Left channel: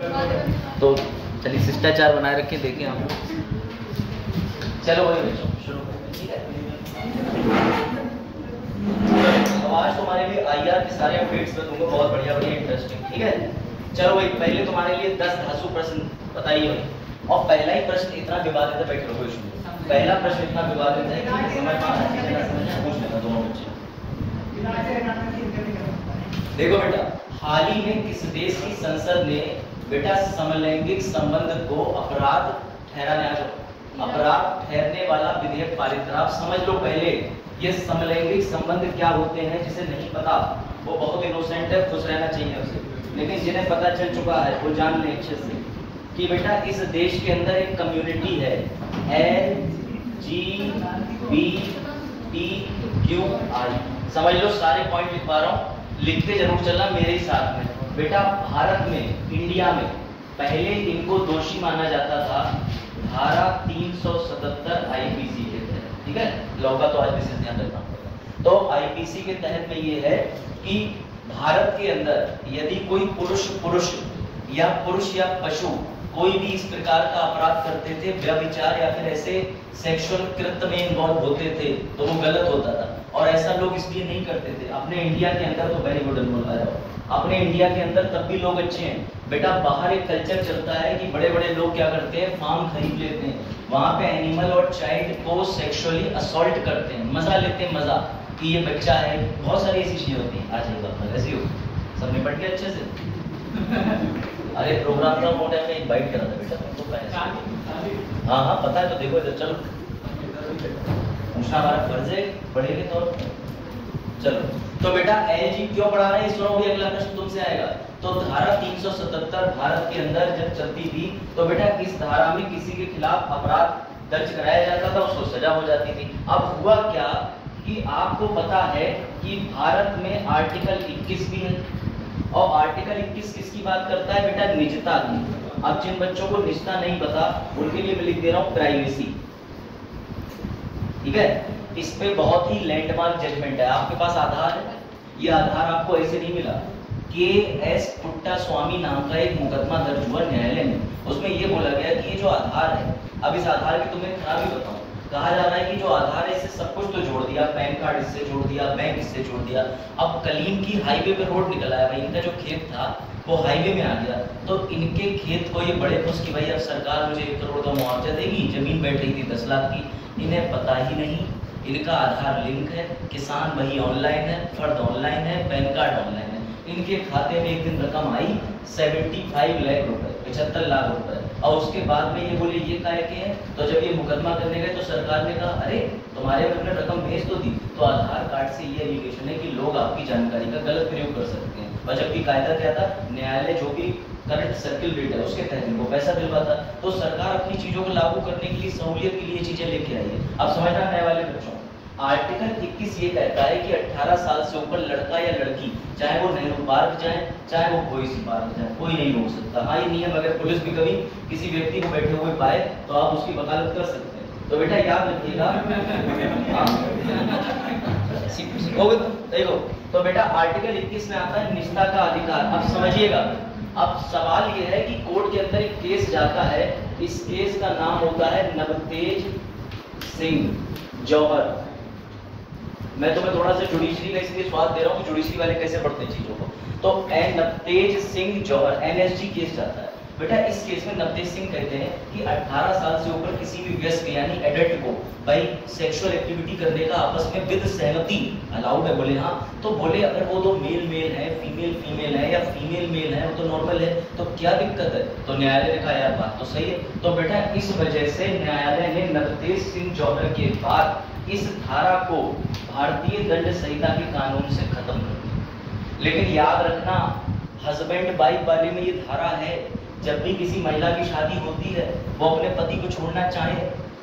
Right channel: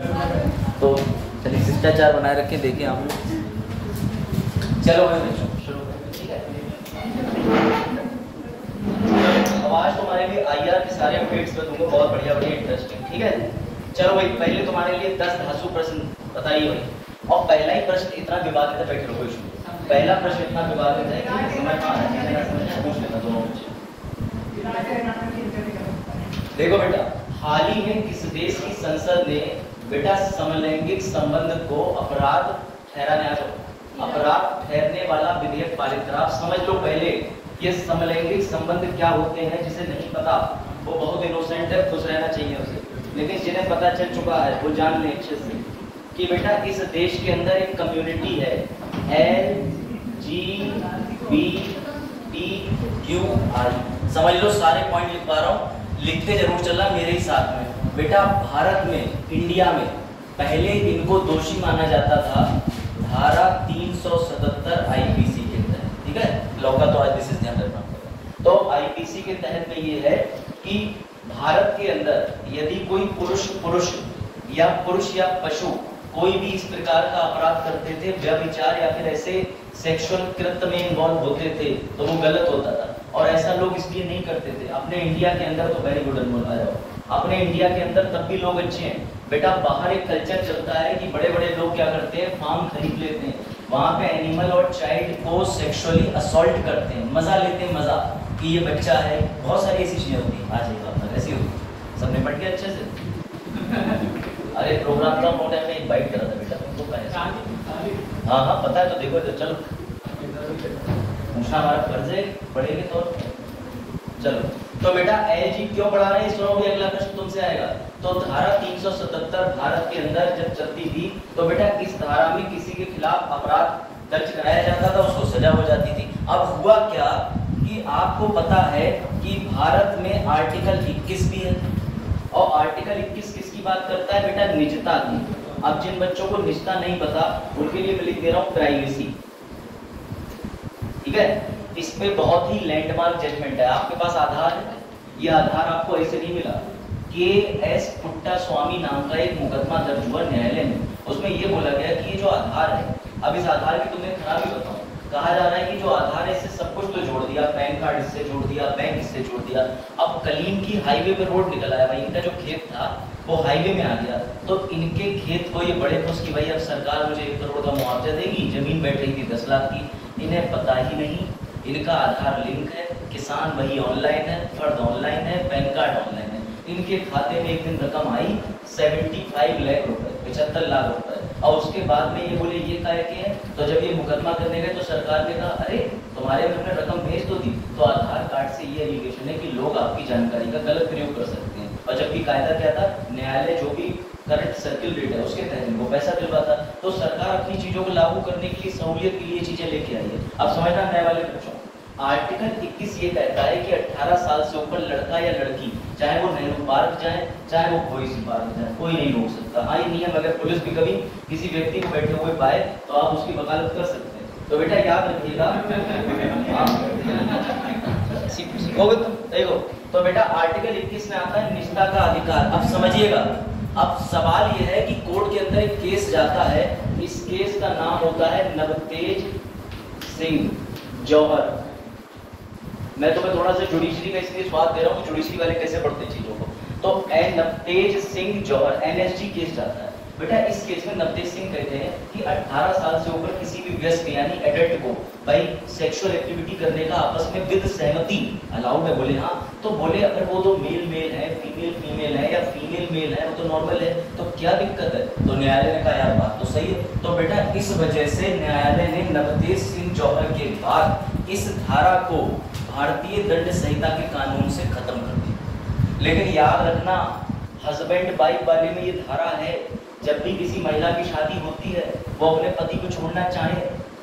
तो चलिए शिष्टाचार बनाए रखें, देखें आप। चलो भाई शुरू ठीक है। तो आज तुम्हारे लिए आईआर के सारे अपडेट्स मैं तुमको बहुत बढ़िया इंटरेस्टिंग, ठीक है। चलो भाई पहले तुम्हारे लिए 10 धांसू प्रश्न बताइए भाई। और पहला ही प्रश्न इतना विवादित है, बैठ लो इसमें। पहला प्रश्न इतना विवादित है कि पूछ लेना दोनों बच्चे। देखो बेटा, हाल ही में किस देश की संसद ने बेटा समलैंगिक संबंध को अपराध ठहरने वाला विधेयक पारित करा। समझ लो पहले ये समलैंगिक संबंध क्या होते हैं, जिसे नहीं पता वो बहुत इनोसेंट है, खुश रहना चाहिए उसे। लेकिन जिन्हें पता चल चुका है वो जान लें अच्छे से कि बेटा इस देश के अंदर एक कम्युनिटी है LGBTQI। समझ लो, सारे पॉइंट लिख पा रहा हूँ, लिखते जरूर चलना मेरे ही साथ में। बेटा भारत में, इंडिया में पहले इनको दोषी माना जाता था धारा 377 आईपीसी के तहत, ठीक है। लॉ का तो आज विशेष ध्यान रखना पड़ेगा। तो आईपीसी के तहत में ये है कि भारत के अंदर यदि कोई पुरुष या पशु कोई भी इस प्रकार का अपराध करते थे, व्यभिचार या फिर ऐसे सेक्सुअल कृत्य में इन्वॉल्व होते थे, तो वो गलत होता था। और ऐसा लोग इसलिए नहीं करते थे। अपने इंडिया के अंदर तो वेरी गुड बोला जाओ, अपने इंडिया के अंदर तब भी लोग अच्छे हैं। बेटा बाहर एक कल्चर चलता है कि बड़े बड़े लोग क्या करते हैं, फार्म खरीद लेते हैं, वहां पे एनिमल और चाइल्ड को सेक्सुअली असॉल्ट करते हैं, मजा लेते हैं, मजा कि ये बच्चा है। बहुत सारी ऐसी चीजें होती हैं। आज ये ऐसी होती, सब निपट गया अच्छे से। अरे प्रोग्राम का मोटा में इनवाइट करा था बेटा तुमको। हाँ पता है, तो देखो तो चलो पूछना हमारा फर्ज है, पढ़ेंगे तो। चलो तो बेटा एलजी क्यों पढ़ा रहे हैं, सुनो भी, अगला प्रश्न तुमसे आएगा। तो धारा 377 भारत के अंदर जब चलती थी तो बेटा इस धारा में किसी के खिलाफ अपराध दर्ज कराया जाता था, उसको सजा हो जाती थी। अब हुआ क्या कि आपको पता है कि भारत में आर्टिकल 21 भी है, और आर्टिकल 21 किसकी बात करता है बेटा, निजता की। अब जिन बच्चों को निजता नहीं पता उनके लिए मैं लिख दे रहा हूं प्राइवेसी, ठीक है। इस पे बहुत ही लैंडमार्क जजमेंट है। आपके पास आधार है, ये आधार आपको ऐसे नहीं मिला। KS पुट्टास्वामी नाम का एक मुकदमा दर्ज हुआ न्यायालय में, उसमें ये बोला गया कि ये जो आधार है, अब इस आधार की तुम्हें खराबी बताओ। कहा जा रहा है कि जो आधार है इससे सब कुछ तो जोड़ दिया, पैन कार्ड इससे जोड़ दिया, बैंक इससे जोड़ दिया। अब कलीम की हाईवे पे रोड निकल आया भाई, इनका जो खेत था वो हाईवे में आ गया, तो इनके खेत को ये बड़े खुश कि भाई अब सरकार मुझे 1 करोड़ का मुआवजा देगी। जमीन बैठ रही थी 10 लाख की, इन्हें पता ही नहीं इनका आधार लिंक है, किसान वही ऑनलाइन है, फर्द ऑनलाइन है, पैन कार्ड ऑनलाइन है। इनके खाते में एक दिन रकम आई 75 लाख रुपए, 75 लाख रुपए। और उसके बाद में ये बोले ये काय के हैं। तो जब ये मुकदमा करने गए तो सरकार ने कहा अरे तुम्हारे घर में रकम भेज तो दी। तो आधार कार्ड से ये एलिगेशन है कि लोग आपकी जानकारी का गलत प्रयोग कर सकते हैं। और जबकि कायदा क्या था, न्यायालय जो भी करंट सर्किल रेट है उसके तहत वो पैसा दिलवाता। तो सरकार अपनी चीजों को लागू करने के लिए, सहूलियत के लिए चीजें लेके आई है। अब समझना नए वाले बच्चों, आर्टिकल 21 ये कहता है कि 18 साल से ऊपर लड़का या लड़की, चाहे वो नेहरू पार्क जाए, चाहे वो कोई सी पार्क जाए, कोई नहीं रोक सकता। हाँ ये नियम अगर पुलिस भी कभी किसी व्यक्ति को बैठे हुए पाए तो आप उसकी वकालत कर सकते हैं। तो बेटा याद रखिएगा। देखो तो बेटा आर्टिकल 21 में आता है निजता का अधिकार। अब समझिएगा, अब सवाल यह है कि कोर्ट के अंदर एक केस जाता है, इस केस का नाम होता है नवतेज सिंह जौहर। मैं तुम्हें थोड़ा सा जुडिशरी में इसलिए स्वाद दे रहा हूँ कि जुडिशरी वाले कैसे पढ़ते चीजों को। तो नवतेज सिंह जौहर NSG केस जाता है। बेटा इस केस में नवतेज सिंह कहते हैं कि 18 साल से ऊपर किसी भी व्यस्क यानी एडल्ट को भाई सेक्सुअल एक्टिविटी करने का आपस में विद सहमति अलाउड है। बोले हाँ, तो बोले अगर वो तो मेल है, फीमेल है, या फीमेल मेल है, वो तो नॉर्मल है, तो क्या दिक्कत है। तो न्यायालय ने कहा यार बात तो सही है। तो बेटा इस वजह से न्यायालय ने नवतेज सिंह जौहर के बाद इस धारा को भारतीय दंड संहिता के कानून से खत्म कर दिया। लेकिन याद रखना, हस्बैंड वाइफ वाले में ये धारा है, जब भी किसी महिला की शादी होती है वो अपने पति को छोड़ना चाहे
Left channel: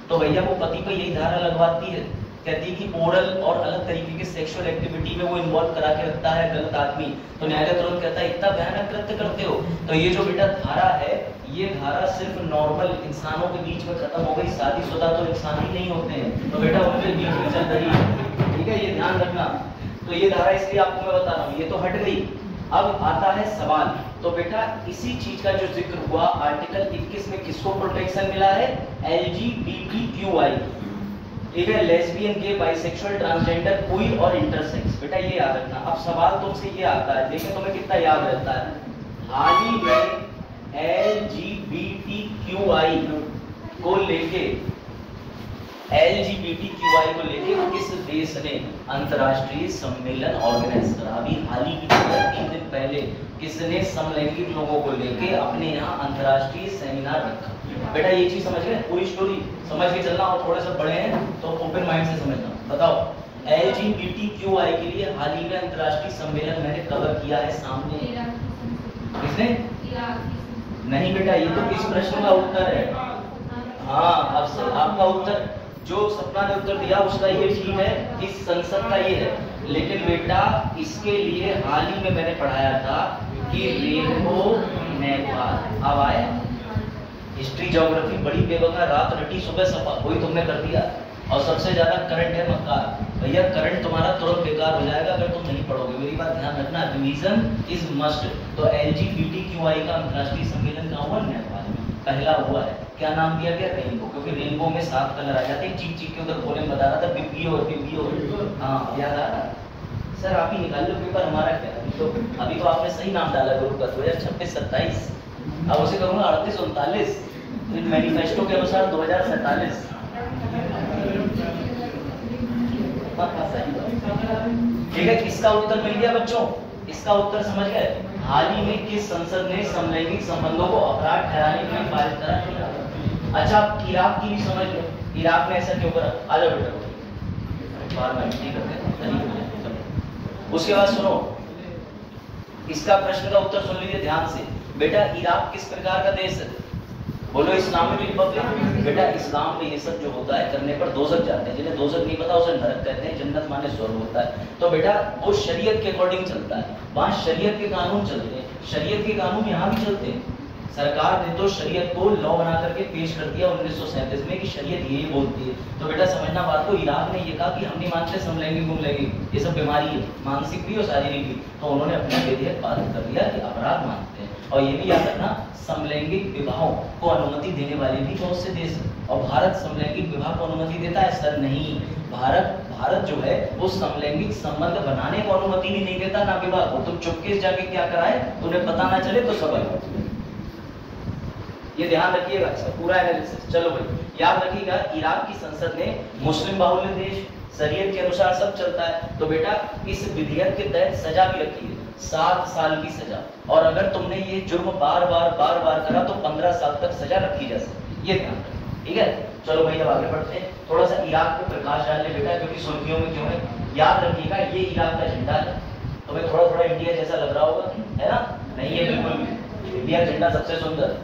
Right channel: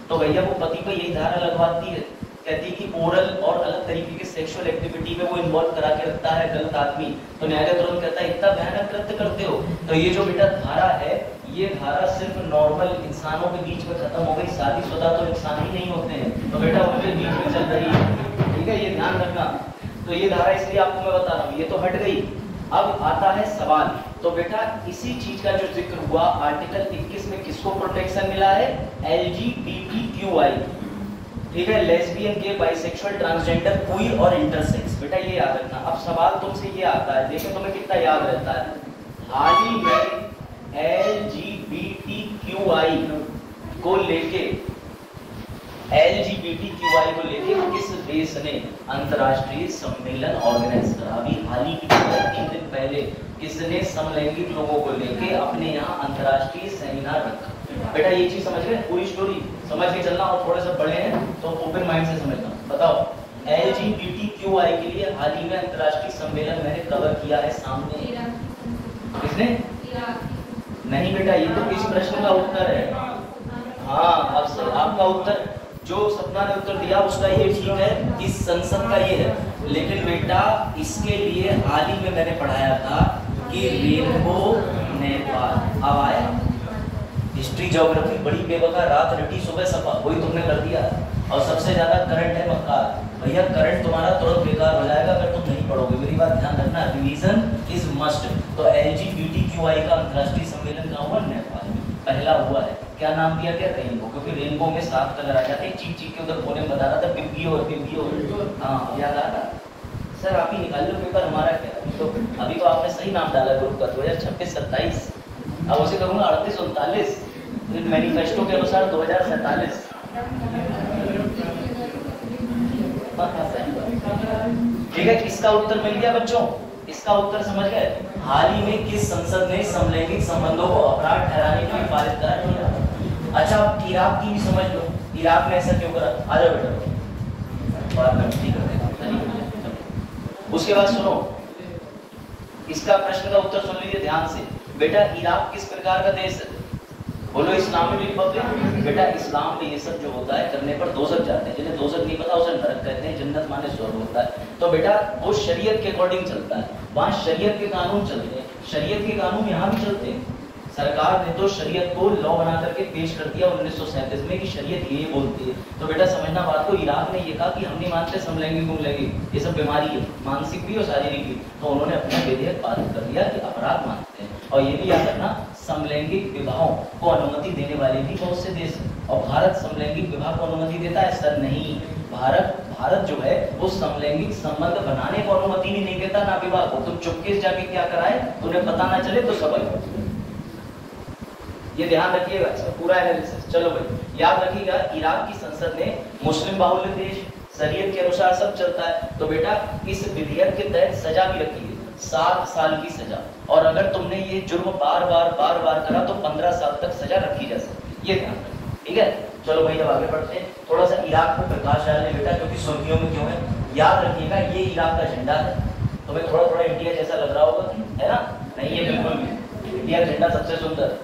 तो भैया वो पति पर यही धारा लगवाती है। कहती है कि ओरल और अलग तरीके के सेक्सुअल एक्टिविटी में वो इन्वॉल्व करा के रखता है गलत आदमी, तो न्यायालय तुरंत कहता है इतना भयानक कृत्य करते हो। तो ये जो बेटा धारा है, ये धारा सिर्फ नॉर्मल इंसानों के बीच में खत्म हो गई। शादीशुदा तो इंसान ही नहीं होते हैं, तो बेटा उनके बीच में चल रही है, ठीक है, ये ध्यान रखना। तो ये धारा इसलिए आपको मैं बता रहा हूँ, ये तो हट गई। अब आता है सवाल तो बेटा इसी चीज का जो जिक्र हुआ आर्टिकल 21 में किसको प्रोटेक्शन मिला है? LGBTQI, ठीक है, लेस्बियन, गे, बाइसेक्सुअल, ट्रांसजेंडर, क्वीर और इंटरसेक्स। बेटा ये याद रखना। अब सवाल तुमसे ये आता है, देखो तुम्हें कितना याद रहता है। हाल ही में LGBTQI को लेके किस देश ने अंतर्राष्ट्रीय सम्मेलन ऑर्गेनाइज करा? अभी हाल ही 3 दिन पहले किसने समलैंगिक लोगों को लेके अपने यहाँ अंतर्राष्ट्रीय सेमिनार रखा? बेटा ये चीज समझ गए? पूरी स्टोरी समझ के चलना, और थोड़े से बड़े हैं तो ओपन माइंड से समझना। बताओ, LGBTQI के लिए हाल ही में अंतर्राष्ट्रीय सम्मेलन मैंने कवर किया है सामने। किसने? नहीं बेटा, ये तो किस प्रश्न का उत्तर है? हाँ, अब से आपका उत्तर जो सपना ने उत्तर दिया उसका ये ठीक है, इस संसद का ये है। लेकिन बेटा इसके लिए हाल ही में मैंने पढ़ाया था कि रेनबो नेपाल अब आया। हिस्ट्री ज्योग्राफी बड़ी बेवकूफ, रात रटी सुबह सपा, वही तुमने कर दिया। और सबसे ज्यादा करंट है मक्कार। भैया करंट तुम्हारा तुरंत बेकार हो जाएगा अगर तुम नहीं पढ़ोगे। मेरी बात ध्यान रखना, रिवीजन इज मस्ट। तो LGBTQI का अंतर्राष्ट्रीय सम्मेलन कहाँ हुआ? नेपाल पहला हुआ है। क्या नाम दिया गया? रेनबो, क्योंकि रेनबो में 7 कलर आ जाते हैं। चीख चीख के उधर बोले बता रहा था बिब्बियो। हाँ याद आ रहा सर, आप ही निकाल लो पेपर, हमारा क्या। तो अभी तो आपने सही नाम डाला ग्रुप का 2026-27। अब उसे करूँगा 38-39 मैनिफेस्टो के अनुसार 2047। ठीक है, इसका उत्तर मिल गया बच्चों? इसका उत्तर समझ गए? हाल ही में किस संसद ने समलैंगिक संबंधों को अपराध ठहराने के लिए पारित करा? अच्छा, इराक की भी समझ लो। इराक में ऐसा क्यों करा? आ जाओ बेटा, बाद में ठीक है। उसके बाद सुनो, इसका प्रश्न का उत्तर सुन लीजिए ध्यान से। बेटा इराक किस प्रकार का देश है? बोलो, इस्लामिक रिपब्लिक। बेटा इस्लाम में ये सब जो होता है करने पर दोजख जाते हैं। जिन्हें दोजख नहीं पता उसे नरक कहते हैं, जन्नत माने स्वर्ग होता है। तो बेटा वो शरीयत के अकॉर्डिंग चलता है, वहाँ शरीयत के कानून चलते हैं। शरीयत के कानून यहाँ भी चलते हैं। सरकार ने तो शरीयत को लॉ बना करके पेश कर दिया 1937 में कि शरीयत ये बोलती है। तो बेटा समझना बात को, इराक ने ये कहा कि हम नहीं मानते समलैंगिक गुमलैंगिक, ये सब बीमारी है, मानसिक भी और शारीरिक भी। तो उन्होंने अपना विधेयक पारित कर दिया कि अपराध मानते हैं। और ये भी याद रखना, समलैंगिक विवाहों को अनुमति देने वाले भी बहुत से देश हैं। और भारत समलैंगिक विवाह को अनुमति देता है? सर नहीं, भारत जो है वो समलैंगिक संबंध बनाने को अनुमति भी नहीं देता, ना विवाह को। तो चुपके से जाके क्या कराए, तुम्हें पता ना चले तो सबक। ये ध्यान रखिएगा, इसका पूरा एनालिसिस। चलो भाई याद रखिएगा, इराक की संसद ने मुस्लिम बाहुल्य देश, शरीयत के अनुसार सब चलता है। तो बेटा इस विधेयक के तहत सजा भी रखी है, 7 साल की सजा। और अगर तुमने ये जुर्म बार बार करा तो 15 साल तक सजा रखी जा सकती है। ये ध्यान रखना, ठीक है। चलो भाई अब आगे बढ़ते हैं, थोड़ा सा इराक पे प्रकाश डालने बेटा, क्योंकि सुर्खियों में क्यों है याद रखिएगा। ये इराक का झंडा है, तुम्हें थोड़ा थोड़ा इंडिया जैसा लग रहा होगा, है ना? नहीं है बिल्कुल भी, इंडिया का झंडा सबसे सुंदर।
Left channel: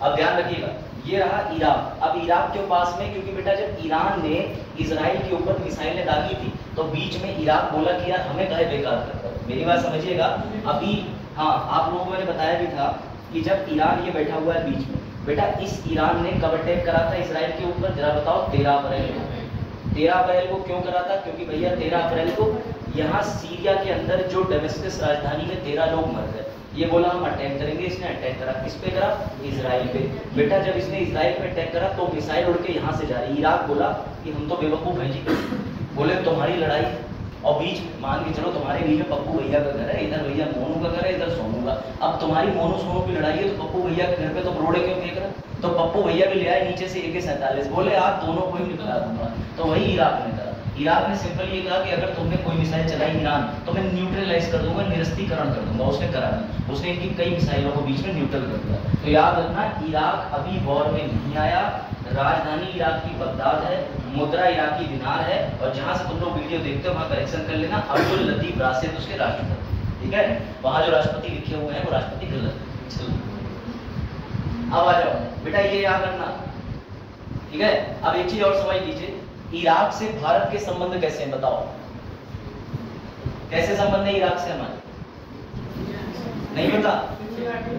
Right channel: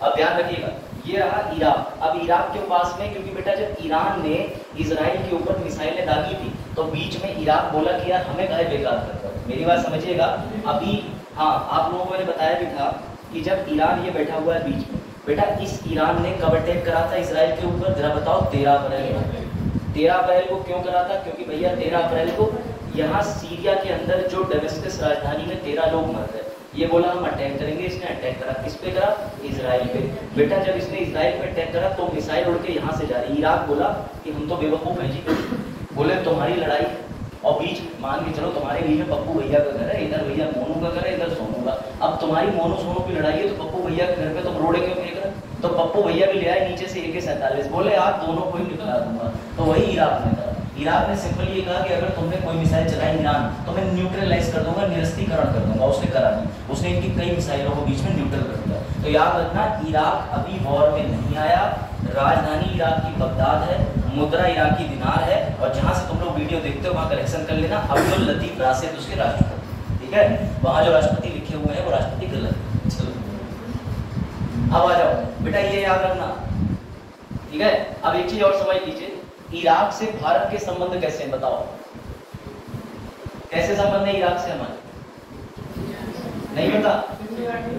अब ध्यान रखिएगा, ये रहा इराक। अब इराक के पास में, क्योंकि बेटा जब ईरान ने इजराइल के ऊपर मिसाइलें दागी थी तो बीच में इराक बोला कि यार हमें काहे बेकार करता है। मेरी बात समझिएगा। अभी हाँ, आप लोगों को मैंने बताया भी था कि जब ईरान ये बैठा हुआ है बीच में, बेटा इस ईरान ने कब अटैक करा था इसराइल के ऊपर? जरा बताओ। 13 अप्रैल को। 13 अप्रैल को क्यों करा था? क्योंकि भैया 13 अप्रैल को यहाँ सीरिया के अंदर जो डेमेस्कस राजधानी में 13 लोग मर गए। ये बोला हम अटैक करेंगे, इसने अटैक करा। किस पे करा? इजराइल पे। बेटा जब इसने इजराइल पे अटैक करा तो मिसाइल उड़ के यहाँ से जा रही। इराक बोला कि हम तो बेवकूफ हैं जी, बोले तुम्हारी लड़ाई, और बीच मान के चलो तुम्हारे बीच में पप्पू भैया का घर है, इधर भैया मोनू का घर है, इधर सोनू का। अब तुम्हारी मोनू सोनू की लड़ाई है तो पप्पू भैया के घर पे तो रोड़े क्यों फेंक रहे? तो पप्पू भैया भी ले आए नीचे से AK-47, बोले आप दोनों को ही निकाला दूंगा। तो वही इराक ने करा। इराक ने सिंपल ये कहा कि अगर तुमने कोई मिसाइल चलाई ईरान तो मैं न्यूट्रलाइज कर दूंगा, निरस्तीकरण कर दूंगा। उसने करा नहीं, उसने इनकी कई मिसाइलों को बीच में न्यूट्रल कर दिया। तो याद रखना, इराक अभी वॉर में नहीं आया। राजधानी इराक की बगदाद है, मुद्रा इराकी दिनार है, और जहां से तुम लोग वीडियो देखते हो वहां करेक्शन कर लेना, अब्दुल लतीफ राशिद उसके राष्ट्रपति, ठीक है। वहां जो राष्ट्रपति लिखे हुए हैं वो राष्ट्रपति गलत। चलो अब आ जाओ बेटा, ये याद रखना, ठीक है। अब एक चीज और समझ लीजिए, इराक से भारत के संबंध कैसे हैं? बताओ कैसे संबंध है इराक से हमारे? नहीं पता?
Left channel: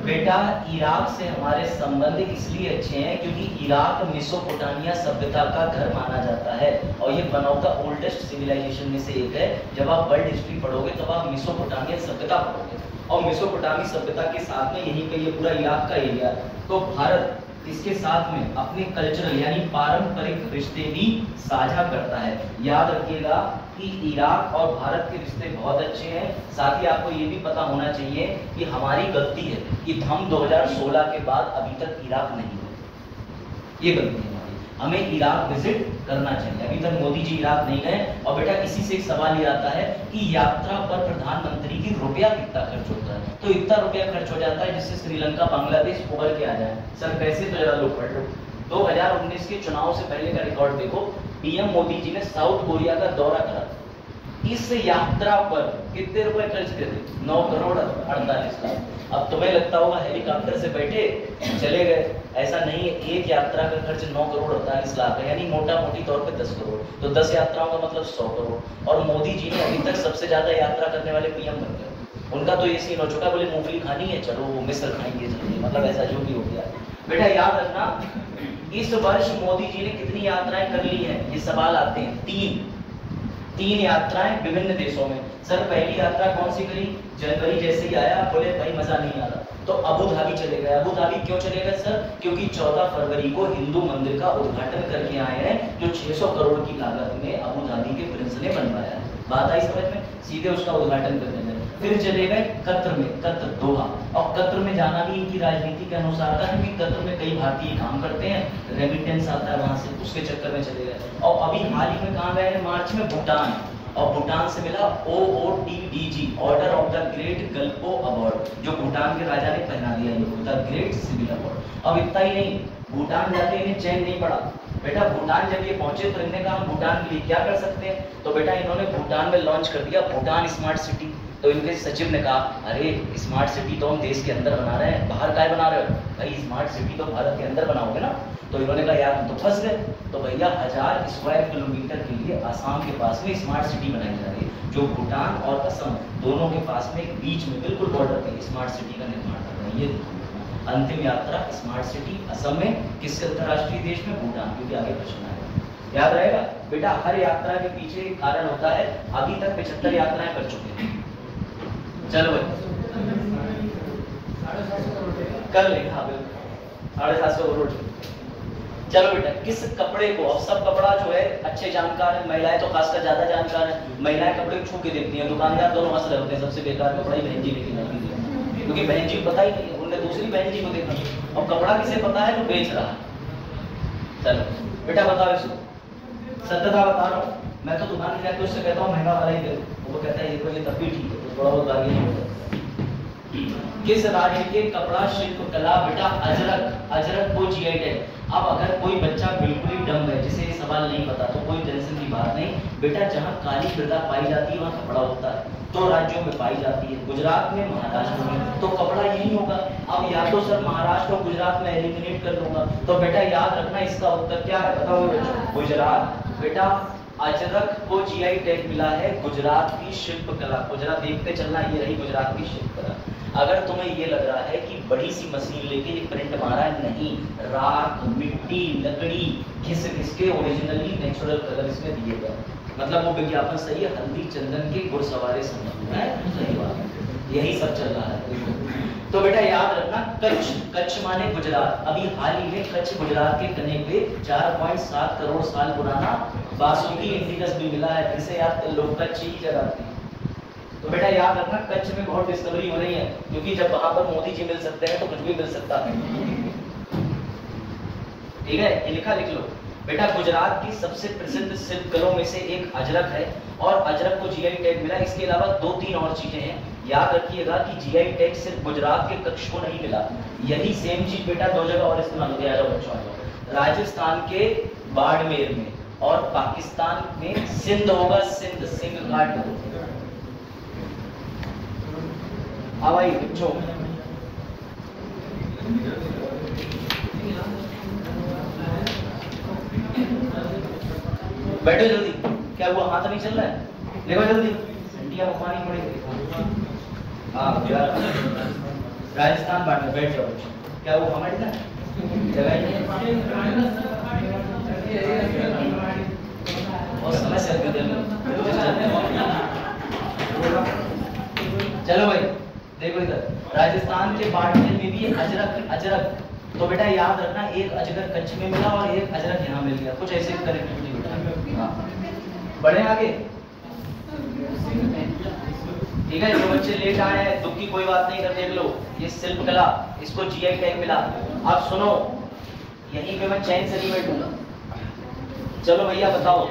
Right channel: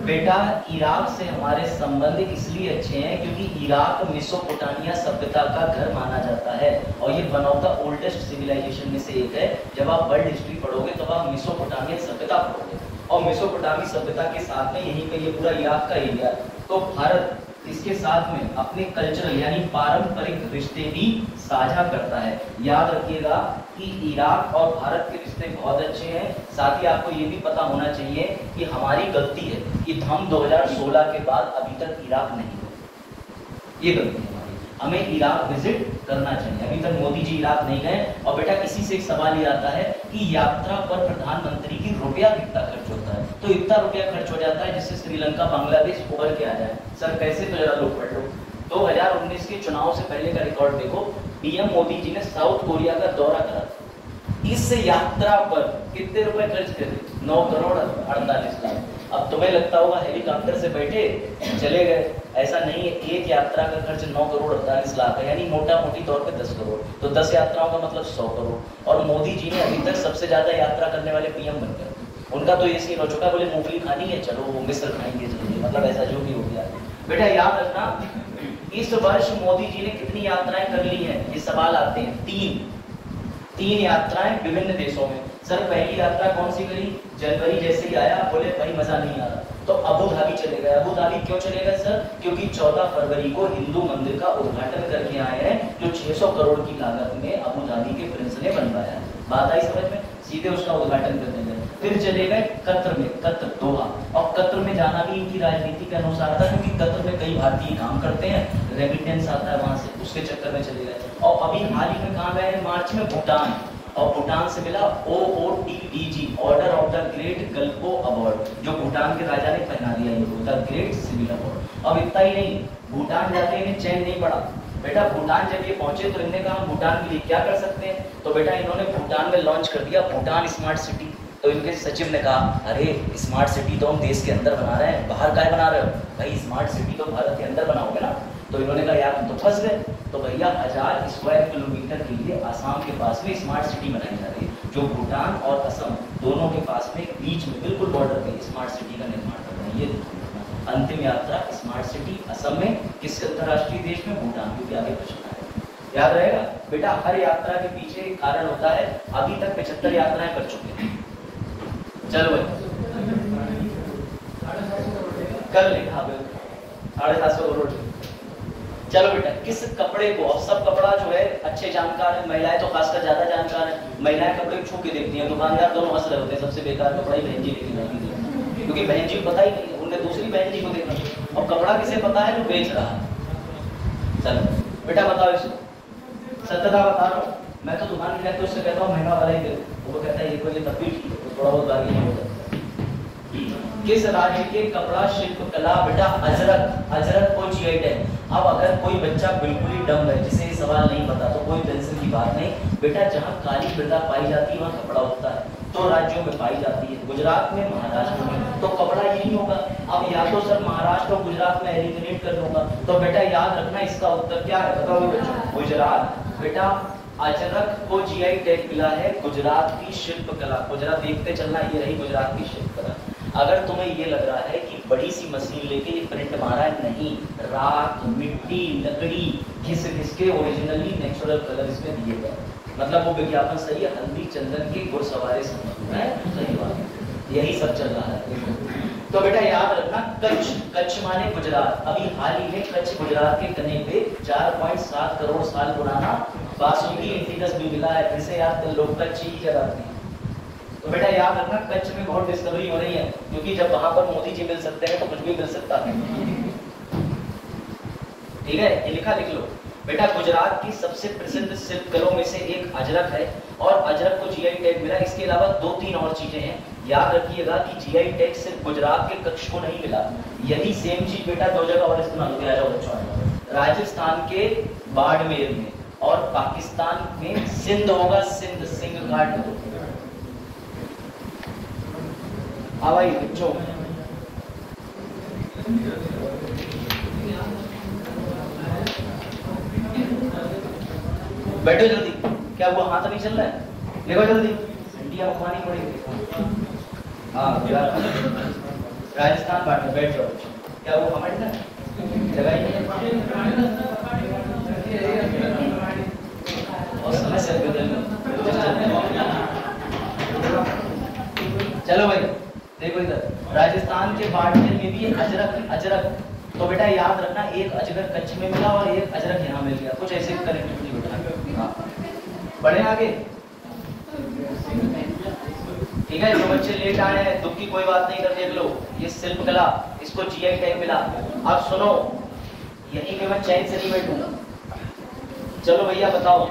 बेटा इराक से हमारे संबंध इसलिए अच्छे हैं क्योंकि इराक मेसोपोटामिया सभ्यता का घर माना जाता है, और ये one of the oldest civilisation में से एक है। जब आप वर्ल्ड हिस्ट्री पढ़ोगे तब आप मेसोपोटामिया सभ्यता पढ़ोगे, और मेसोपोटामी सभ्यता के साथ में यहीं पे ये पूरा इराक का एरिया है। तो भारत इसके साथ में अपने कल्चरल यानी पारंपरिक रिश्ते भी साझा करता है। याद रखिएगा कि इराक और भारत के रिश्ते बहुत अच्छे हैं। साथ ही आपको ये भी पता होना चाहिए कि हमारी गलती है कि हम 2016 के बाद अभी तक इराक नहीं गए। ये गलती है, हमें इराक विजिट करना चाहिए। अभी तक मोदी जी इराक नहीं गए। और बेटा इसी से एक सवाल ये आता है कि यात्रा पर प्रधानमंत्री की रुपया कितना खर्च होता है। तो इतना रुपया खर्च हो जाता है जिससे श्रीलंका बांग्लादेश उभर के आ जाए। सर कैसे? तो जरा लोग पढ़ लो। 2019 के चुनाव से पहले का रिकॉर्ड देखो, पीएम मोदी जी ने साउथ कोरिया का दौरा करा। इस यात्रा पर कितने रुपए खर्च करे? 9 करोड़ 48 लाख। अब तुम्हें लगता होगा हेलीकॉप्टर से बैठे चले गए, ऐसा नहीं है। एक यात्रा का खर्च 9 करोड़ 48 लाख है, यानी मोटा मोटी तौर पे 10 करोड़। तो 10 यात्राओं का मतलब 100 करोड़। और मोदी जी ने अभी तक सबसे ज्यादा यात्रा करने वाले पीएम बन गए। उनका तो ये सीन हो चुका, बोले मूंगफली खानी है, चलो वो मिस्र खाएंगे, मतलब ऐसा जो भी हो गया। बेटा याद रखना, इस वर्ष मोदी जी ने कितनी यात्राएं कर ली हैं, ये सवाल आते हैं। 3 यात्राएं विभिन्न देशों में। सर पहली यात्रा कौन सी करी? जनवरी जैसे ही आया बोले भाई मजा नहीं आ रहा, तो अबू धाबी चले गए। अबू धाबी क्यों चले गए सर? क्योंकि 14 फरवरी को हिंदू मंदिर का उद्घाटन करके आए हैं, जो 600 करोड़ की लागत में अबू धाबी के प्रिंस ने बनवाया है। बात आई समझ में? सीधे उसका उद्घाटन करने गए। फिर चले गए कतर में, कतर दोहा। और कतर में जाना भी इनकी राजनीति के अनुसार था, क्योंकि कतर में कई भारतीय काम करते हैं, रेमिटेंस आता है वहां से, उसके चक्कर में चले गए। और अभी हाल ही में कहाँ गए? मार्च में भूटान। और भूटान से मिला OOTDG, order of the great Gyalpo award, जो भूटान के राजा ने पहना दिया इनको, द ग्रेट सिविल अवार्ड। अब इतना ही नहीं, भूटान जाते इन्हें चैन नहीं पड़ा। बेटा भूटान जब ये पहुंचे तो इन्होंने कहा भूटान के लिए क्या कर सकते हैं। तो बेटा इन्होंने भूटान में लॉन्च कर दिया भूटान स्मार्ट सिटी। तो इनके सचिव ने कहा अरे स्मार्ट सिटी तो हम देश के अंदर बना रहे हैं, बाहर काय बना रहे हो भाई? स्मार्ट सिटी तो भारत के अंदर बनाओगे ना। तो इन्होंने कहा यार तो फंस गए। तो भैया 1000 स्क्वायर किलोमीटर के लिए आसाम के पास में स्मार्ट सिटी बनाई जा रही है, जो भूटान और असम दोनों के पास में बीच में बिल्कुल बॉर्डर पे स्मार्ट सिटी का निर्माण कर रहे हैं। ये अंतिम यात्रा स्मार्ट सिटी असम में, किस अंतरराष्ट्रीय देश में? भूटान, क्योंकि आगे पूछना है, याद रहेगा। बेटा हर यात्रा के पीछे एक कारण होता है। अभी तक 75 यात्राएं कर चुके हैं। चलो भाई कर ले, हाँ बिल्कुल 750 करोड़। चलो बेटा किस कपड़े को, अब सब कपड़ा जो है अच्छे जानकार है, महिलाएं तो खासकर ज्यादा जानकार है। महिलाएं कपड़े छू के देखती हैं, दुकानदार दोनों हंस रहे होते हैं, सबसे बेकार कपड़ा ही बहन जी लेके जाएंगे, क्योंकि बहन जी को पता ही नहीं, उनने दूसरी बहन जी को देखा। और कपड़ा किसे पता है? जो बेच रहा है। चलो बेटा बताओ इसको, सत्यता बता रहा हूँ मैं। तो तुम्हारे लिए उससे कहता हूँ महंगा वाला ही करो, वो कहता है देखो ये तब भी ठीक है, थोड़ा बहुत गाली नहीं होता। किस राज्य के कपड़ा शिल्प कला? बेटा अजरक, अजरक को जीआई टैग। अब अगर कोई बच्चा बिल्कुल ही डम है, जिसे ये सवाल नहीं पता, तो कोई टेंशन की बात नहीं बेटा। जहाँ काली मृदा पाई जाती है वहाँ कपड़ा होता है, तो राज्यों में पाई जाती है, गुजरात में, महाराष्ट्र में, तो कपड़ा यही होगा। अब या तो सर महाराष्ट्र और गुजरात में एलिमिनेट कर दूंगा, तो बेटा याद रखना इसका उत्तर क्या है? बताओ गुजरात। बेटा अजरक को जीआई टैग मिला है गुजरात की शिल्पकला। गुजरात देखते चलना, ये रही गुजरात की शिल्पकला। अगर तुम्हें ये लग रहा है कि बड़ी सी मशीन लेके ये प्रिंट मारा है, नहीं, राख, मिट्टी, लकड़ी घिस घिस के ओरिजिनली नेचुरल कलर इसमें दिए गए। मतलब वो विज्ञापन सही है, हल्दी चंदन के गुड़ सवारे समझ, यही सब चल रहा है। तो बेटा याद रखना कच्छ, कच्छ माने गुजरात। अभी हाल ही में कच्छ गुजरात के कने पे 4.7 करोड़ साल पुराना बासुकी इंडिकस भी मिला है। फिर से याद लोग कच्छ ही जलाते हैं। तो बेटा याद रखना कच्छ में बहुत डिस्कवरी हो रही है, क्योंकि जब वहां पर मोदी जी मिल सकते हैं तो कुछ भी मिल सकता है। ठीक है, ये लिखा लिख लो बेटा। गुजरात की सबसे प्रसिद्ध शिल्पकलाओं में से एक अजरक है, और अजरक को जीआई टैग मिला। इसके अलावा 2-3 और चीजें हैं, याद रखिएगा कि जीआई टैग सिर्फ गुजरात के कच्छ को नहीं मिला। यही सेम चीज बेटा 2 जगह और इस्तेमाल किया जाए बच्चों, राजस्थान के बाड़मेर में और पाकिस्तान में सिंध होगा, सिंध, सिंध घाट होगा। हाँ भाई बच्चों, बैठो जल्दी। क्या हुआ, हाथ नहीं चल रहा है? देखो जल्दी, इंडिया घुमानी पड़ेगी। हाँ राजस्थान बांट में बैठ जाओ। क्या वो हमारे ना जगह ही है, और समय से चलो भाई देखो धान के बाटने में भी अजरक अजरक, तो बेटा याद रखना एक अजरक कच्छ में मिला और एक अजरक यहाँ मिल गया, कुछ ऐसे कनेक्टिविटी बेटा। बढ़े आगे, ठीक है। जो बच्चे लेट आए हैं दुख की कोई बात नहीं, कर देख लो, ये शिल्प कला, इसको जीआई टैग मिला। अब सुनो, यहीं पे मैं चैन से नहीं बैठूंगा। चलो भैया बताओ,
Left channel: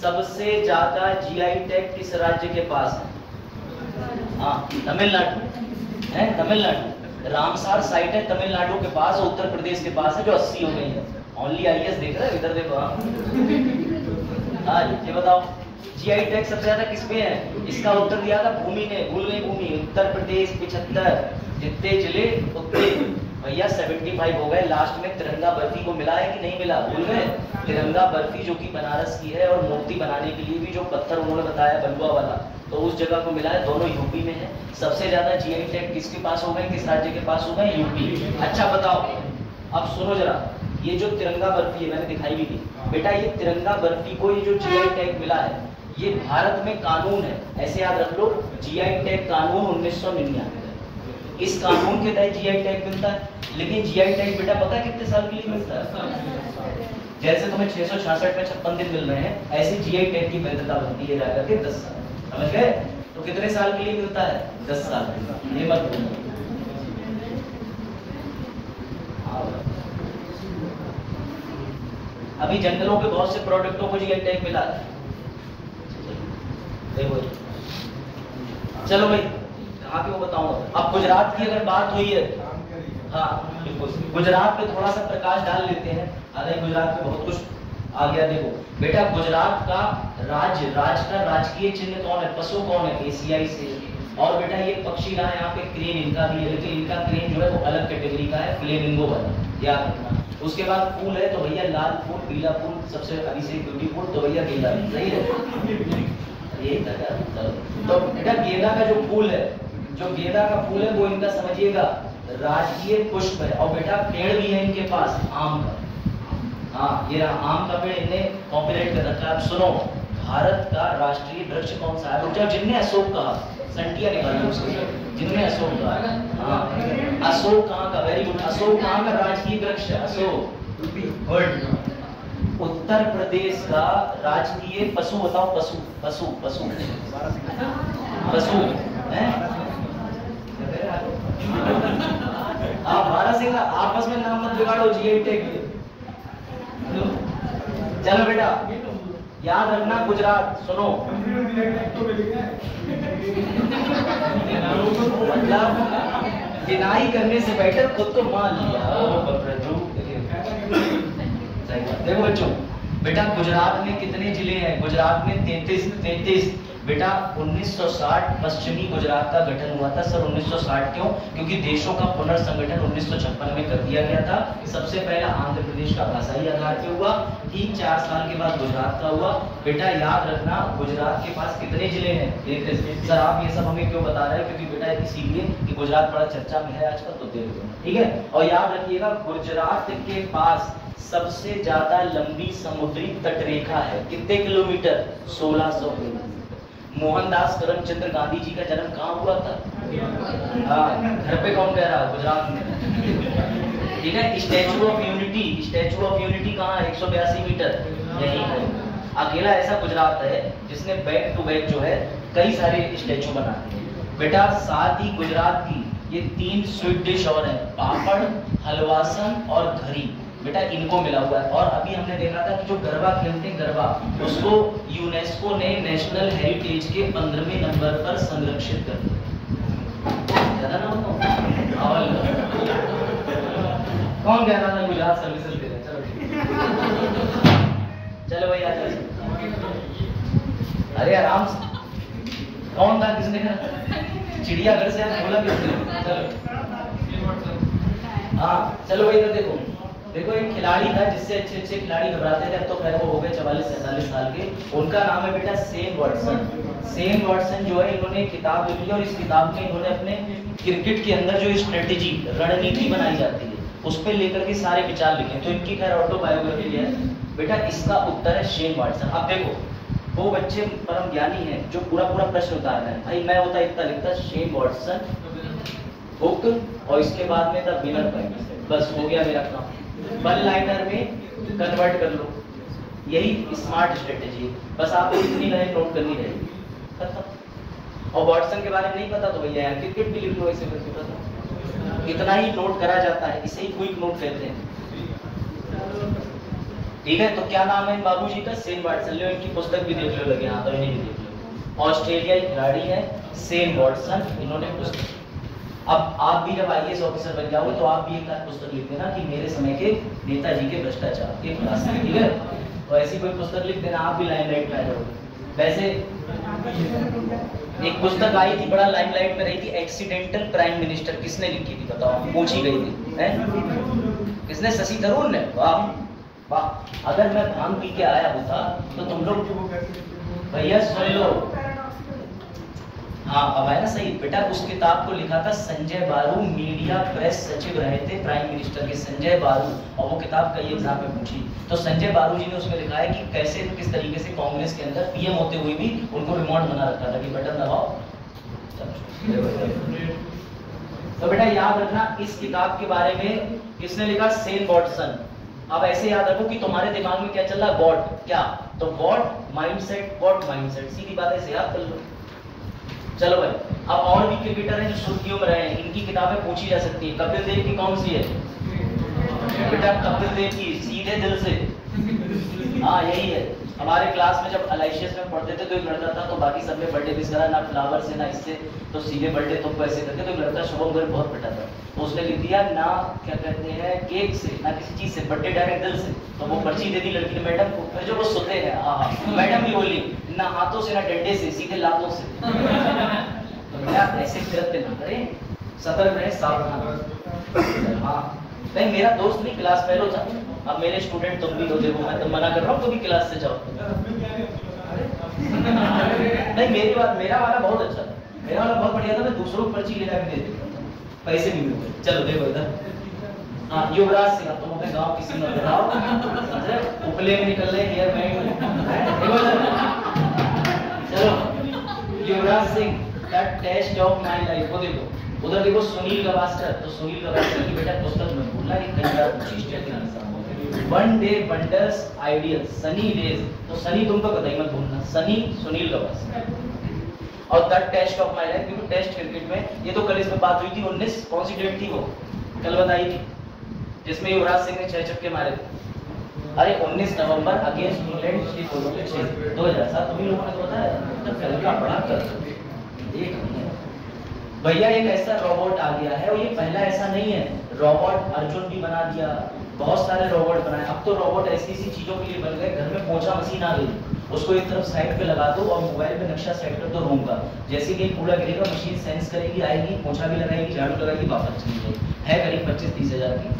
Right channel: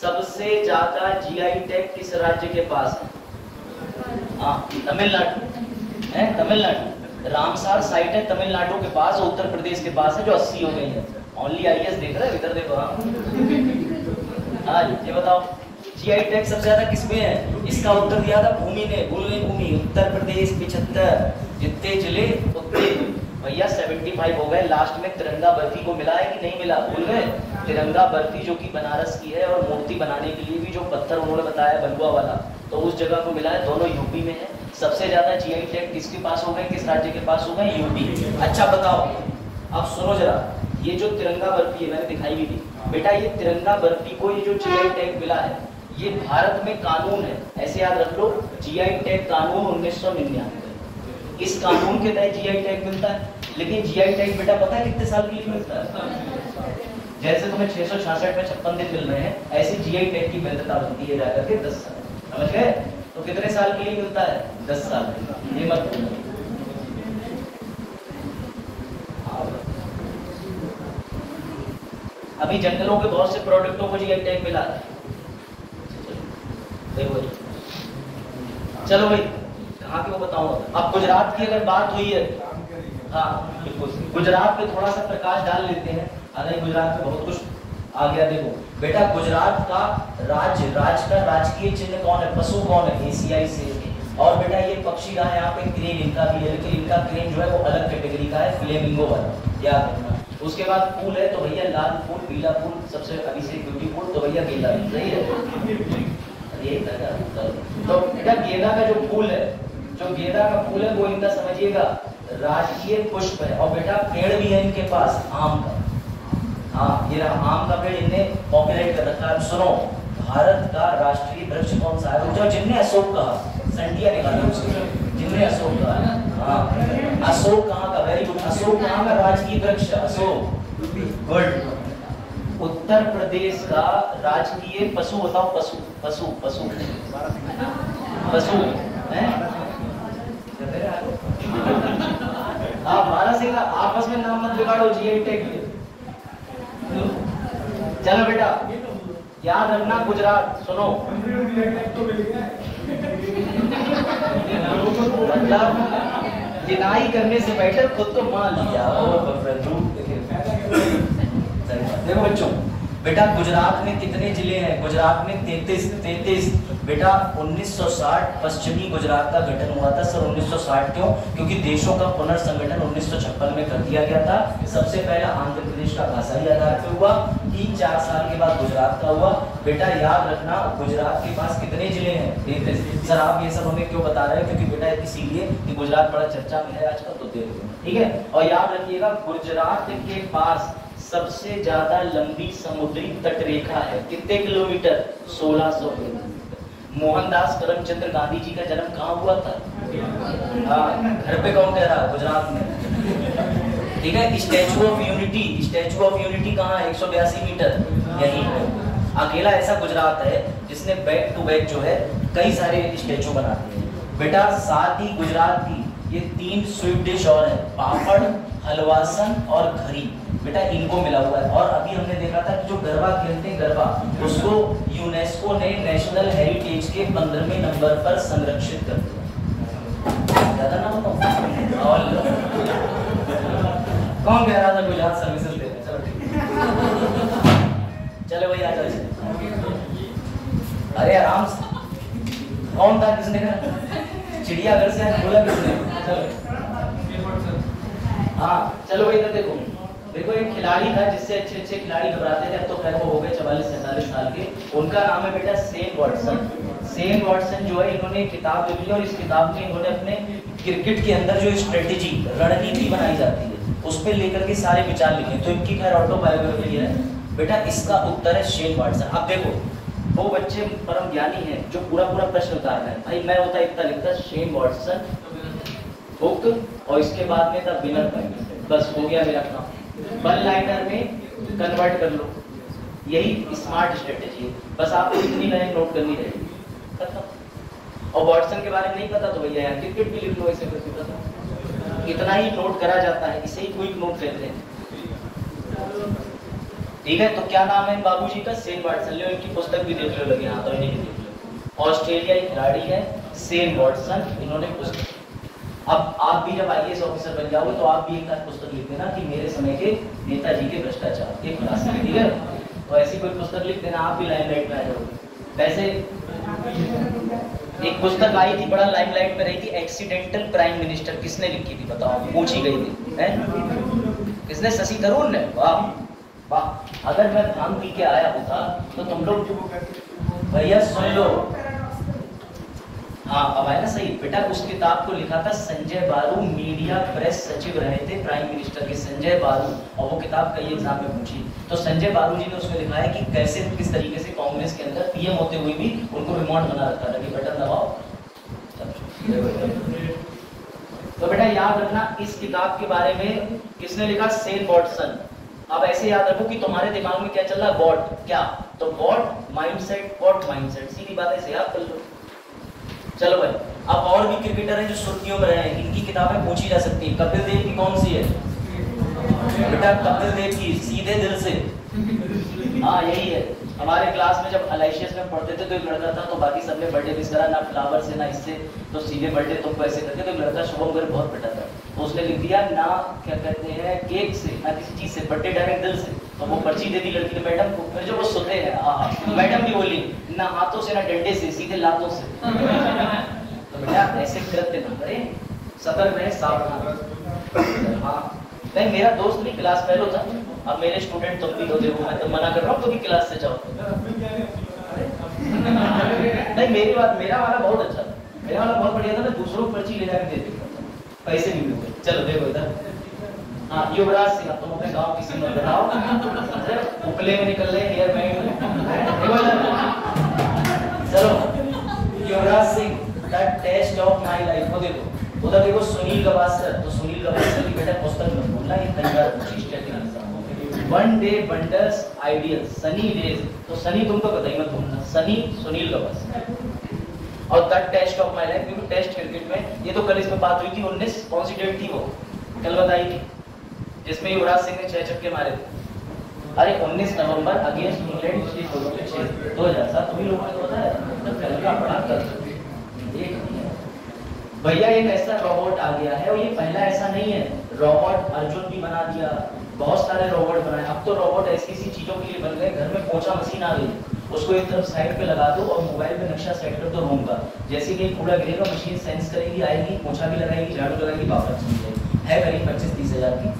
सबसे ज्यादा जीआई टैग किस राज्य के पास है? हाँ, तमिलनाडु है, तमिलनाडु। रामसार साइट है तमिलनाडु के पास, उत्तर प्रदेश के पास है, जो 80 हो गई है। ओनली आईएएस देख रहे हैं, इधर देखो। हाँ ये बताओ, जीआई टैग सबसे ज्यादा किसमें है? इसका उत्तर दिया था भूमि ने, भूल गई भूमि। उत्तर प्रदेश 75, जितने जिले उतने। भैया 75 हो गए। लास्ट में तिरंगा बर्फी को मिला है कि नहीं मिला? भूल गए? तिरंगा बर्फी जो कि बनारस की है, और मूर्ति बनाने के लिए भी जो पत्थर उन्होंने बताया बलुआ वाला, तो उस जगह को मिला है। दोनों यूपी में है। सबसे ज्यादा जीआई टैग किसके पास हो गए, किस राज्य के पास हो गए? यूपी। अच्छा बताओ, अब सुनो जरा, ये जो तिरंगा बर्फी है मैंने दिखाई भी थी बेटा, ये तिरंगा बर्फी को ये जो जीआई टैग मिला है, ये भारत में कानून है, ऐसे याद रख लो। जीआई टैग कानून 1999, इस कानून के तहत जीआई टैग मिलता है। लेकिन जीआई टैग बेटा पता है कितने साल के लिए मिलता है? जैसे तुम्हें 666 में 56 दिन मिल रहे हैं, ऐसे जीआई टैग की वैधता बनती है जाकर के 10 साल। समझ गए? तो कितने साल के लिए मिलता है? 10 साल के लिए। मत भूलना। अभी जंगलों के बहुत से प्रोडक्टों को जीआई टैग मिला है। चलो भाई, कहाँ के वो बताऊंगा। अब गुजरात की अगर बात हुई है, हाँ गुजरात पे थोड़ा सा प्रकाश डाल लेते हैं। अरे गुजरात में बहुत कुछ आ गया। देखो बेटा, गुजरात का राज्य का राजकीय चिन्ह कौन है? पशु कौन है? एशियाई शेर। और बेटा ये पक्षी रहा यहाँ पे क्रेन, इनका भी है, लेकिन इनका क्रेन जो है वो अलग कैटेगरी का है, फ्लेमिंगो वाला, याद रखना। उसके बाद फूल है तो भैया लाल फूल, पीला फूल, सबसे अभिषेक ब्यूटीफुल तो भैया गेंदा। सही है, तो बेटा गेंदा का जो फूल है, जो गेंदा का फूल है वो इनका समझिएगा राजकीय पुष्प है। और बेटा पेड़ भी है इनके पास, आम का। हाँ ये रहा आम का पेड़, इन्हें पॉपुलेट कर रखा है। सुनो, भारत का राष्ट्रीय वृक्ष कौन सा है? जो जिनने अशोक कहा, संटिया निकालो जिनने अशोक कहा। हाँ अशोक कहाँ का? Very good. अशोक कहाँ का राजकीय वृक्ष? अशोक। गुड। उत्तर प्रदेश का राजकीय पशु बताओ। पशु पशु पशु पशु आप भारत से आपस में नाम मत बिगाड़ो, जीआई टैग। चलो बेटा याद रखना, गुजरात सुनो, मतलब डिनाई करने से बेटर खुद को मान लिया। देखो बच्चों, बेटा गुजरात में कितने जिले हैं? गुजरात में 33। बेटा 1960 पश्चिमी गुजरात का गठन हुआ था। सर 1960 क्यों? क्योंकि देशों का पुनर्संगठन 1956 में कर दिया गया था। सबसे पहला आंध्र प्रदेश का भाषाई आधार पे हुआ, 3-4 साल के बाद गुजरात का हुआ। बेटा याद रखना, गुजरात के पास कितने जिले हैं? 33। सर आप ये सब हमें क्यों बता रहे हैं? क्योंकि बेटा इसीलिए कि गुजरात बड़ा चर्चा में है आजकल, तो देख लो, ठीक है। और याद रखिएगा, गुजरात के पास सबसे ज्यादा लंबी समुद्री तटरेखा है। कितने किलोमीटर? 1600 किलोमीटर। मोहनदास करमचंद्र गांधी जी का जन्म कहाँ हुआ था? हाँ, घर पे कौन कह रहा है? गुजरात में, ठीक है। स्टैचू ऑफ यूनिटी कहाँ है? 182 मीटर, यही है। अकेला ऐसा गुजरात है जिसने बैक टू बैक जो है कई सारे स्टैचू बनाते हैं। बेटा साथ ही गुजरात की ये 3 स्वीट डिश और है, पापड़, हलवासन और घरी। बेटा इनको मिला हुआ है। और अभी हमने देखा था कि जो गरबा खेलते हैं, गरबा, उसको यूनेस्को ने नेशनल हेरिटेज के 15वें नंबर पर संरक्षित कर दिया। ज्यादा ना बताऊं? कौन कह रहा था गुजरात सर्विसेज दे रहे? चलो ठीक, चलो भाई आ जाओ। अरे आराम से। कौन था? किसने कहा? चिड़ियाघर से बोला किसने? चलो हाँ चलो भाई इधर देखो। देखो एक खिलाड़ी था जिससे अच्छे खिलाड़ी घबराते थे, अब तो खैर वो हो गए 44-47 साल के। उनका नाम है बेटा शेन वॉटसन। शेन वॉटसन जो है, इन्होंने एक किताब लिखी और इस किताब में इन्होंने अपने क्रिकेट के अंदर जो स्ट्रेटेजी, रणनीति बनाई जाती है, उस पर लेकर के सारे विचार लिखे। तो इनकी खैर ऑटोबायोग्राफी है। बेटा इसका उत्तर है शेन वॉटसन। अब देखो वो बच्चे परम ज्ञानी हैं जो पूरा प्रश्न उतारता है। भाई मैं होता इतना लिखता शेन वॉटसन हुक और इसके बाद में द विनर पॉइंट, बस हो गया मेरा काम। वन लाइनर में कन्वर्ट कर लो, यही स्मार्ट स्ट्रेटेजी है। बस आपको इतनी लाइन नोट करनी रहेगी, खत्म। और वॉटसन के बारे में नहीं पता तो भैया यहाँ क्रिकेट भी लिख लो ऐसे करके, खत्म। इतना ही नोट करा जाता है, इसे ही क्विक नोट कहते हैं। ठीक है, तो क्या नाम है इन बाबूजी का? सेन वाटसन। लो इनकी पुस्तक भी देख लो, लगे यहाँ तो नहीं देख लो। ऑस्ट्रेलियाई खिलाड़ी है सेन वाटसन, इन्होंने पुस्तक। अब आप भी जब आईएएस ऑफिसर बन जाओ तो आप भी एक पुस्तक लिख देना कि मेरे समय के नेताजी के भ्रष्टाचार, एक क्लास में, ठीक है? तो ऐसी कोई पुस्तक लिख देना, आप भी लाइमलाइट में आ जाओगे। वैसे एक पुस्तक आई थी, बड़ा लाइमलाइट में रही थी, एक्सीडेंटल प्राइम मिनिस्टर। किसने लिखी थी बताओ? पूछी गई थी, है किसने? शशि थरूर ने। वाह वाह, अगर मैं भांग पी के आया होता तो तुम लोग भैया सुन लो। हाँ अब आया ना सही बेटा। उस किताब को लिखा था संजय बारू, मीडिया प्रेस सचिव रहे थे प्राइम मिनिस्टर के, संजय बारू। और वो किताब कई एग्जाम में पूछी, तो संजय बारू जी ने उसमें लिखा है कि कैसे किस तरीके से कांग्रेस के अंदर पीएम होते हुए भी उनको रिमोट बना रखा था कि बटन दबाओ। तो बेटा याद रखना, इस किताब के बारे में किसने लिखा? सेन वाटसन। अब ऐसे याद रखो कि तुम्हारे दिमाग में क्या चल रहा है? वॉट क्या? तो वॉट माइंडसेट, वॉट माइंडसेट, सीधी बात है, याद कर लो। चलो भाई, अब और भी क्रिकेटर हैं जो सुर्खियों में रहे हैं, इनकी किताबें पूछी जा सकती है। कपिल देव की कौन सी है बेटा? कपिल देव की सीधे दिल से, हाँ यही है। हमारे क्लास में जब अलाइशियस में पढ़ते थे तो एक लड़का था, तो बाकी सबने बर्थडे विश करा, ना फ्लावर से ना इससे, तो सीधे बर्थडे तुमको ऐसे करते। तो एक लड़का शुभम गर्ग बहुत पिटा था, तो उसने लिख दिया ना क्या कहते हैं केक से, ना किसी चीज से, बर्थडे डायरेक्ट दिल से। तो वो पर्ची दे दी लड़की ने मैडम को, फिर जो वो सुधरे हैं, हाँ मैडम भी बोली ना हाथों से ना डंडे से, सीधे लातों से। तो बेटा ऐसे करते ना करें, सतर्क रहे, सावधान। हाँ नहीं, मेरा दोस्त भी क्लास फेलो था, अब मेरे स्टूडेंट तुम भी हो, देखो मैं तो मना कर रहा हूँ तुम भी क्लास से जाओ। नहीं मेरी बात, मेरा वाला बहुत अच्छा था, मेरा वाला बहुत बढ़िया था, मैं दूसरों को पर्ची ले जाकर दे देता था, पैसे भी मिलते। चलो देखो इधर, हाँ युवराज सिंह, तुम अपने गाँव किसी में बताओ, उकले में निकल रहे हेयर में। चलो Yuvraj Singh, the test of my life, वो देखो उधर देखो सुनील गावस्कर। तो सुनील गावस्कर की बेटा पुस्तक में बोलना कि one day wonders ideal, Sunny days. तो सनी तुमको पता ही मत भूलना, सनी सुनील गावस्कर। और the test of my life, देखो टेस्ट क्रिकेट में, ये तो कल इसमें बात हुई थी 19, कौन सी डेट थी वो कल बताई थी, जिसमें युवराज सिंह ने 6 छक्के मारे थे। अरे 19 नवंबर अगेंस्ट इंग्लैंड 2007। तुम्हें लोगों को पता है तो पहले का पढ़ा कर भैया एक ऐसा रोबोट आ गया है, और ये पहला ऐसा नहीं है। रोबोट अर्जुन भी बना दिया, बहुत सारे रोबोट बनाए। अब तो रोबोट ऐसी ऐसी चीजों के लिए बन गए, घर में पोछा मशीन आ गई, उसको एक तरफ साइड पे लगा दो और मोबाइल में नक्शा सेट कर दो रूम का, जैसे कि कूड़ा गिरेगा मशीन सेंस करेगी, आएगी, पोछा भी लगाएगी, झाड़ू लगाएगी, वापस चली जाएगी। है करीब 25-30 हजार की।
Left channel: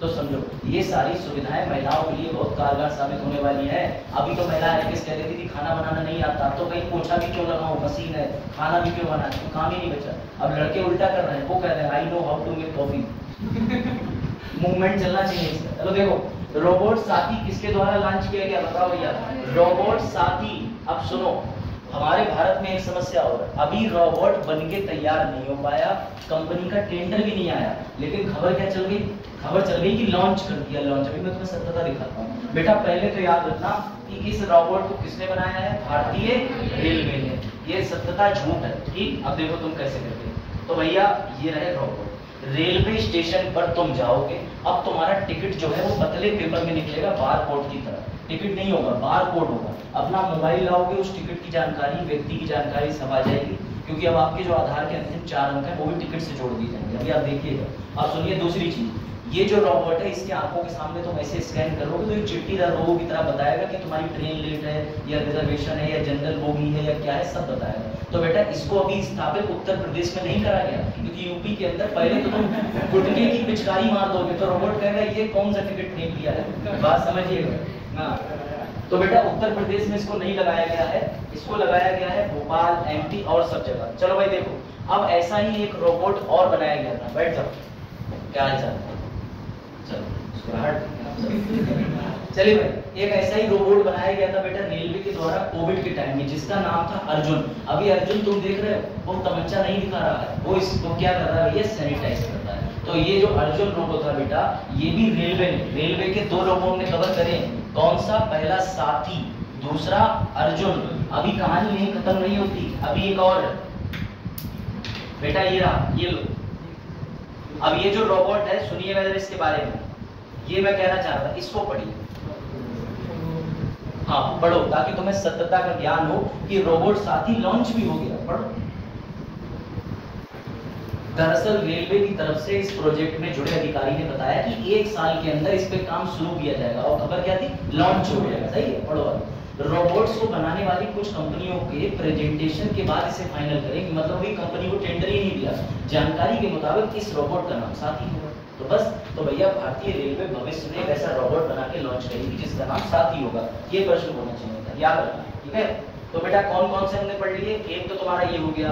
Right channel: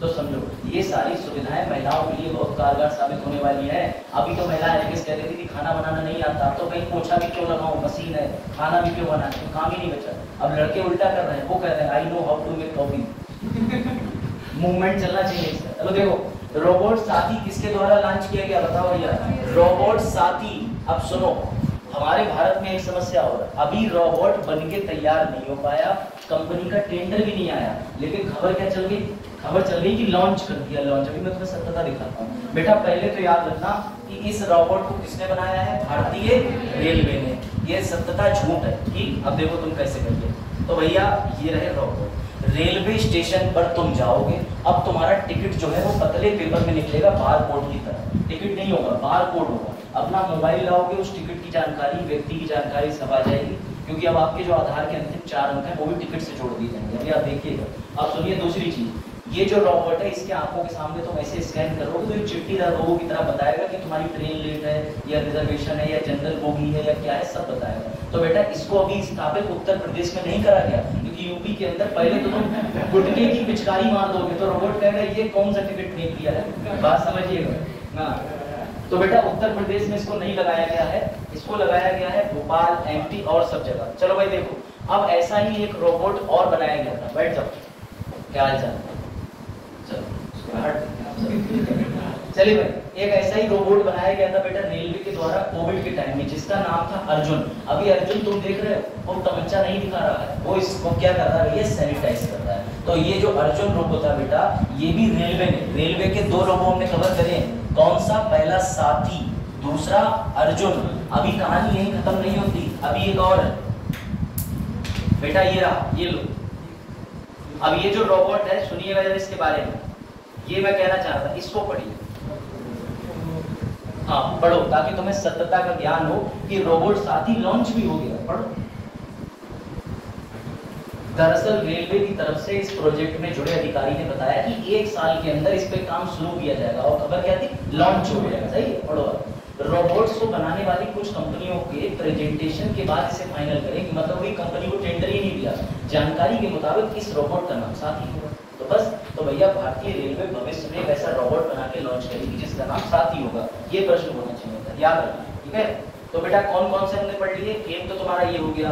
तो समझो ये सारी सुविधाएं महिलाओं के लिए बहुत कारगर साबित होने वाली है। अभी तो महिला एथिक्स कह रही थी कि खाना बनाना नहीं आता, तो कहीं पोछा भी क्यों लगाओ, मशीन है, खाना भी क्यों बनाना, तो काम ही नहीं बचा। अब लड़के उल्टा कर रहे हैं, वो कह रहे हैं I know how to make coffee. Movement चलना चाहिए। चलो देखो रोबोट साथी किसके द्वारा लॉन्च किया गया बताओ भैया? रोबोट साथी। अब सुनो, हमारे भारत में एक समस्या हो रहा है, अभी रोबोट बन के तैयार नहीं हो पाया, कंपनी का टेंडर भी नहीं आया, लेकिन खबर क्या चल गई? खबर चल रही कि लॉन्च कर दिया, लॉन्च। अभी मैं तुम्हें सत्यता दिखाता हूँ बेटा। पहले तो याद रखना कि इस रोबोट को किसने बनाया है? भारतीय रेलवे ने। ये सत्यता झूठ है, ठीक? अब देखो तुम कैसे करते। तो भैया ये रहे रोबोट, रेलवे स्टेशन पर तुम जाओगे, अब तुम्हारा टिकट जो है वो पतले पेपर में निकलेगा, बार कोड की तरह। टिकट नहीं होगा, बार कोड होगा। अपना मोबाइल लाओगे, उस टिकट की जानकारी, व्यक्ति की जानकारी सब आ जाएगी, क्योंकि अब आपके जो आधार के अंतिम 4 अंक हैं वो भी टिकट से जोड़ दी जाएंगे। अभी आप देखिएगा। आप सुनिए दूसरी चीज, ये जो रोबोट है इसके आंखों के सामने तुम ऐसे स्कैन करोगे तो ये चिट्ठीदार रोबो की तरह बताएगा कि तुम्हारी ट्रेन लेट है या रिजर्वेशन है या जनरल बोगी है या क्या है, सब बताएगा। तो बेटा इसको अभी स्थापित उत्तर प्रदेश में नहीं करा गया, क्योंकि यूपी के अंदर पहले तो तुम गुटके की पिचकारी मार दोगे तो रोबोट कहेगा ये कौन सा टिकट फेंक दिया है, बात समझिएगा ना। तो बेटा उत्तर प्रदेश में इसको नहीं लगाया गया है, इसको लगाया गया है भोपाल, एमपी और सब जगह। चलो भाई देखो, अब ऐसा ही एक रोबोट और बनाया गया था। बैठ जाओ, क्या हाल चाल? चलिए भाई, एक ऐसा ही रोबोट बनाया गया था बेटा रेलवे के द्वारा कोविड के टाइम में, जिसका नाम था अर्जुन। अभी अर्जुन तुम देख रहे हो वो तमंचा नहीं दिखा रहा है, वो इसको क्या कर रहा है, ये सैनिटाइज कर रहा है। तो ये जो अर्जुन रोबोट था बेटा, ये भी रेलवे के 2 रोबोट हमने कवर करे। कौन सा? पहला साथी, दूसरा अर्जुन। अभी कहानी यही खत्म नहीं होती, अभी एक और बेटा, ये रहा, ये लो। अब ये जो रोबोट है, सुनिएगा जरा इसके बारे में, ये मैं कहना चाह रहा था, इसको पढ़िए। हाँ पढ़ो, ताकि तुम्हें सत्यता का ज्ञान हो कि रोबोट साथी लॉन्च भी हो गया। पढ़ो। दरअसल रेलवे की तरफ से इस प्रोजेक्ट में जुड़े अधिकारी ने बताया कि 1 साल के अंदर इस पे काम शुरू किया जाएगा, और खबर क्या थी, लॉन्च हो जाएगा। सही है, पढ़ो। रोबोट्स को बनाने वाली कुछ कंपनियों के प्रेजेंटेशन के बाद इसे फाइनल करेंगे, मतलब वही कंपनी को टेंडर ही नहीं दिया। जानकारी के मुताबिक इस रोबोट का नाम साथी होगा। तो बस, तो भैया भारतीय रेलवे भविष्य में एक ऐसा रोबोट बना के लॉन्च करेगी जिसका नाम साथी होगा। ये प्रश्न होना चाहिए, याद रखना, ठीक है। तो बेटा कौन कौन से हमने पढ़ लिए? एक तो तुम्हारा ये हो गया,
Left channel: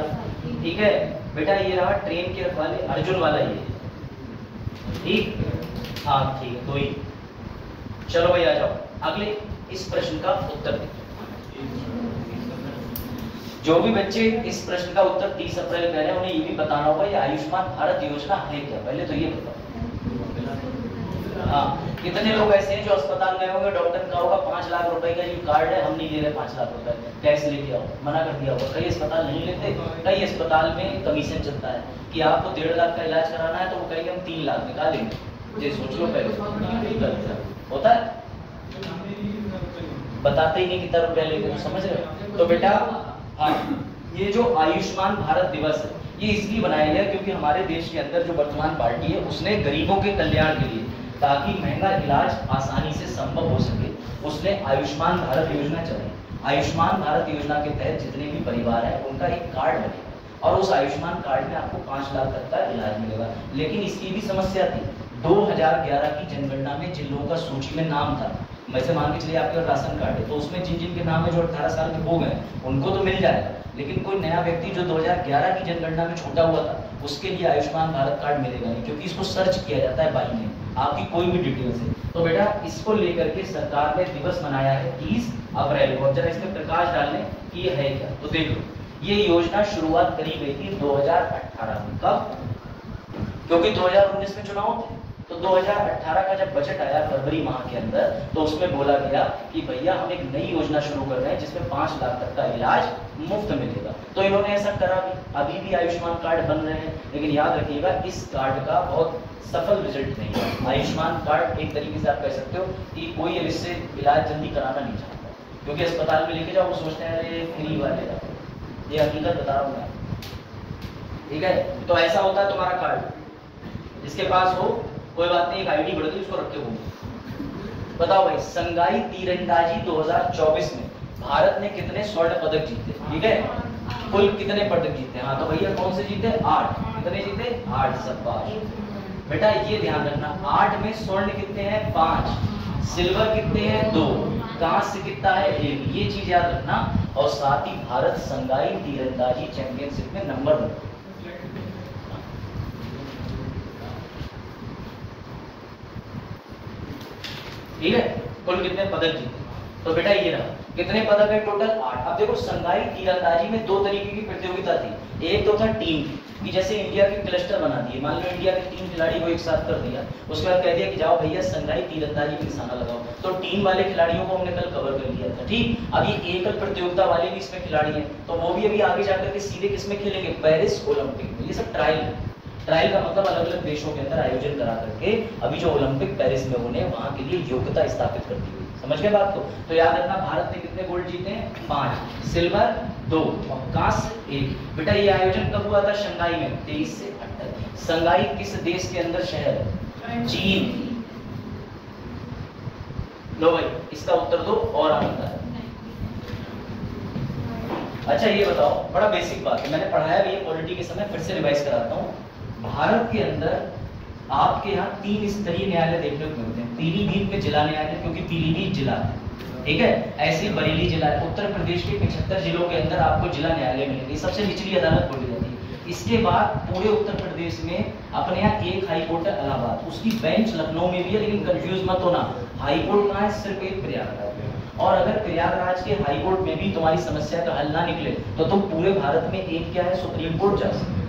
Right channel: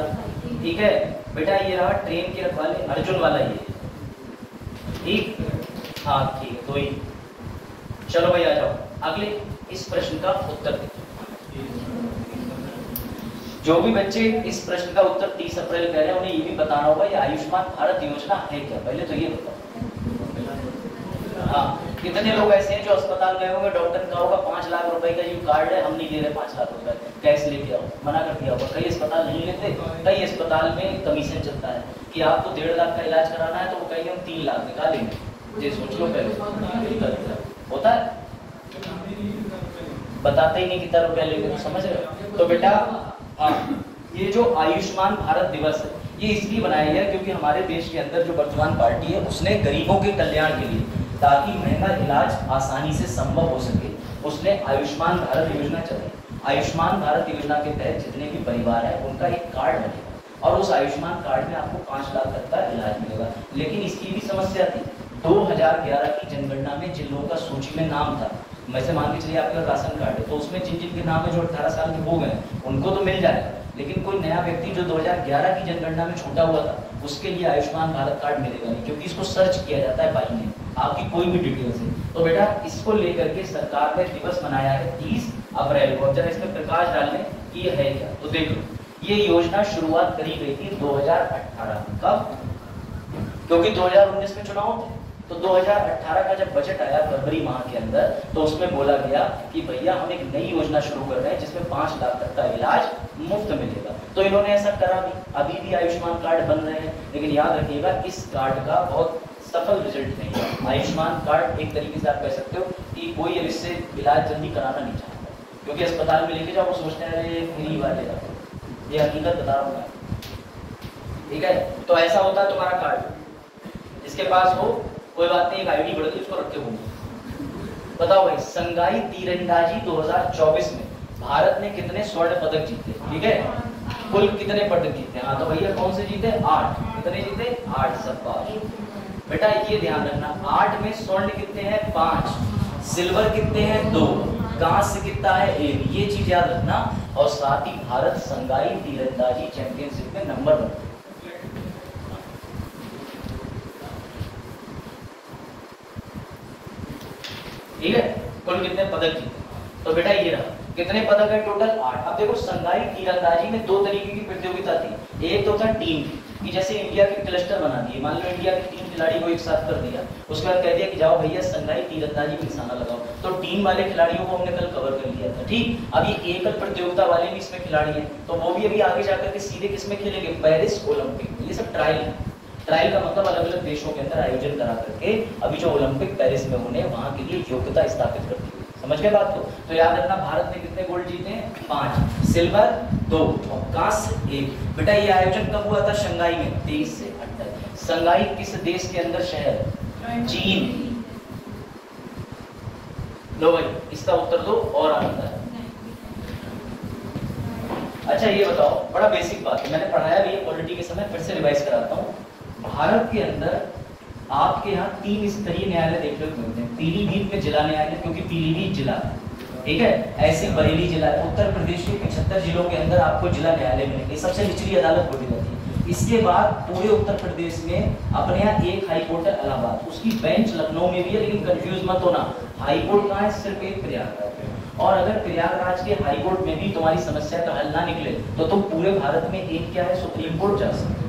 ठीक है बेटा। ये रहा ट्रेन के रखवाले, अर्जुन वाला ये, ठीक। हाँ ठीक, तो ही। चलो भाई आ जाओ अगले इस प्रश्न का उत्तर। जो भी बच्चे इस प्रश्न का उत्तर 30 अप्रैल कह रहे हैं, उन्हें ये भी बताना होगा ये आयुष्मान भारत योजना है क्या। पहले तो ये बताओ। हाँ, कितने लोग ऐसे हैं जो अस्पताल गए होंगे, डॉक्टर का होगा 5 लाख रुपए का ये कार्ड है, हम नहीं दे रहे 5 लाख रुपए, कैश लेके आओ, मना कर दिया होगा। कई अस्पताल नहीं लेते, कई अस्पताल में कमीशन चलता है कि आपको 1.5 लाख का इलाज कराना है, तो वो कहेंगे हम 3 लाख निकालेंगे। ये सोच लो पहले, होता है, बताते ही नहीं कितना रुपया लेंगे, समझ रहे हो। तो बेटा हाँ, ये जो आयुष्मान भारत दिवस है, ये इसलिए बनाया गया क्योंकि हमारे देश के अंदर जो वर्तमान पार्टी है, उसने गरीबों के कल्याण के लिए, ताकि महंगा इलाज आसानी से संभव हो सके, उसने आयुष्मान भारत योजना चलाई। आयुष्मान भारत योजना के तहत जितने भी परिवार हैं, उनका एक कार्ड बनेगा, और उस आयुष्मान कार्ड में आपको 5 लाख तक का इलाज मिलेगा। लेकिन इसकी भी समस्या थी, 2011 की जनगणना में जिन लोगों का सूची में नाम था, वैसे मान के चलिए आपके राशन कार्ड है, तो उसमें जिन जिन के नाम है जो 18 साल के हो गए, उनको तो मिल जाएगा। लेकिन कोई नया व्यक्ति जो 2011 की जनगणना में छूटा हुआ था, उसके लिए आयुष्मान भारत कार्ड मिलेगा नहीं, क्योंकि इसको सर्च किया जाता है बाई नेम, आपकी कोई भी डिटेल्स है। तो बेटा इसको लेकर के सरकार ने दिवस मनाया है 30 अप्रैल को। जरा इसमें प्रकाश डालने की है क्या, तो देख लो, ये योजना शुरुआत करी गई थी 2018 में। कब? क्योंकि 2019 में चुनाव थे, तो 2018 का जब बजट आया फरवरी माह के अंदर, तो उसमें बोला गया कि भैया हम एक नई योजना शुरू कर रहे हैं जिसमें 5 लाख तक का इलाज मुफ्त मिलेगा। तो इन्होंने ऐसा करा भी, अभी भी आयुष्मान कार्ड बन रहे हैं, लेकिन याद रखिएगा इस कार्ड का बहुत सफल रिजल्ट नहीं है। आयुष्मान कार्ड एक तरीके से आप कह सकते हो कि कोई इससे इलाज जल्दी कराना नहीं चाहता, क्योंकि अस्पताल में लेके जाओ वो सोचते हैं फ्री इलाज है, ये हकीकत बता रहा हूँ मैं, ठीक है। तो ऐसा होता है तुम्हारा कार्ड, जिसके पास हो कोई बात नहीं, एक आईडी बढ़ गई उसको रखते हो। बताओ भाई, संगाई तीरंदाजी 2024 में भारत ने कितने स्वर्ण पदक जीते? ठीक है, कुल कितने पदक जीते? हाँ तो भैया कौन से जीते? 8। कितने जीते? 8। सब बेटा ये ध्यान रखना, 8 में स्वर्ण कितने हैं? 5। सिल्वर कितने हैं? 2। कांस्य कितना है? 1। ये चीज याद रखना। और साथ ही भारत संगाई तीरंदाजी चैंपियनशिप में नंबर 1। ठीक है, कुल कितने पदक जीते? तो बेटा ये रहा, कितने पदक है टोटल? 8। अब देखो संगाई तीरंदाजी में 2 तरीके की प्रतियोगिता थी। एक तो था टीम की, जैसे इंडिया के क्लस्टर बना दिए, मान लो इंडिया के 3 खिलाड़ी को एक साथ कर दिया, उसके बाद कह दिया कि जाओ भैया संगाई तीरंदाजी में निशाना लगाओ। तो टीम वाले खिलाड़ियों को हमने कल कवर कर लिया था, ठीक। अब ये एकल प्रतियोगिता वाले भी इसमें खिलाड़ी हैं, तो वो भी अभी आगे जाकर के सीधे किसमें खेलेंगे? पेरिस ओलंपिक में। ये सब ट्रायल है। ट्रायल का मतलब अलग अलग देशों के अंदर आयोजन करा करके अभी जो ओलंपिक पेरिस में होने, वहां के लिए योग्यता स्थापित कर दी गई। समझ गए बात को? तो याद रखना, भारत ने कितने गोल्ड जीते हैं? 5। सिल्वर 2 और कांस्य 1। बेटा ये आयोजन कब हुआ था? शंघाई में 23 से 28। शंघाई किस देश के अंदर शहर है? चीन। लो भाई इसका उत्तर दो और आता है। अच्छा ये बताओ, बड़ा बेसिक बात है, मैंने पढ़ाया भी है पॉलिटी के समय, फिर से रिवाइज कराता हूँ। भारत के अंदर आपके यहाँ 3 स्तरीय न्यायालय देखने को मिलते हैं। पीलीभीत में जिला न्यायालय, क्योंकि पीलीभीत जिला है, ठीक है। ऐसी बरेली जिला है। उत्तर प्रदेश के 75 जिलों के अंदर आपको जिला न्यायालय मिलेंगे, सबसे निचली अदालत बोली जाती है। इसके बाद पूरे उत्तर प्रदेश में अपने यहाँ एक हाई कोर्ट है इलाहाबाद, उसकी बेंच लखनऊ में भी है, लेकिन कंफ्यूज मत होना, हाई कोर्ट कहाँ है, सिर्फ एक प्रयागराज में। और अगर प्रयागराज के हाई कोर्ट में भी तुम्हारी समस्या का हल ना निकले तो तुम पूरे भारत में एक क्या है, सुप्रीम कोर्ट जा सकते हो।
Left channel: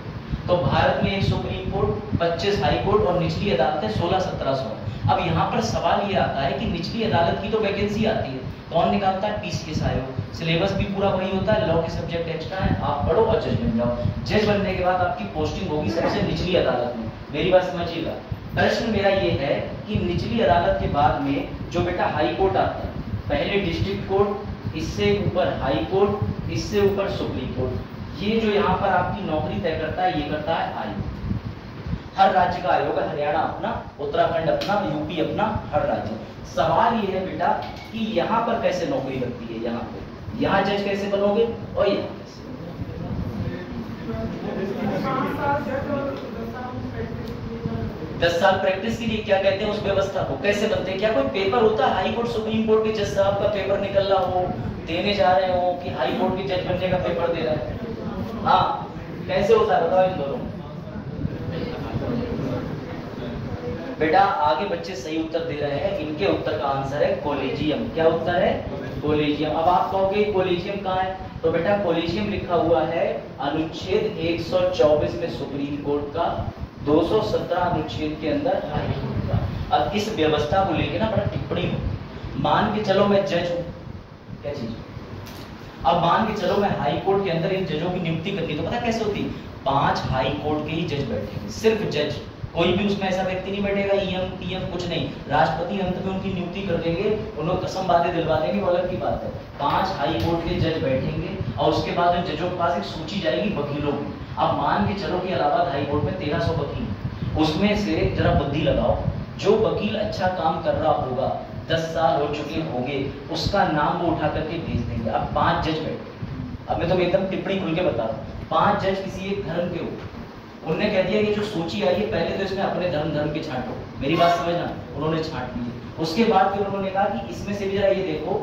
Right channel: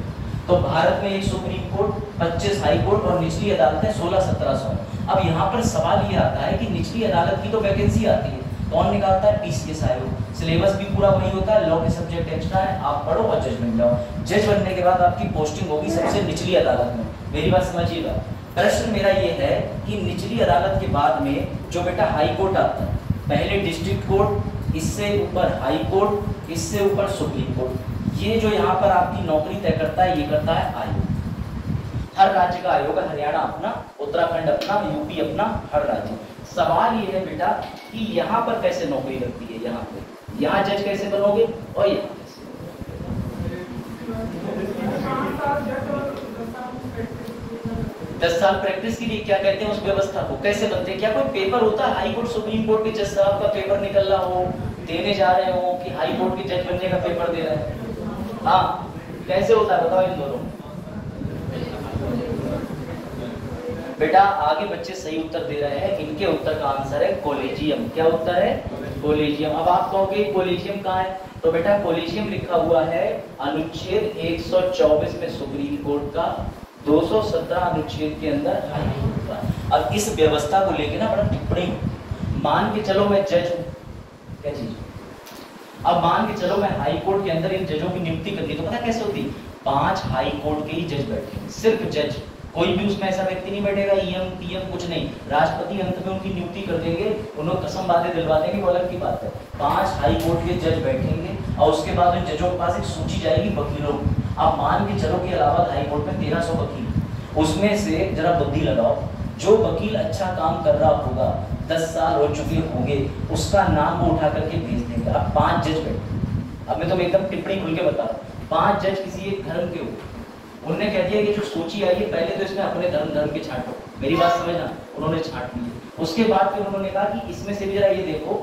तो भारत में एक सुप्रीम कोर्ट, 25 हाई कोर्ट और निचली अदालतें 16-1700। अब यहाँ पर सवाल ये आता है कि निचली अदालत की तो वैकेंसी आती है, कौन निकालता है, पीसीएस आयोग, सिलेबस भी पूरा वही होता है, लॉ के सब्जेक्ट एक्स्ट्रा है, आप पढ़ो और जज बन जाओ। जज बनने के बाद आपकी पोस्टिंग होगी सबसे निचली अदालत में। मेरी बात समझिएगा। प्रश्न मेरा ये है कि निचली अदालत के बाद में जो बेटा हाई कोर्ट आता है, पहले डिस्ट्रिक्ट कोर्ट, इससे ऊपर हाई कोर्ट, इससे ऊपर सुप्रीम कोर्ट, ये जो यहाँ पर आपकी नौकरी तय करता है ये करता है आयोग। हर राज्य का आयोग है, हरियाणा अपना, उत्तराखंड अपना, यूपी अपना, हर राज्य। सवाल ये है बेटा कि यहाँ पर कैसे नौकरी लगती है, यहाँ पे यहाँ जज कैसे बनोगे और यहाँ कैसे। 10 साल प्रैक्टिस के लिए क्या कहते हैं उस व्यवस्था को, कैसे बनते हैं, क्या कोई पेपर होता है हाई कोर्ट सुप्रीम कोर्ट के जज साहब का पेपर निकल रहा हो, देने जा रहे हो कि हाई कोर्ट के जज बनने का पेपर दे रहे हैं, हाँ कैसे होता है बताओ इन दोनों। बेटा आगे बच्चे सही उत्तर दे रहे हैं, इनके उत्तर का आंसर है कॉलेजियम। क्या उत्तर है, कॉलेजियम। अब आप कहोगे कॉलेजियम कहाँ है, तो बेटा कॉलेजियम लिखा हुआ है अनुच्छेद 124 में सुप्रीम कोर्ट का, 217 अनुच्छेद के अंदर हाई कोर्ट का। अब इस व्यवस्था को लेके ना बड़ा टिप्पणी हो, मान के चलो मैं जज हूँ, क्या चीज, अब मान के चलो मैं हाई कोर्ट के अंदर इन जजों की नियुक्ति करती हूँ, तो पता कैसे होती, 5 हाई कोर्ट के ही जज बैठे, सिर्फ जज, कोई भी उसमें ऐसा व्यक्ति नहीं बैठेगा, ईएम पीएम कुछ नहीं, राष्ट्रपति अंत में उनकी नियुक्ति कर देंगे, उन्हें कसम बातें दिलवा देंगे, वो अलग की बात है। 5 हाई कोर्ट के जज बैठेंगे और उसके बाद उन जजों के पास एक सूची जाएगी वकीलों की। आप मान के चलो कि इलाहाबाद हाई कोर्ट में 1300 वकील, उसमें से जरा बुद्धि लगाओ, जो वकील अच्छा काम कर रहा होगा, 10 साल हो चुके होंगे, उसका नाम वो उठा करके भेज देंगे। अब 5 जज बैठे, अब मैं तुम्हें एकदम टिप्पणी खुल के बता रहा हूँ, 5 जज किसी एक धर्म के हो, उन्होंने कह दिया कि जो सूची आई है पहले तो इसमें अपने धर्म के छांटो, मेरी बात समझना, उन्होंने छांट ली। उसके बाद फिर उन्होंने कहा कि इसमें से भी जरा ये देखो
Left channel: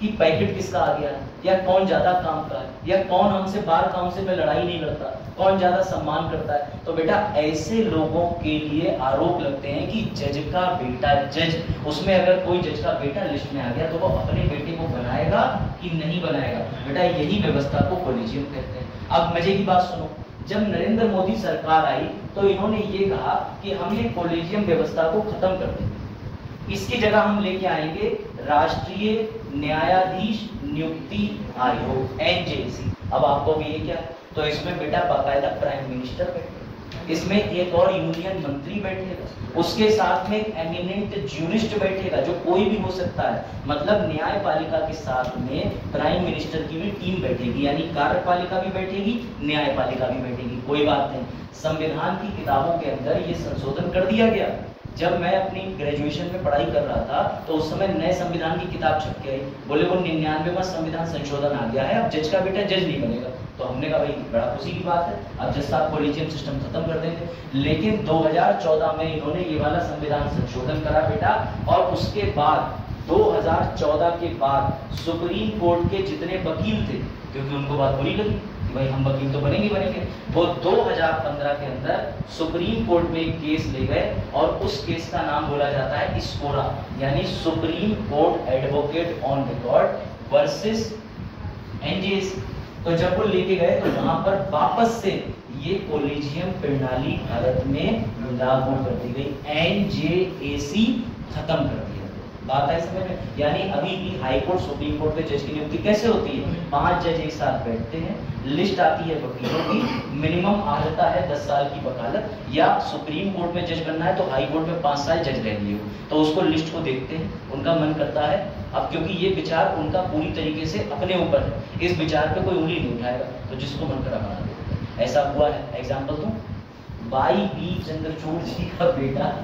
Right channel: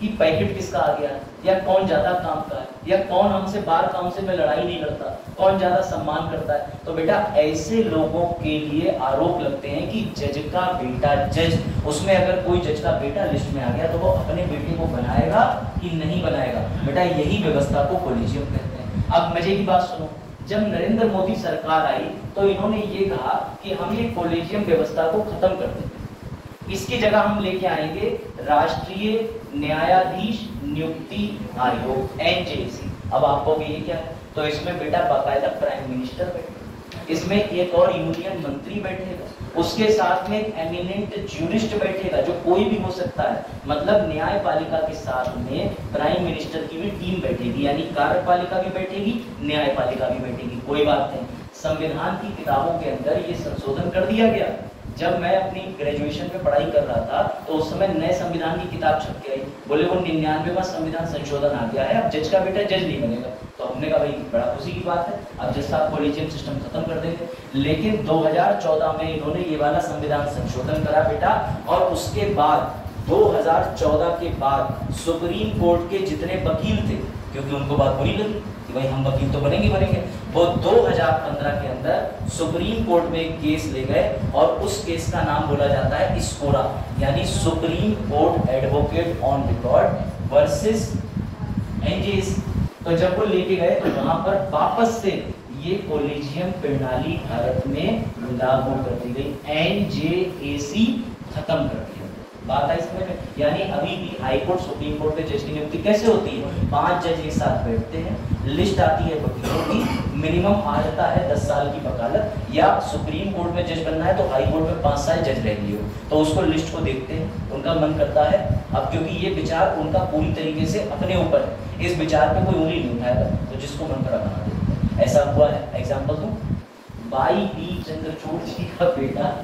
कि पैकेट किसका आ गया, या कौन ज्यादा काम का है, या कौन हमसे बार काउंसिल में लड़ाई नहीं लड़ता, कौन ज्यादा सम्मान करता है। तो बेटा ऐसे लोगों के लिए आरोप लगते हैं कि जज का बेटा जज, उसमें अगर कोई जज का बेटा लिस्ट में आ गया तो वो अपने बेटे को बनाएगा कि नहीं बनाएगा। बेटा यही व्यवस्था को कॉलेजियम कहते हैं। अब मजे की बात सुनो, जब नरेंद्र मोदी सरकार आई तो इन्होंने ये कहा कि हम ये कॉलेजियम व्यवस्था को खत्म कर देंगे, इसकी जगह हम लेके आएंगे राष्ट्रीय न्यायाधीश नियुक्ति आयोग, एनजेसी। अब आपको ये क्या है, तो इसमें बेटा बाकायदा प्राइम मिनिस्टर बैठेगा, इसमें एक और यूनियन मंत्री बैठेगा, उसके साथ में एक एमिनेंट ज्यूरिस्ट बैठेगा जो कोई भी हो सकता है, मतलब न्यायपालिका के साथ में प्राइम मिनिस्टर की भी टीम बैठेगी, यानी कार्यपालिका भी बैठेगी, न्यायपालिका भी बैठेगी। कोई बात नहीं, संविधान की किताबों के अंदर ये संशोधन कर दिया गया। जब मैं अपनी ग्रेजुएशन में पढ़ाई कर रहा था तो उस समय नए संविधान की किताब छप के आई, बोले वो 99वां संविधान संशोधन आ गया है, अब जज का बेटा जज नहीं बनेगा। तो हमने कहा भाई बड़ा खुशी की बात है, अब जज साहब कॉलेजियम सिस्टम खत्म कर देंगे। लेकिन 2014 में इन्होंने ये वाला संविधान संशोधन करा बेटा, और उसके बाद 2014 के बाद सुप्रीम कोर्ट के जितने वकील थे, क्योंकि उनको बात बुरी लगी कि भाई हम वकील तो बनेंगे, वो 2015 के अंदर सुप्रीम कोर्ट में एक केस ले गए और उस केस का नाम बोला जाता है स्कोरा, यानी supreme court advocate on record versus NJC. तो जब वो लेके गए तो वहां पर वापस से ये कॉलेजियम प्रणाली भारत में लागू कर दी गई, एनजेएसी खत्म कर दी। बात है इसमें, यानी अभी भी हाई कोर्ट सुप्रीम कोर्ट के जज की नियुक्ति कैसे होती है, 5 जज एक साथ बैठते हैं, लिस्ट आती है वकीलों की, मिनिमम आ जाता है 10 साल की वकालत, या सुप्रीम कोर्ट में जज बनना है तो हाई कोर्ट में 5 साल जज रह लिए हो, तो उसको लिस्ट को देखते हैं, उनका मन करता है। अब क्योंकि ये विचार उनका पूरी तरीके से अपने ऊपर है, इस विचार पे कोई उंगली नहीं उठाएगा, तो जिसको मन करा बना देते। ऐसा हुआ है, एग्जाम्पल दूं, वाई.बी. चंद्रचूड़ जी का बेटा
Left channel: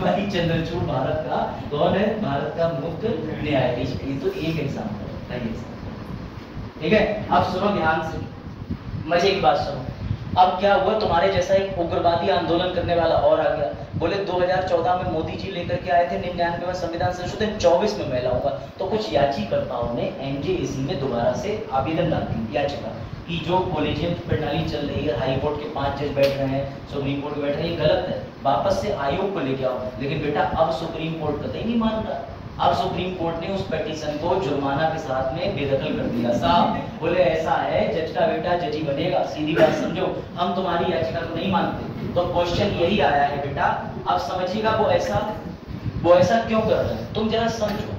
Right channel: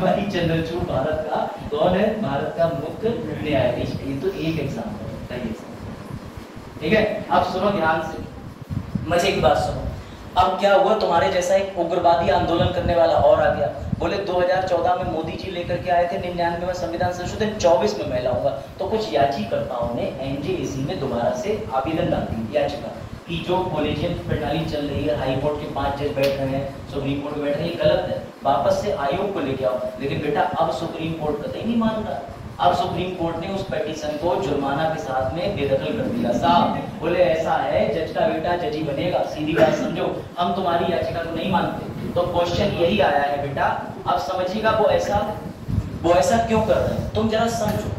वाई चंद्रचूड़ भारत का कौन है, भारत का मुख्य न्यायाधीश। ये तो एक एग्जाम्पल है, ठीक है। अब सुनो ध्यान से, मजे की बात सुनो। अब क्या हुआ, तुम्हारे जैसा एक उग्रवादी आंदोलन करने वाला और आ गया, बोले 2014 में मोदी जी लेकर के आए थे 99 में संविधान संशोधन, 24 में मैं लाऊंगा। तो कुछ याचिकाकर्ताओं ने एनजेएसी में दोबारा से आवेदन डाल दी, याचिका कि जो कॉलेजियन प्रणाली चल रही है, हाई कोर्ट के 5 जज बैठ रहे हैं, सुप्रीम कोर्ट में बैठ रहे हैं, ये गलत है, वापस से आयोग को लेके आओ। लेकिन बेटा अब सुप्रीम कोर्ट कतई नहीं मान रहा। अब सुप्रीम कोर्ट ने उस पिटीशन को जुर्माना के साथ में बेदखल कर दिया। साहब बोले ऐसा है, जज का बेटा जज ही बनेगा, सीधी बात समझो, हम तुम्हारी याचिका को नहीं मानते। तो क्वेश्चन यही आया है बेटा, अब समझिएगा वो ऐसा क्यों कर रहे हैं, तुम जरा समझो।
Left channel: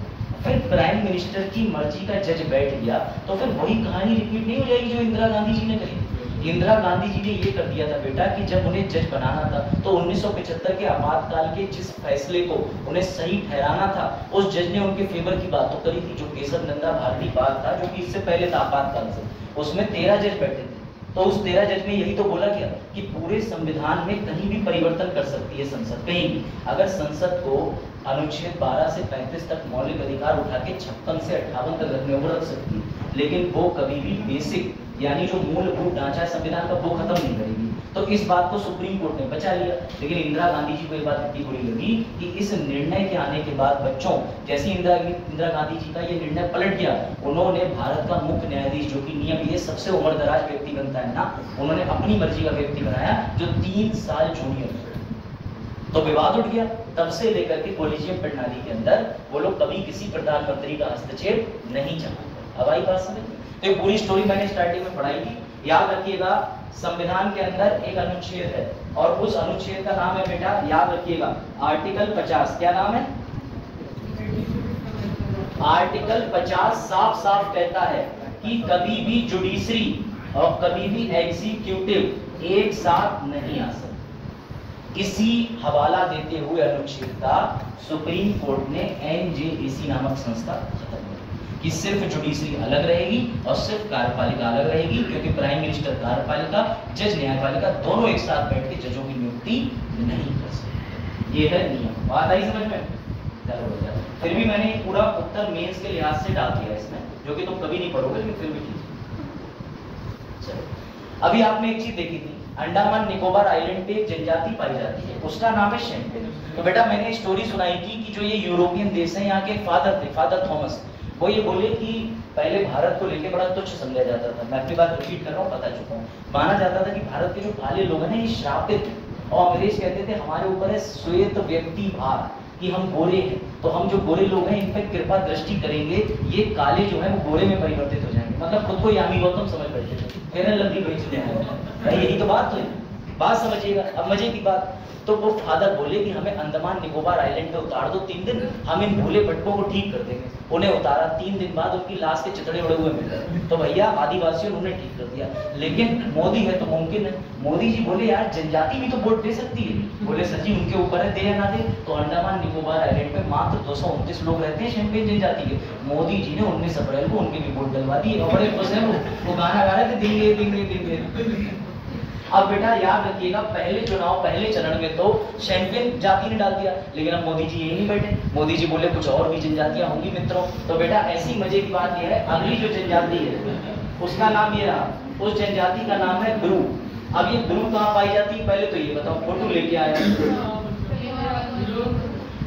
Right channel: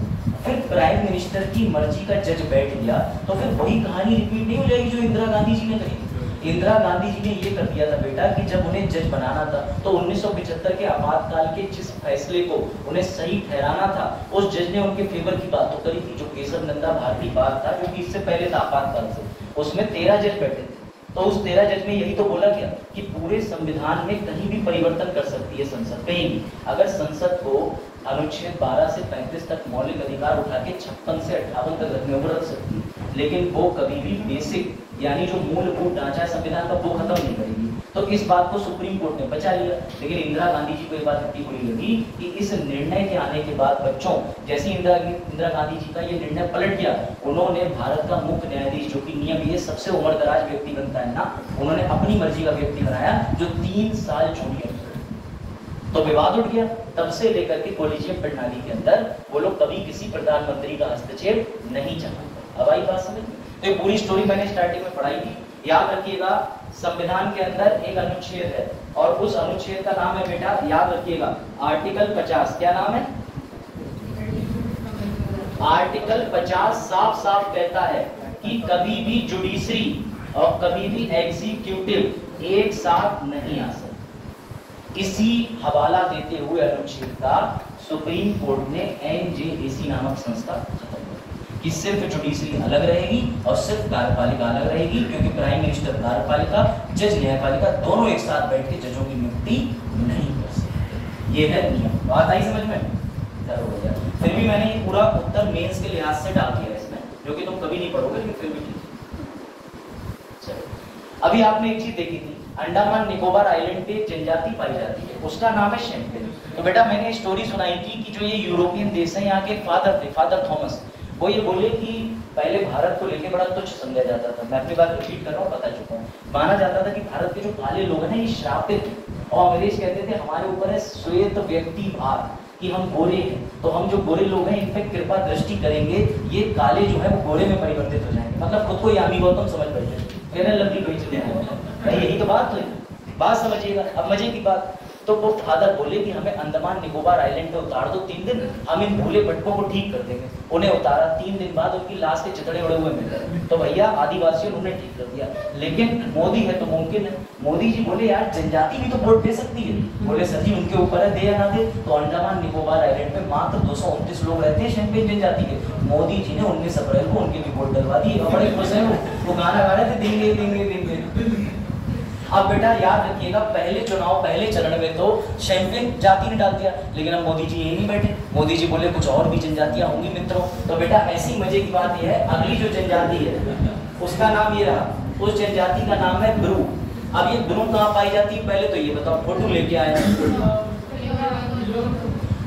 फिर प्राइम मिनिस्टर की मर्जी का जज बैठ गया तो फिर वही कहानी रिपीट नहीं हो जाएगी जो इंदिरा गांधी जी ने कही। इंदिरा गांधी जी ने ये कर दिया था बेटा कि जब उन्हें जज बनाना था तो 1975 के आपातकाल के जिस फैसले को उन्हें सही ठहराना था, उस जज ने उनके फेवर की बात तो करी थी। जो केसर नंदा भारती बात था, जो कि इससे पहले था आपातकाल से, उसमें 13 जज बैठे थे। तो उस 13 जज में यही तो बोला गया कि पूरे संविधान में कहीं भी परिवर्तन कर सकती है संसद, कहीं भी। अगर संसद को अनुच्छेद 12 से 35 तक मौलिक अधिकार उठा के 56 से 58 तक रखने को रख सकती है, लेकिन वो कभी भी बेसिक यानी जो मूलभूत ढांचा संविधान का वो खत्म नहीं करेगी। तो इस बात को सुप्रीम कोर्ट ने बचा लिया। लेकिन इंदिरा गांधी जी को ये बात इतनी बुरी लगी कि इस निर्णय के आने के बाद बच्चों, जैसे इंदिरा गांधी जी का ये निर्णय पलट गया, उन्होंने भारत का मुख्य न्यायाधीश, जो कि नियम ये सबसे उम्रदराज व्यक्ति बनता है ना, उन्होंने अपनी मर्जी का व्यक्ति बनाया जो 3 साल जूनियर। तो विवाद उठ गया। तब से लेकर के कॉलेजियम प्रणाली के अंदर वो लोग कभी किसी प्रधानमंत्री का हस्तक्षेप नहीं चाहते। अब आई बात समझ में? तो ये पूरी स्टोरी मैंने स्टार्टिंग में पढ़ाई थी, याद रखिएगा। संविधान के अंदर एक अनुच्छेद है और उस अनुच्छेद का नाम है बेटा, याद रखिएगा, आर्टिकल 50। क्या नाम है? आर्टिकल 50 साफ साफ कहता है कि कभी भी जुडिशरी और कभी भी एग्जीक्यूटिव एक साथ नहीं आ सकते। इसी हवाला देते हुए अनुच्छेद का सुप्रीम कोर्ट ने एनजेएसी नामक संस्था खत्म की कि सिर्फ जुडिशरी अलग रहेगी और सिर्फ कार्यपालिका अलग रहेगी, क्योंकि प्राइम मिनिस्टर कार्यपालिका, जज न्यायपालिका दोनों एक साथ बैठ के जजों की नियुक्ति नहीं कर सकते। ये है नियम। बात आई समझ में? फिर भी मैंने ये पूरा उत्तर मेंस के लिहाज से डाल दिया इसमें, जो कि तुम कभी नहीं पढ़ोगे, लेकिन फिर भी अभी आपने एक चीज देखी थी, अंडमान निकोबार आइलैंड पे जनजाति पाई जाती है, उसका नाम है शेम्पेन। तो बेटा मैंने स्टोरी सुनाई थी कि जो ये यूरोपियन देश है, यहाँ के फादर थे, फादर थॉमस, वो ये बोले कि पहले भारत को लेके बड़ा तुच्छ समझा जाता था। मैं अपनी बात रिपीट कर रहा हूँ, बता चुका हूँ। माना जाता था कि भारत के जो काले लोग हैं ये श्रापित, और अंग्रेज कहते थे हमारे ऊपर है श्वेत व्यक्ति भार, कि हम गोरे हैं, तो हम जो गोरे लोग हैं इन पे कृपा दृष्टि करेंगे, ये काले जो है वो गोरे में परिवर्तित हो जाएंगे। मतलब खुद को यामी गौतम समझ बैठे, फिर लंबी कोई चीज, यही तो बात हुई। बात समझिएगा। अब मजे की बात, तो वो फादर बोले कि हमें अंडमान निकोबार आइलैंड पे उतार दो 3 दिन, हम इन भूले भटकों को ठीक कर देंगे। उन्हें उतारा, 3 दिन बाद उनकी लाश के चितड़े उड़े हुए मिल गए। तो भैया आदिवासियों ने उन्हें ठीक कर दिया। लेकिन मोदी है तो मुमकिन है। मोदी जी बोले यार जनजाति भी तो वोट दे सकती है। बोले सर जी उनके ऊपर है, दे या ना दे। तो अंडमान निकोबार आइलैंड पे मात्र 229 लोग रहते हैं शेम्पेन जनजाति के। मोदी जी ने 19 अप्रैल को उनके भी वोट डलवा दिए और बड़े खुश हैं वो गाना गा रहे थे, देंगे देंगे देंगे। अब बेटा याद रखिएगा, पहले चुनाव, पहले चरण में तो शेम्पेन जाति ने डाल दिया, लेकिन अब मोदी जी यही नहीं बैठे। मोदी जी बोले कुछ और भी जनजातियां होंगी मित्रों। तो बेटा ऐसी मजे की बात यह है, अगली जो जनजाति है उसका नाम ये रहा, उस जनजाति का नाम है ब्रू। अब ये ब्रू कहाँ पाई जाती है, पहले तो ये बताओ, फोटो लेके आया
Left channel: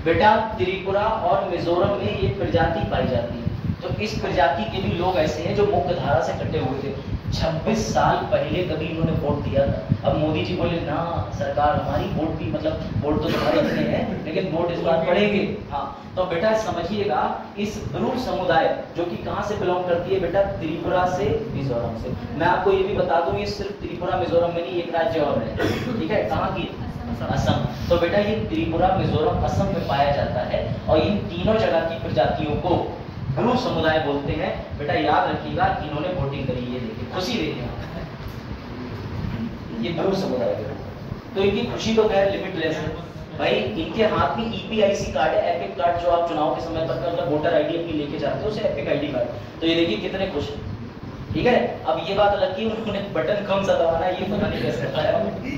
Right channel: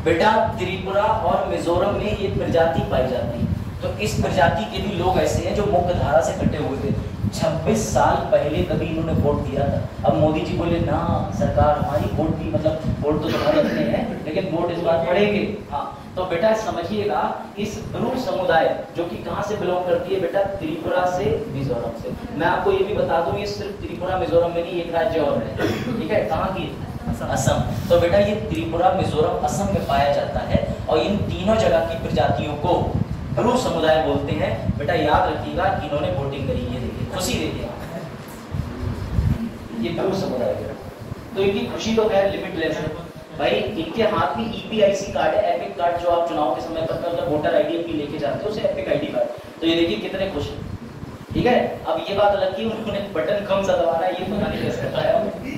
बेटा। त्रिपुरा और मिजोरम में ये प्रजाति पाई जाती है। तो इस प्रजाति के भी लोग ऐसे हैं जो मुख्य धारा से कटे हुए थे। 26 साल पहले कभी इन्होंने वोट दिया था। अब मोदी जी बोले ना सरकार हमारी वोट भी, मतलब वोट तो तुम्हारे अपने हैं लेकिन वोट इस बार पड़ेंगे। हाँ तो बेटा समझिएगा, इस ब्रू समुदाय जो कि कहाँ से बिलोंग करती है बेटा, त्रिपुरा से, मिजोरम से। मैं आपको ये भी बता दूं, ये सिर्फ त्रिपुरा मिजोरम में नहीं, एक राज्य और है, ठीक है, कहाँ की? असम। तो बेटा ये त्रिपुरा मिजोरम असम में पाया जाता है और इन तीनों जगह की प्रजातियों को ब्रू समुदाय बोलते हैं। बेटा याद रखिएगा, इन्होंने वोटिंग करी, ये देखिए खुशी देखिए, ये ब्रू समुदाय है। तो इनकी खुशी तो खैर लिमिटलेस है भाई। इनके हाथ में ईपीआईसी कार्ड है, एपिक कार्ड, जो आप चुनाव के समय पर मतलब वोटर आईडी अपनी लेके जाते हो, उसे एपिक आईडी कार्ड। तो ये देखिए कितने खुश हैं, ठीक है। अब ये बात अलग की उन्होंने बटन कौन सा दबाना है ये पता नहीं कैसे बताया।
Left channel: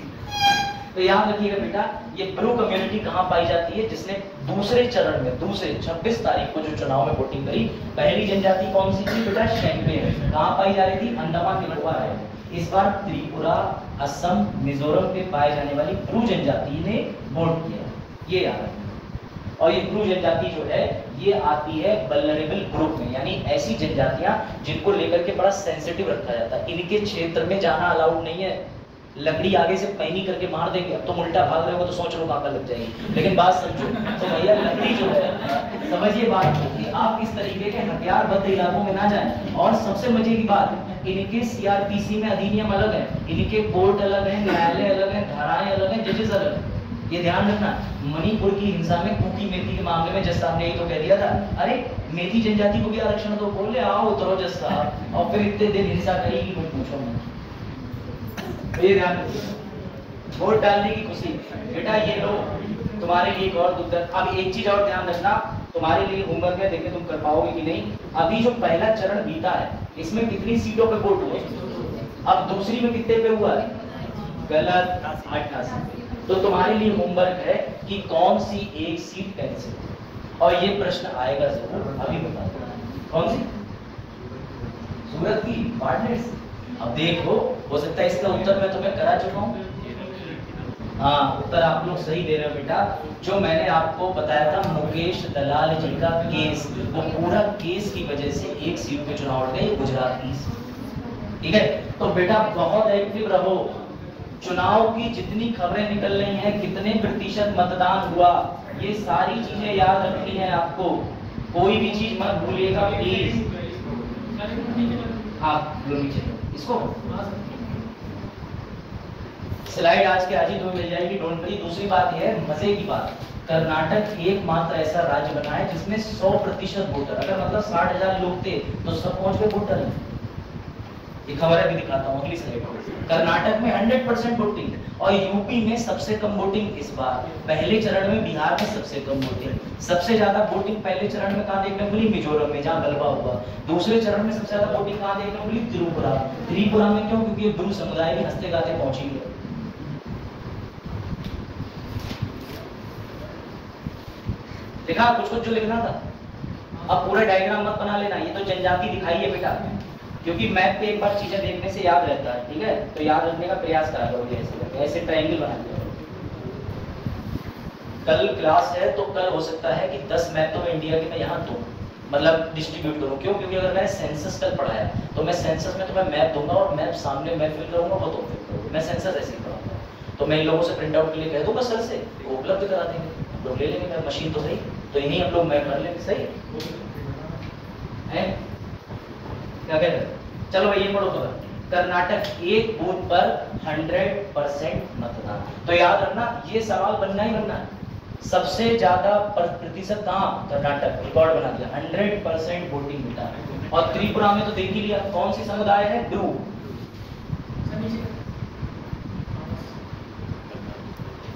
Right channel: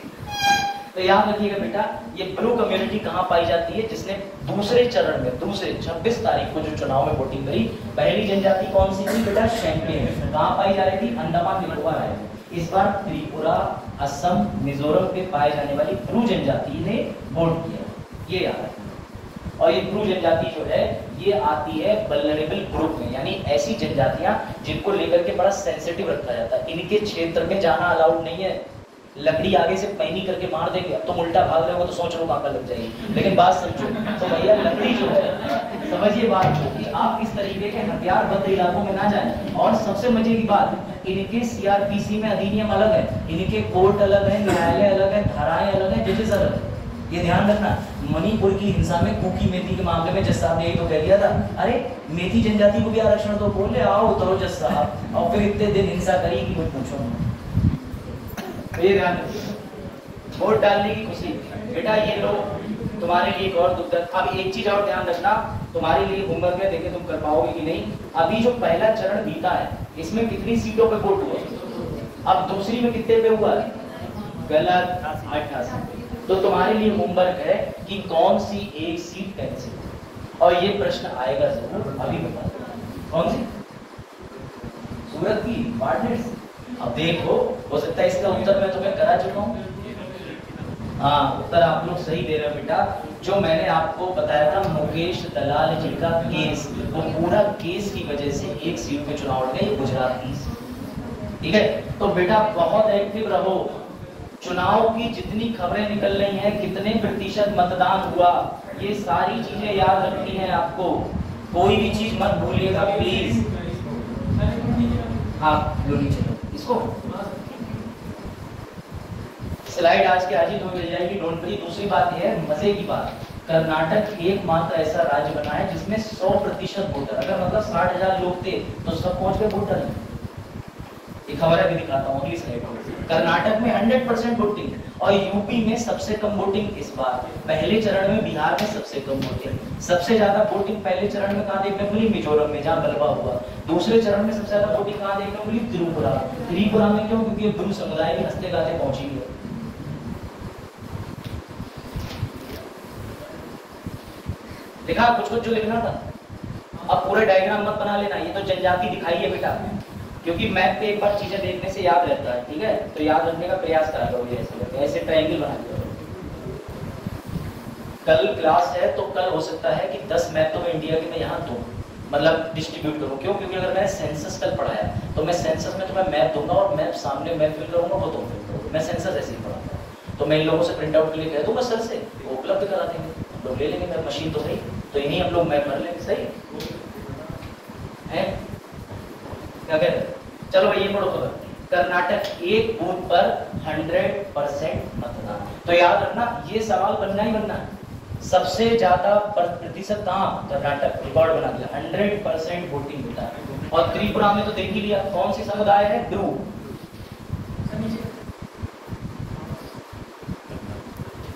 तो याद रखिएगा बेटा, ये ब्रू कम्युनिटी कहाँ पाई जाती है, जिसने दूसरे चरण में, दूसरे 26 तारीख को जो चुनाव में वोटिंग करी। पहली जनजाति कौन सी थी बेटा, शेम्पेन। कहाँ पाई जा रही थी, अंडमान निकोबार आइलैंड। इस बार त्रिपुरा, असम, मिजोरम पे पाए जाने वाली ब्रू जनजाति ने वोट किया, ये याद रखना। और ये ब्रू जनजाति जो है ये आती है वल्नरेबल ग्रुप में, यानी ऐसी जनजातियां जिनको लेकर के बड़ा सेंसिटिव रखा जाता है। इनके क्षेत्र में जाना अलाउड नहीं है। लकड़ी आगे से पैनी करके मार देंगे, अब तुम उल्टा भाग रहे हो तो 100 चोट आंखा लग जाएगी। लेकिन बात समझो, तो भैया लकड़ी जो है, समझिए बात कि आप इस तरीके के हथियारबद्ध इलाकों में ना जाएं। और सबसे मजे की बात, इनके सीआरपीसी में अधिनियम अलग है, इनके कोर्ट अलग है, न्यायालय अलग है, धाराएं अलग है, जजेस अलग है। ये ध्यान रखना। मणिपुर की हिंसा में कुकी मेथी के मामले में जज साहब ने यही तो कह दिया था, अरे मेथी जनजाति को भी आरक्षण दो, बोले आओ उतरो जज साहब, और फिर इतने दिन हिंसा करेगी कुछ पूछो। ये ध्यान रखो, वोट डालने की खुशी बेटा, ये लो तुम्हारे लिए एक और दुख। अब एक चीज और ध्यान रखना, तुम्हारे लिए होमवर्क है, देखिए तुम कर पाओगे कि नहीं। अभी जो पहला चरण बीता है इसमें कितनी सीटों पे वोट हुए, अब दूसरी में कितने पे हुआ है? गलत, 88। तो तुम्हारे लिए होमवर्क है कि कौन सी एक सीट कैंसिल, और ये प्रश्न आएगा जरूर, अभी बता दो कौन सी? सूरत की पार्टनर्स। अब देखो, हो सकता है इसका उत्तर मैं तुम्हें करा चुका हूँ। हाँ, उत्तर आप लोग सही दे रहे हो बेटा। जो मैंने आपको बताया था मुकेश दलाल जी का केस, वो पूरा केस की वजह से एक सीट पे चुनाव लड़ गए, गुजरात की। ठीक है, तो बेटा बहुत एक्टिव रहो। चुनाव की जितनी खबरें निकल रही हैं, कितने प्रतिशत मतदान हुआ, ये सारी चीजें याद रखनी है आपको। कोई भी चीज मत भूलिएगा प्लीज। आप लो नीचे इसको, स्लाइड आज के आज ही तुम्हें मिल जाएगी, डोंट वरी। दूसरी बात यह है, मजे की बात, कर्नाटक एकमात्र ऐसा राज्य बना है जिसमें 100% वोटर, अगर मतलब 60,000 लोग थे तो सब पहुंच गए वोटर। ये खबर भी दिखाता हूँ अगली स्लाइड को। कर्नाटक में 100% वोटिंग, और यूपी में सबसे कम वोटिंग इस बार। पहले चरण में बिहार में सबसे कम वोटिंग। सबसे ज्यादा वोटिंग पहले चरण में कहाँ देखने को मिली? मिजोरम में, जहाँ गलबा हुआ। दूसरे चरण में सबसे ज्यादा वोटिंग कहाँ देखने को मिली? त्रिपुरा। त्रिपुरा में क्यों? क्योंकि ये ब्रू समुदाय के हंसते गाते पहुंची है। देखा कुछ कुछ जो लिखना था। अब पूरा डायग्राम मत बना लेना, ये तो जनजाति दिखाई है बेटा, क्योंकि मैप पे एक बार चीजें देखने से याद रहता है। ठीक है, तो याद रखने का प्रयास करा करोगे, ऐसे ट्रायंगल बना लिया। कल क्लास है तो कल हो सकता है कि 10 मैप तो मैं इंडिया के मैं यहाँ दूं, मतलब डिस्ट्रीब्यूट करूँ। क्यों? क्योंकि अगर मैंने सेंसस कल पढ़ाया तो मैं सेंसस में तुम्हें मैप दूंगा, और मैप सामने मैप फिल करूंगा, वो तुम फिल करोगे। मैं सेंसस ऐसे ही पढ़ाऊंगा, तो मैं इन लोगों से प्रिंट आउट के लिए कह दूंगा सर से, वो उपलब्ध करा देंगे, लोग ले लेंगे। मेरा मशीन तो सही, तो यही हम लोग मैप कर लेंगे। सही है, क्या कह रहे? चलो ये पढ़ो तो, कर्नाटक एक बूथ पर 100% मतदान। तो याद रखना, ये सवाल बनना ही बनना। सबसे ज्यादा प्रतिशत कहाँ? कर्नाटक। रिकॉर्ड बना दिया, 100% वोटिंग बेटा। और त्रिपुरा में तो देख ही लिया, कौन सी समुदाय है? ब्रू।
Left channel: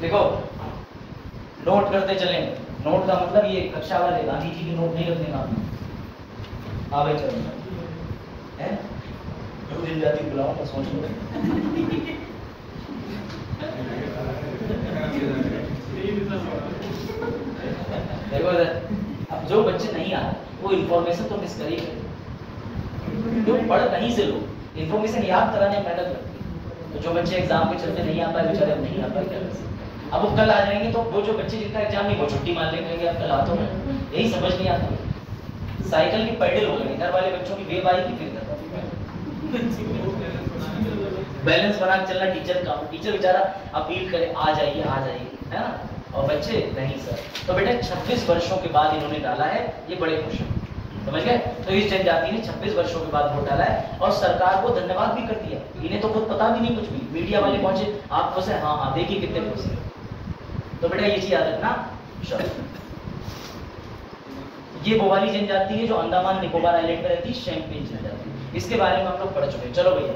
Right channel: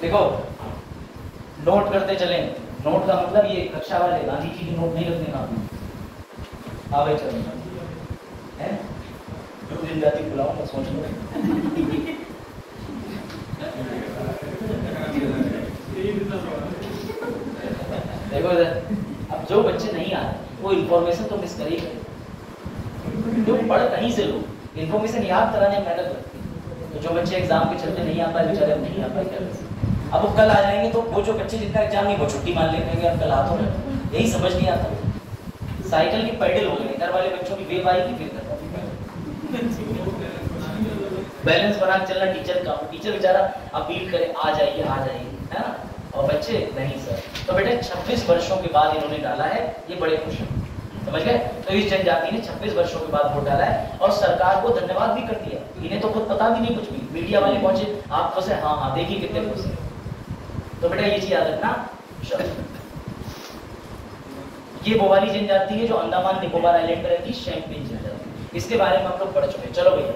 देखो नोट करते चले, नोट का मतलब ये कक्षा वाले गांधी जी की नोट नहीं रखने का आपने। हाँ भाई चलो, है मिल जाती बुलाऊंगा, सोच लो। देखो अब जो बच्चे नहीं आ रहे वो इन्फॉर्मेशन तो मिस करेंगे, जो पढ़ कहीं से लो, इन्फॉर्मेशन याद कराने की मेहनत रखती है। तो जो बच्चे एग्जाम के चलते नहीं आ पाए बेचारे, नहीं आ पाए क्या? अब वो कल आ जाएंगे तो वो जो बच्चे जिनका एग्जाम नहीं वो छुट्टी मान लेंगे, अब कल आ तो यही समझ नहीं आता। साइकिल की पैडल हो गई, घर वाले बच्चों की वेब आएगी फिर बैलेंस बना के चलना टीचर का। टीचर बेचारा अपील करे आ जाइए आ जाइए, है ना, और बच्चे नहीं सर। तो बेटा 26 वर्षों के बाद इन्होंने डाला है, ये बड़े खुश हैं, समझ गए? तो इस जनजाति ने 26 वर्षों के बाद वोट डाला है, और सरकार को धन्यवाद भी कर दिया। इन्हें तो खुद पता भी नहीं कुछ भी, मीडिया वाले पहुंचे, आप खुश है? हाँ हाँ, देखिए कितने खुश है। तो बेटा ये चीज याद रखना। ये वो वाली जनजाति है जो अंडमान निकोबार आइलैंड में रहती है, शैम्पेन जनजाति। इसके बारे में हम लोग पढ़ चुके हैं। चलो भैया,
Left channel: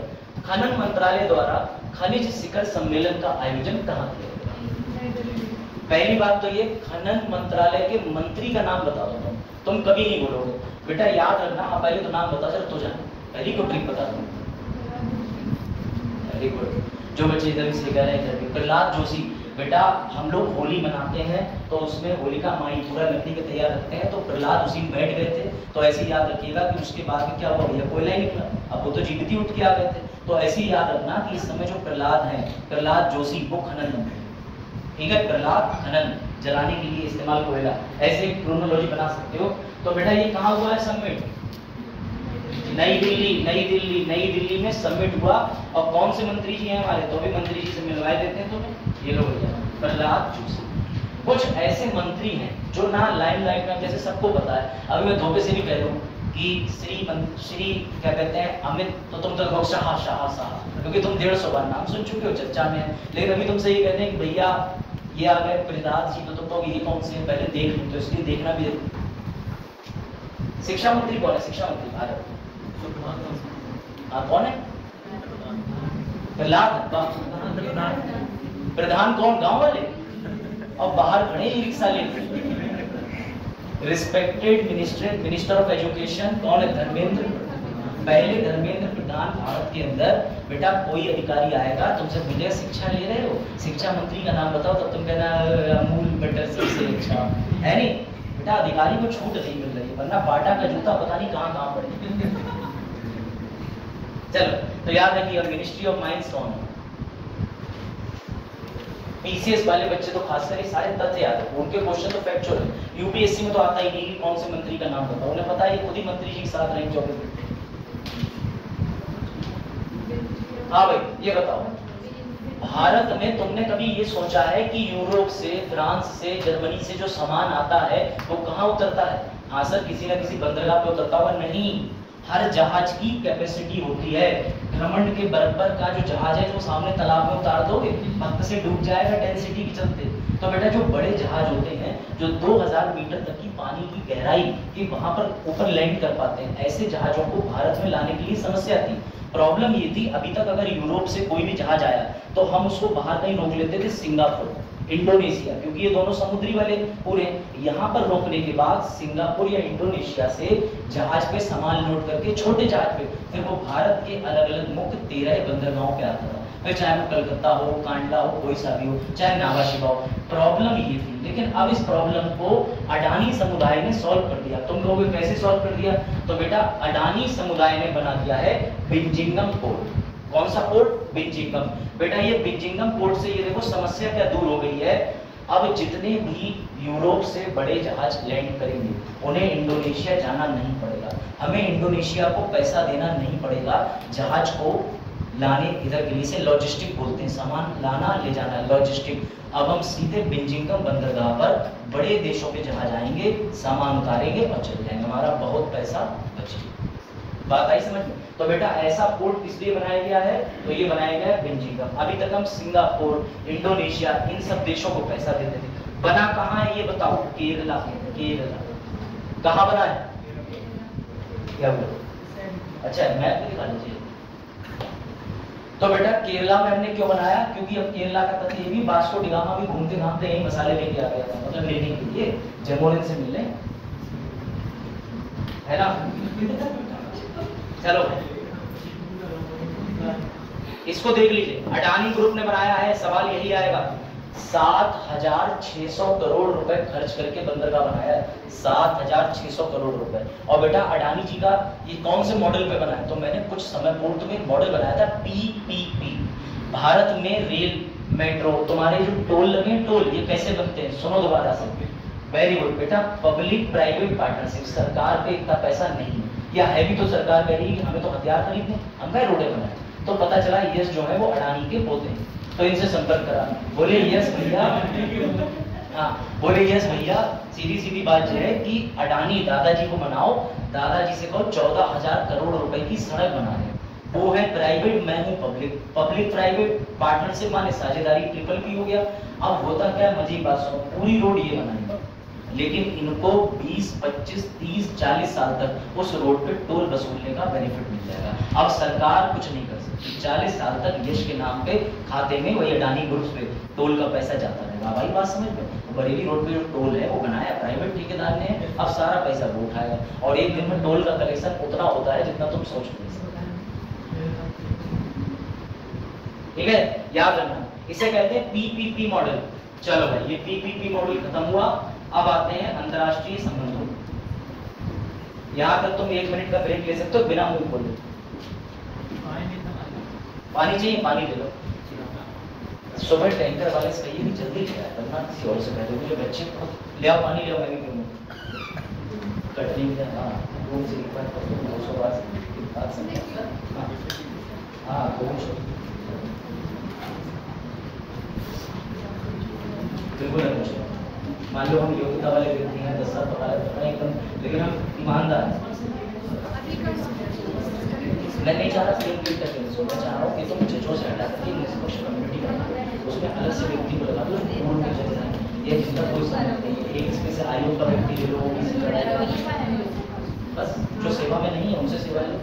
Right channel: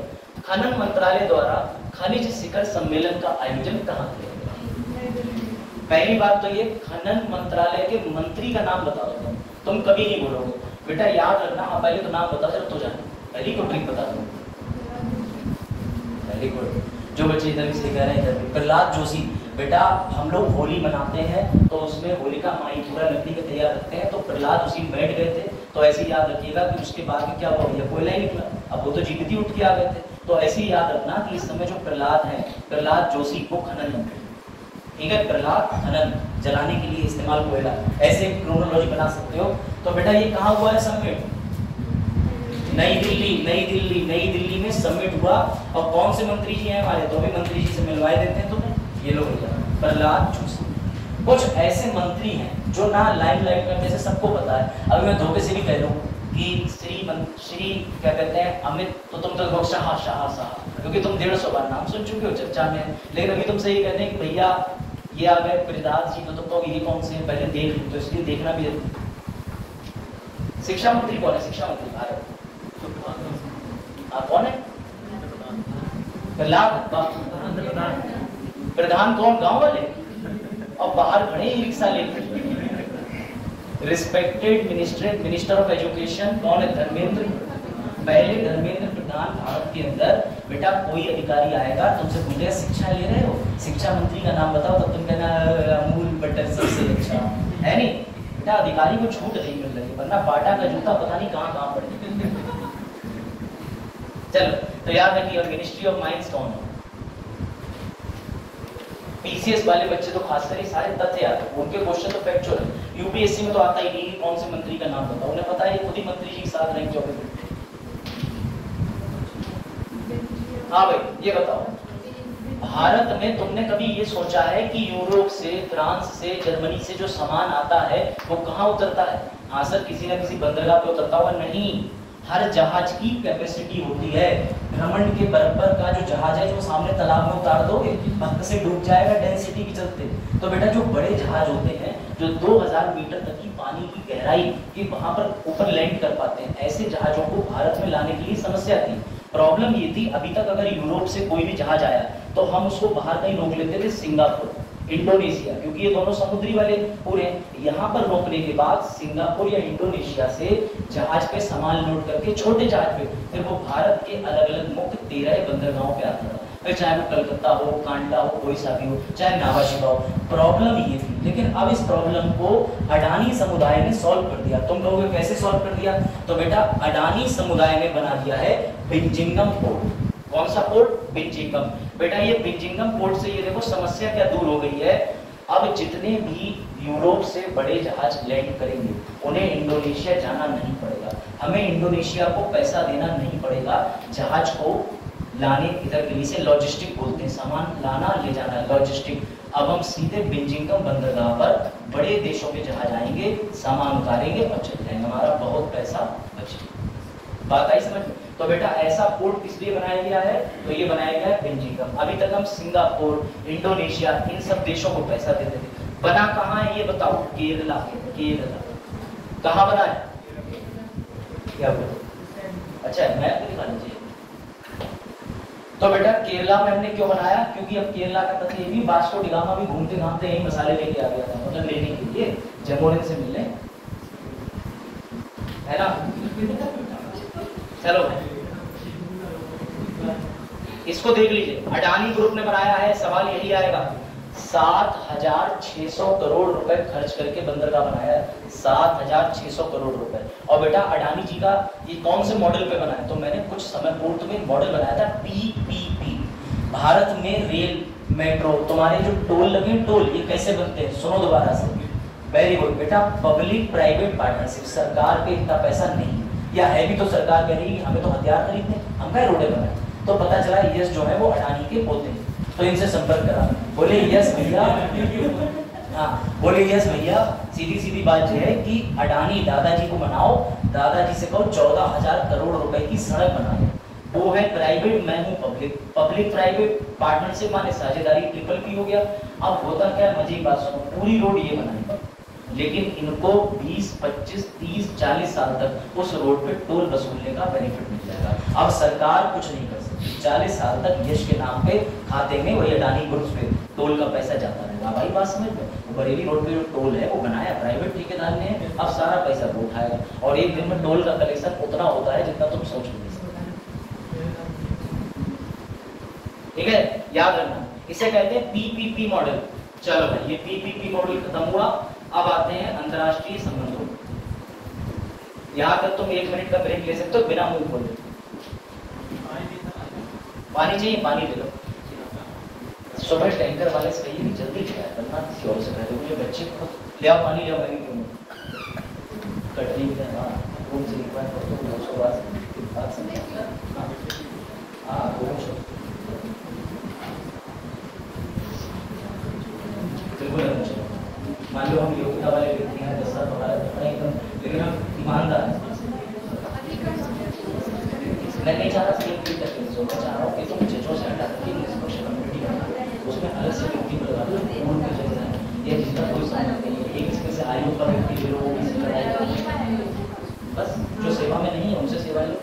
खनन मंत्रालय द्वारा खनिज शिखर सम्मेलन का आयोजन कहाँ किया गया? पहली बात तो ये, खनन मंत्रालय के मंत्री का नाम बताओ। तुम कभी नहीं बोलोगे बेटा, याद रखना। आप पहले तो नाम बता दे तो जानो, पहली को ट्रिक बता दो। पहली को जो बच्चे इधर सीख रहे हैं इधर, प्रहलाद जोशी। बेटा हम लोग होली मनाते हैं तो उसमें होलिका माई पूरा लकड़ी का तैयार रखते हैं, तो प्रहलाद उसी में बैठ गए थे। तो ऐसे ही याद रखिएगा कि उसके बाद क्या हुआ भैया, कोयला ही निकला। अब वो तो जीवित ही उठ के आ गए थे। तो ऐसे ही याद रखना कि इस समय जो प्रहलाद है, प्रहलाद जोशी, वो खनन मंत्री। ठीक है, प्रहलाद खनन, जलाने के लिए इस्तेमाल कोयला, ऐसे क्रोनोलॉजी बना सकते हो। तो बेटा ये कहाँ हुआ है समिट? नई दिल्ली में समिट हुआ। और कौन से मंत्री जी हैं हमारे, तो भी मंत्री जी से मिलवाए देते हैं तुम्हें, ये लोग प्रहलाद जोशी। कुछ ऐसे मंत्री हैं जो ना लाइमलाइट में, जैसे सबको पता है, अभी मैं धोखे से भी कह दूं कि श्री क्या कहते हैं अमित, तो तुम तो लोग शाह, क्योंकि तुम 150 बार नाम सुन चुके हो, चर्चा में। लेकिन अभी तुमसे ये कहते हैं कि भैया ये आ गए प्रहलाद जी, तो तुम तो ये कौन से हैं पहले देख लो, तो इसलिए देखना भी जरूरी। शिक्षा मंत्री कौन है? शिक्षा मंत्री भारत कौन है? प्रहलाद। प्रधान कौन? गांव वाले, और बाहर खड़े ई रिक्शा लेकर। रिस्पेक्टेड मिनिस्टर ऑफ एजुकेशन कौन है? धर्मेंद्र। पहले धर्मेंद्र प्रधान भारत के अंदर बेटा कोई अधिकारी आएगा तुमसे पूछेगा शिक्षा ले रहे हो, शिक्षा मंत्री का नाम बताओ, तब तुम कहना अमूल बटर सबसे अच्छा है। नहीं बेटा, अधिकारी को छूट नहीं मिल रही, वरना बाटा का जूता पता नहीं कहाँ पड़े। चलो तो याद रखिए। और मिनिस्ट्री ऑफ माइंस कौन है? पीसीएस वाले बच्चे तो खासकर सारे तथ्य याद है, उनके क्वेश्चन तो फैक्चुअल है। यूपीएससी में तो आता ही नहीं कौन से मंत्री का नाम बताओ, उन्हें पता है खुद ही मंत्री जी के साथ रैंक ज्योग्राफी। हाँ भाई ये बताओ, भारत में तुमने कभी ये सोचा है कि यूरोप से, फ्रांस से, जर्मनी से जो सामान आता है वो कहाँ उतरता है? हाँ सर, किसी न किसी बंदरगाह पे उतरता हुआ नहीं। हर जहाज की कैपेसिटी होती है, भ्रमण के बराबर का जो जहाज है, जो सामने तालाब में उतार दोगे वक्त से डूब जाएगा डेंसिटी के चलते। तो बेटा जो बड़े जहाज होते हैं जो 2000 मीटर तक की पानी की गहराई के वहां पर ऊपर लैंड कर पाते हैं, ऐसे जहाजों को भारत में लाने के लिए समस्या थी। प्रॉब्लम ये थी, अभी तक अगर यूरोप से कोई भी जहाज आया तो हम उसको बाहर कहीं रोक लेते थे, सिंगापुर, इंडोनेशिया, क्योंकि ये दोनों समुद्री वाले पूरे। यहाँ पर रोकने के बाद सिंगापुर या इंडोनेशिया से जहाज पे सामान लोड करके छोटे जहाज पे फिर वो भारत के अलग अलग मुख्य 13 बंदरगाहों पे आता था। फिर चाहे वो कलकत्ता हो, कांडला हो, कोई सा भी हो, चाहे नावाशिबा हो। प्रॉब्लम ये थी, लेकिन अब इस प्रॉब्लम को अडानी समुदाय ने सॉल्व कर दिया। तुम कहोगे कैसे सॉल्व कर दिया? तो बेटा अडानी समुदाय ने बना दिया है बिंजिंगम पोर्ट। कौन सा पोर्ट? बिंजिंगम। बेटा ये बिंजिंगम पोर्ट से ये देखो समस्या क्या दूर हो गई है। अब जितने भी यूरोप से बड़े जहाज लैंड करेंगे उन्हें इंडोनेशिया जाना नहीं पड़ेगा, हमें इंडोनेशिया को पैसा देना नहीं पड़ेगा जहाज को लाने। इधर के लिए से लॉजिस्टिक बोलते हैं, सामान लाना ले जाना, लॉजिस्टिक। अब हम सीधे बिंजिंगम बंदरगाह पर बड़े देशों के जहाज आएंगे, सामान उतारेंगे और चले जाएंगे, हमारा बहुत पैसा बचेगा। बात आई समझ में? तो बेटा ऐसा पोर्ट किस लिए बनाया गया है? तो ये बनाया गया बिंजिंगम। अभी तक हम सिंगापुर, इंडोनेशिया, इन सब देशों को पैसा देते थे। बना कहाँ है ये बताओ? केरला। केरला कहाँ बना है? क्या बोलो? अच्छा मैप दिखा लीजिए। तो बेटा केरला में हमने क्यों बनाया? क्योंकि अब केरला का तथ्य ये भी, वास्को डी गामा भी घूमते घामते यही मसाले लेके आ गया था, मतलब लेने के लिए जमोरिन से मिलने, है ना? चलो इसको देख लीजिए, अडानी ग्रुप ने बनाया है। सवाल यही आएगा, 7,600 करोड़ रुपए खर्च करके बंदरगाह बनाया है, 7,600 करोड़ रुपए। और बेटा अडानी जी का ये कौन से मॉडल पे बना है? तो मैंने कुछ समय पूर्व में मॉडल बनाया था पीपीपी। भारत में रेल, मेट्रो, तुम्हारे जो टोल लगे, टोल ये कैसे बनते हैं? सुनो दोबारा से, वेरी गुड बेटा। पब्लिक प्राइवेट पार्टनरशिप, सरकार पे इतना पैसा नहीं, या है भी तो सरकार कह रही है हमें तो हथियार खरीदने, हम क्या रोडे बनाए। तो पता चला यस जो है वो अडानी के पोते हैं, तो इनसे संपर्क करा, बोले यस भैया, हाँ बोले यस भैया, सीधी सीधी बात यह है कि अडानी दादाजी को मनाओ, दादाजी से कहो 14,000 करोड़ रुपए की सड़क बना दे। वो है प्राइवेट, मैं हूँ पब्लिक, पब्लिक प्राइवेट पार्टनरशिप माने साझेदारी, ट्रिपल पी हो गया। अब होता क्या, मजे की बात सुनो, पूरी रोड ये बनाई, लेकिन इनको 20, 25, 30, 40 साल तक उस रोड पे टोल वसूलने का बेनिफिट मिल जाएगा। अब सरकार कुछ नहीं कर सकती, 40 साल तक यश के नाम पे खाते में वही अडानी ग्रुप पे टोल का पैसा जाता रहेगा। भाई बात समझ में? बरेली रोड पे जो टोल है वो बनाया प्राइवेट ठेकेदार ने, अब सारा पैसा वो उठाएगा और एक दिन में टोल का कलेक्शन उतना होता है जितना तुम सोच नहीं सकते। ठीक है, याद रखना, इसे कहते हैं पीपीपी मॉडल। चलो भाई ये पीपीपी मॉडल खत्म हुआ, अब आते हैं अंतरराष्ट्रीय संबंधों। यहाँ तक तुम 1 मिनट का ब्रेक ले सकते हो बिना मुंह खोले। पानी चाहिए? पानी दे दो। सुबह टैंकर वाले से कहिए कि जल्दी चला। किसी और से पहले मुझे बच्चे को ले आओ, पानी ले आओ, मैं भी पीऊँ। कटनी में हाँ रूम से एक बार करते हैं 200 बात समझ। हाँ बिल्कुल है मुझे। मान लो हम योग्यता वाले व्यक्ति हैं, 10 साल पढ़ा है एकदम, लेकिन हम ईमानदार हैं। मैं नहीं चाह रहा सेल्फ फील करके, मैं चाह रहा हूँ कि तुम चित्रों से हटा करके निष्पक्ष कम्युनिटी बनाओ, उसमें अलग से व्यक्ति को लगा लो, मूड में चल रहा है ये जिसका कोई समझ नहीं है, एक इसके से आयु पर व्यक्ति ले लो, किसी लड़ाई बस जो सेवा में नहीं है उनसे सेवा लो।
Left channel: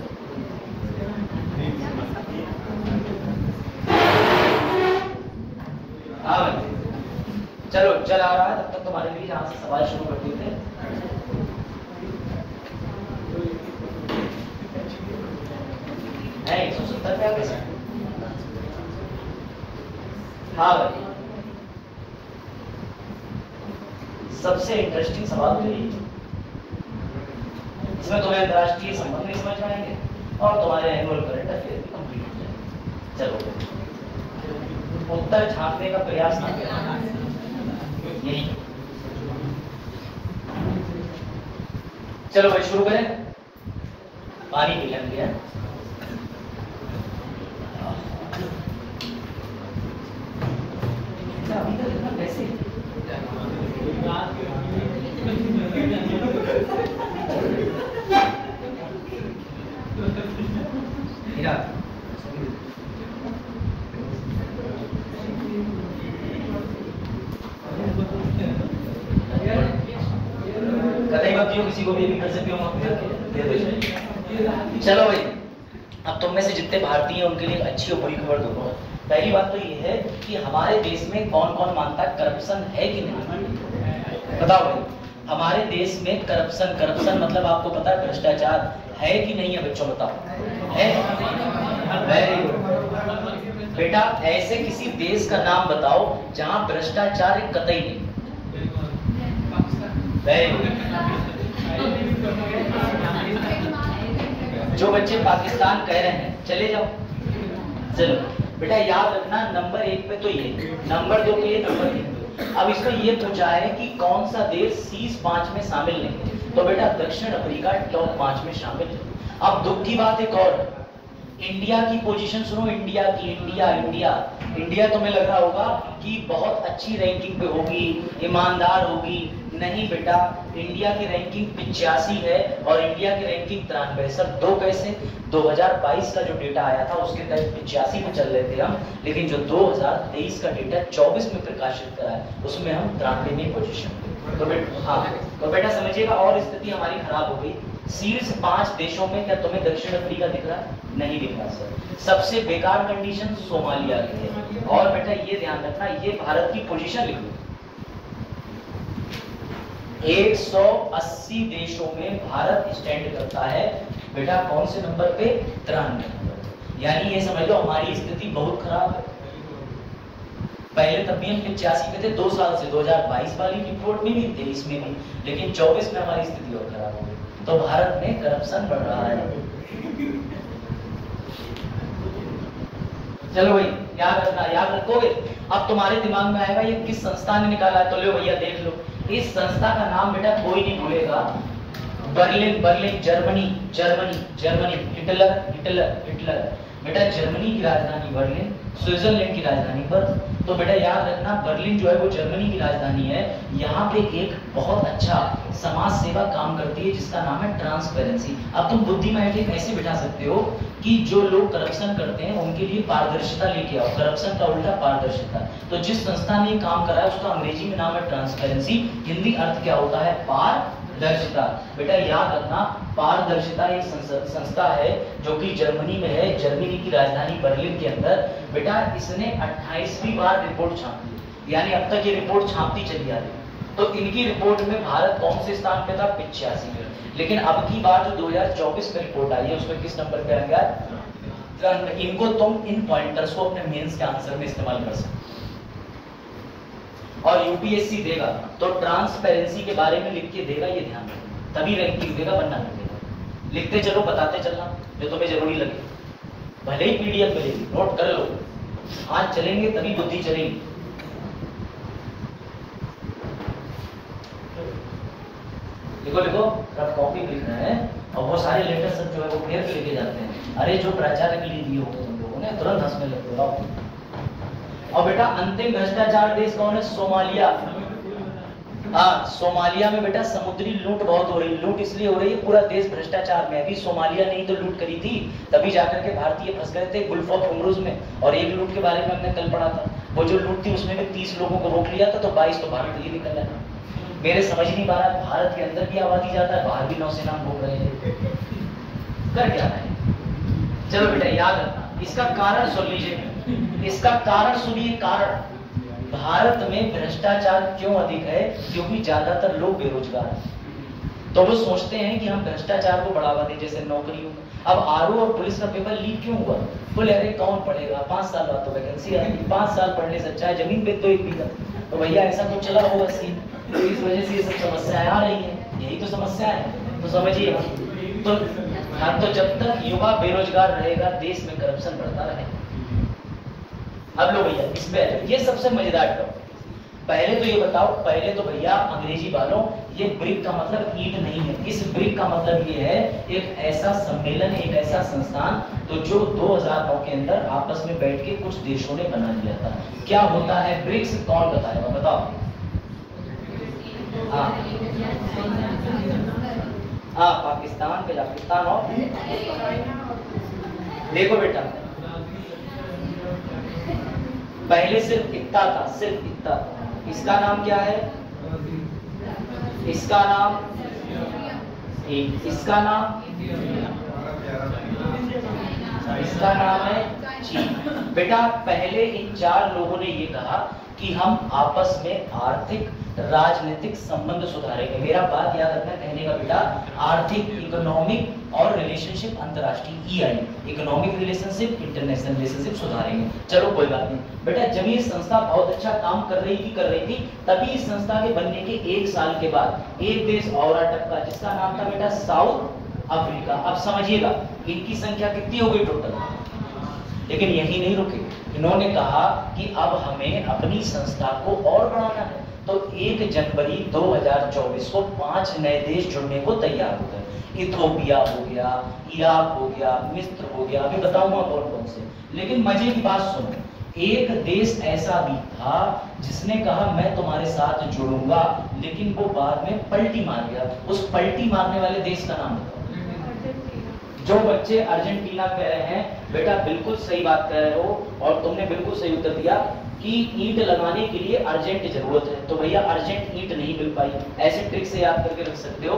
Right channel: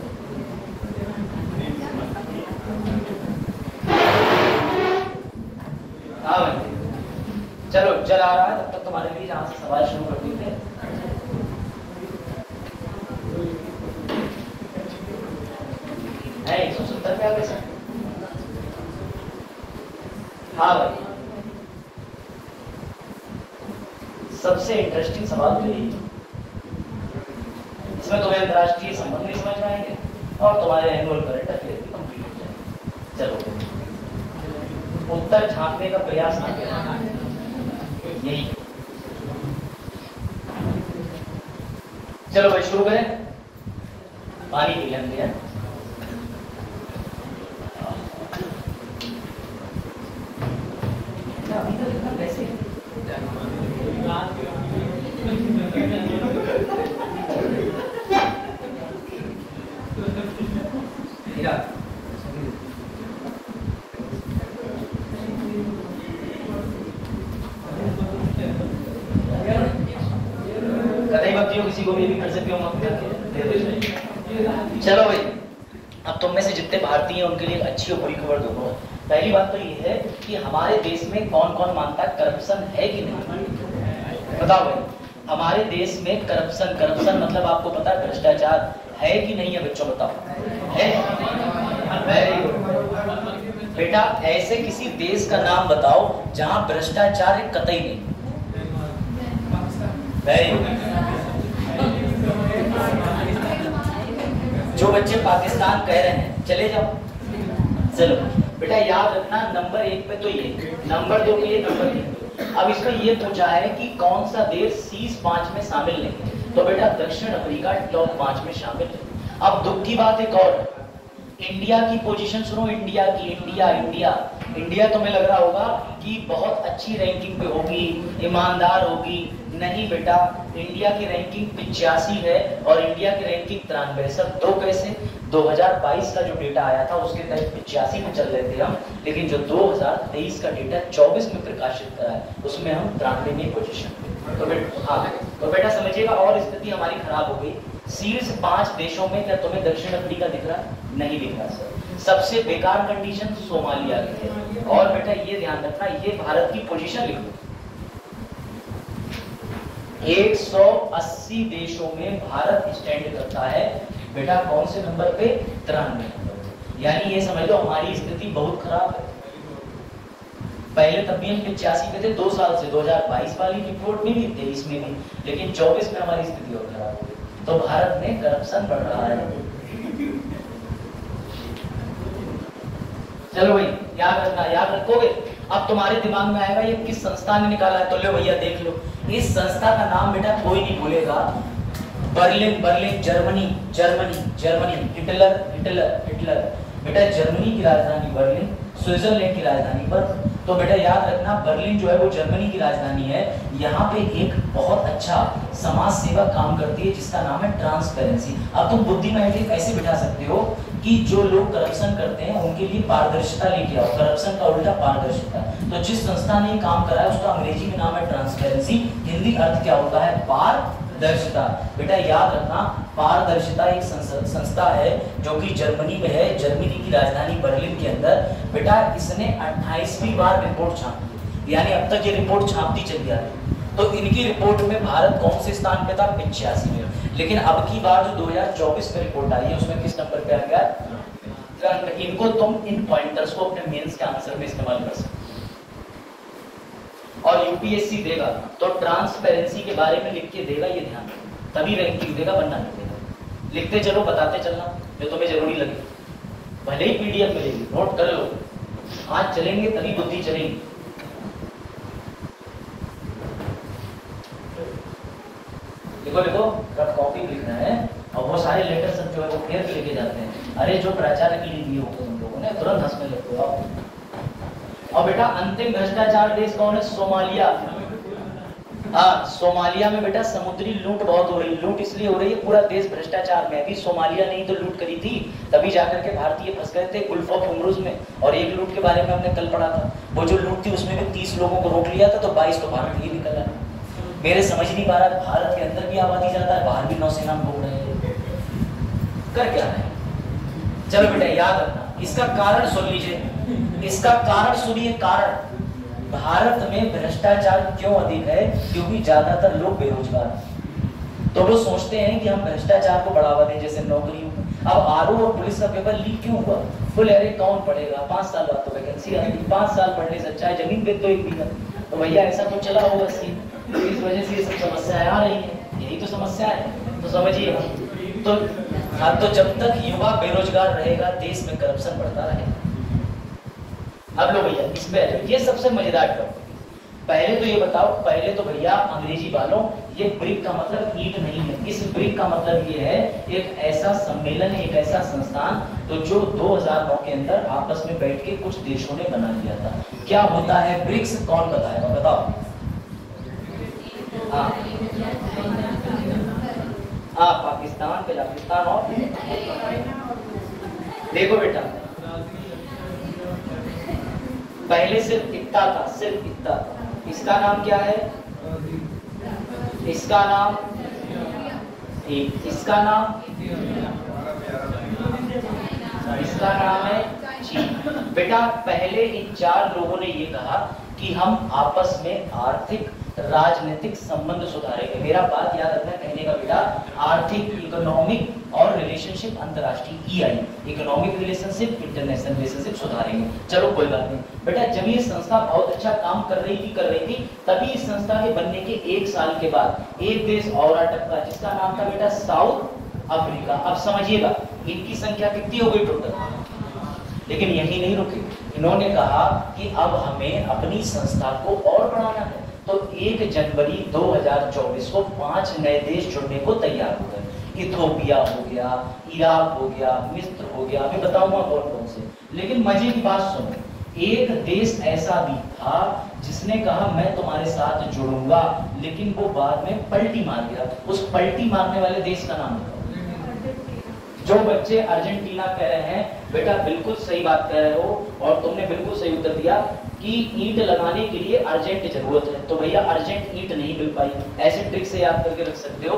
हाँ भाई चलो चल आ रहा है, तब तक तुम्हारे लिए जहाँ से सवाल शुरू कर दिए थे। है 170 क्या पैसा? हाँ भाई सबसे इंटरेस्टिंग सवाल तो यही, इसमें तुम्हें अंतरराष्ट्रीय संबंध नहीं समझ आएंगे और तुम्हारे एनुअल करंट अफेयर भी कंप्लीट हो जाए। चलो उत्तर झांकने का प्रयास ना करें, यही। चलो भाई शुरू करें, पानी पी लें भैया। किसी को भी कर सकते हो। चलो भाई अब तुम में से जितने भारतीय हैं उनके लिए अच्छी और बुरी खबर दोनों। पहली बात तो ये है कि हमारे देश में कौन कौन मानता है करप्शन है कि नहीं? बताओ भाई, हमारे देश में करप्शन मतलब आपको पता है भ्रष्टाचार है कि नहीं है? बच्चों बताओ है? बेटा ऐसे किसी देश का नाम बताओ जहां भ्रष्टाचार है कतई नहीं। जो बच्चे पाकिस्तान कह रहे हैं चले जाओ। चलो बेटा याद रखना, नंबर 1 पे तो ये, नंबर 2 पे ये, नंबर 3 पे। अब इसको ये पूछा है कि कौन सा देश शीर्ष 5 में शामिल नहीं, तो बेटा दक्षिण अफ्रीका टॉप 5 में शामिल है। अब दुख की बात एक और, इंडिया की पोजीशन सुनो, इंडिया की, इंडिया तुम्हें लग रहा होगा कि बहुत अच्छी रैंकिंग पे होगी, ईमानदार होगी। नहीं बेटा, इंडिया की रैंकिंग 85 है और इंडिया की रैंकिंग 93। सर दो कैसे? 2022 का जो डेटा आया था उसके तहत 85 में चल रहे थे हम, लेकिन जो 2023 का डेटा 24 में प्रकाशित करा है उसमें हम 93 में पोजीशन पे। तो बेटा हाँ, तो बेटा समझिएगा और स्थिति हमारी खराब हो गई। शीर्ष 5 देशों में क्या तुम्हें दक्षिण अफ्रीका दिख रहा? नहीं दिख रहा सर। सबसे बेकार कंडीशन सोमालिया की है। और बेटा ये ध्यान रखना, ये भारत की पोजीशन लिखो, 180 देशों में भारत स्टैंड करता है बेटा कौन से नंबर पे? 93 नंबर पे। यानी ये समझ लो हमारी स्थिति बहुत खराब है। पहले तब भी हम 85 पे थे 2 साल से, 2022 वाली रिपोर्ट में भी, 23 में भी, लेकिन 24 में हमारी स्थिति और खराब हो गई। तो भारत में करप्शन बढ़ रहा है। चलो भाई याद रखना, याद रखोगे। अब तुम्हारे दिमाग में आएगा ये किस संस्था ने निकाला है, तो लो भैया देख लो। इस संस्था का नाम बेटा कोई नहीं भूलेगा, बर्लिन जर्मनी, हिटलर। बेटा जर्मनी की राजधानी बर्लिन, स्विट्जरलैंड की राजधानी बर्न। तो बेटा याद रखना बर्लिन जो है वो जर्मनी की राजधानी है। यहाँ पे एक बहुत अच्छा समाज सेवा काम करती है जिसका नाम है ट्रांसपेरेंसी। अब तुम बुद्धि में ऐसे बिठा सकते हो कि जो लोग करप्शन करते हैं उनके लिए पारदर्शिता लेके आओ, करप्शन का उल्टा पारदर्शिता। तो जिस संस्था ने काम करा है उसका अंग्रेजी में नाम है ट्रांसपेरेंसी, हिंदी अर्थ क्या होता है? पारदर्शिता। बेटा याद रखना पारदर्शिता एक संस्था है जो कि जर्मनी में है, जर्मनी की राजधानी बर्लिन के अंदर। बेटा इसने 28वीं बार रिपोर्ट छापी, यानी अब तक ये रिपोर्ट छापती चली आ रही। तो इनकी रिपोर्ट में भारत कौन से स्थान पे था? 85 में। लेकिन अब की बार जो 2024 में रिपोर्ट आई है उसमें किस नंबर पे आ गया? इनको तुम इन पॉइंटर्स को अपने मेंस के आंसर में इस्तेमाल कर सकते हो। और यूपीएससी देगा तो ट्रांसपेरेंसी के बारे में लिख के देगा, ये ध्यान रखना, तभी रैंकिंग देगा वरना नहीं देगा। लिखते चलो, बताते चलना जो तुम्हें जरूरी लगे, भले ही पीडीएफ मिलेगी, नोट कर लो। हाथ चलेंगे तभी बुद्धि चलेगी। देखो देखो रफ कॉपी लिखना है और वो सारे लेटर सब जो है वो फेर लेके जाते हैं। अरे जो प्राचार्य के लिए दिए होते तुम लोगों ने तुरंत हंसने लगते हो। और बेटा अंतिम भ्रष्टाचार देश कौन है? सोमालिया। हाँ, सोमालिया में बेटा समुद्री लूट बहुत हो रही। लूट इसलिए हो रही है, पूरा देश भ्रष्टाचार में। अभी सोमालिया नहीं तो लूट करी थी, तभी जाकर के भारतीय फंस गए थे गुल्फ ऑफ होर्मुज़ में। और एक लूट के बारे में हमने कल पढ़ा था, वो जो लूट थी उसमें भी 30 लोगों को रोक लिया था, तो 22 तो भारत ही निकल आए। मेरे समझ नहीं पा रहा, भारत के अंदर भी आबादी जाता है, बाहर भी नौसेना घूम रहे हैं, कर क्या रहे हैं? चलो बेटा याद रखना, इसका कारण सुन लीजिए, इसका कारण सुनिए। कारण भारत में भ्रष्टाचार क्यों अधिक है? क्योंकि ज्यादातर लोग बेरोजगार हैं। तो वो सोचते हैं कि हम भ्रष्टाचार को बढ़ावा दें, जैसे नौकरियों। अब आरओ और पुलिस का पेपर लीक क्यों हुआ? बोले अरे कौन पढ़ेगा, 5 साल बाद तो वैकेंसी आएगी, 5 साल पढ़ने से अच्छा है जमीन बेच दो 1 बीघा। तो भैया ऐसा कुछ चला होगा सीन, तो इस वजह से ये सब समस्याएं आ रही है। यही तो समस्या है, तो समझिए। तो हाँ, तो जब तक युवा बेरोजगार रहेगा देश में करप्शन बढ़ता रहेगा। अब लो भैया इसमें ये सबसे मजेदार टॉपिक। पहले तो ये बताओ, पहले तो भैया अंग्रेजी वालों, ये ब्रिक का मतलब ईट नहीं है। इस ब्रिक का मतलब ये है एक ऐसा सम्मेलन, एक ऐसा संस्थान तो जो 2009 के अंदर आपस में बैठ के कुछ देशों ने बना लिया था। क्या होता है ब्रिक्स? कौन बताएगा? बताओ। पाकिस्तान, कजाकिस्तान और देखो बेटा, पहले सिर्फ इतना था, सिर्फ इतना था। इसका नाम क्या है? इसका नाम इसका नाम है चीन। बेटा पहले इन 4 लोगों ने ये कहा कि हम आपस में आर्थिक राजनीतिक संबंध सुधारेंगे। मेरा बात याद रखना, कहने का बेटा आर्थिक, इकोनॉमिक और रिलेशनशिप, अंतरराष्ट्रीय EI, economic relationship, international relationship सुधारेंगे। चलो कोई बात नहीं बेटा, जब ये संस्था बहुत अच्छा काम कर रही थी, तभी इस संस्था के बनने के 1 साल के बाद एक देश और टपका, जिसका नाम था बेटा साउथ अफ्रीका। अब समझिएगा इनकी संख्या कितनी हो गई टोटल, लेकिन यही नहीं रुके। इन्होंने कहा कि अब हमें अपनी संस्था को और बढ़ाना है। तो 1 जनवरी 2024 को 5 नए देश जुड़ने को तैयार हो गए। इथोपिया हो गया, इराक हो गया, मिस्र हो गया, अभी बताऊंगा कौन कौन से। लेकिन मजे की बात सुनो, एक देश ऐसा भी था जिसने कहा मैं तुम्हारे साथ जुड़ूंगा, लेकिन वो बाद में पलटी मार गया। उस पलटी मारने वाले देश का नाम बताओ। जो बच्चे अर्जेंटीना कह रहे हैं, बेटा बिल्कुल सही बात कह रहे हो, और तुमने बिल्कुल सही उत्तर दिया कि ईंट लगाने के लिए अर्जेंट जरूरत है। तो भैया अर्जेंट ईंट नहीं मिल पाई, ऐसे ट्रिक से याद करके रख सकते हो।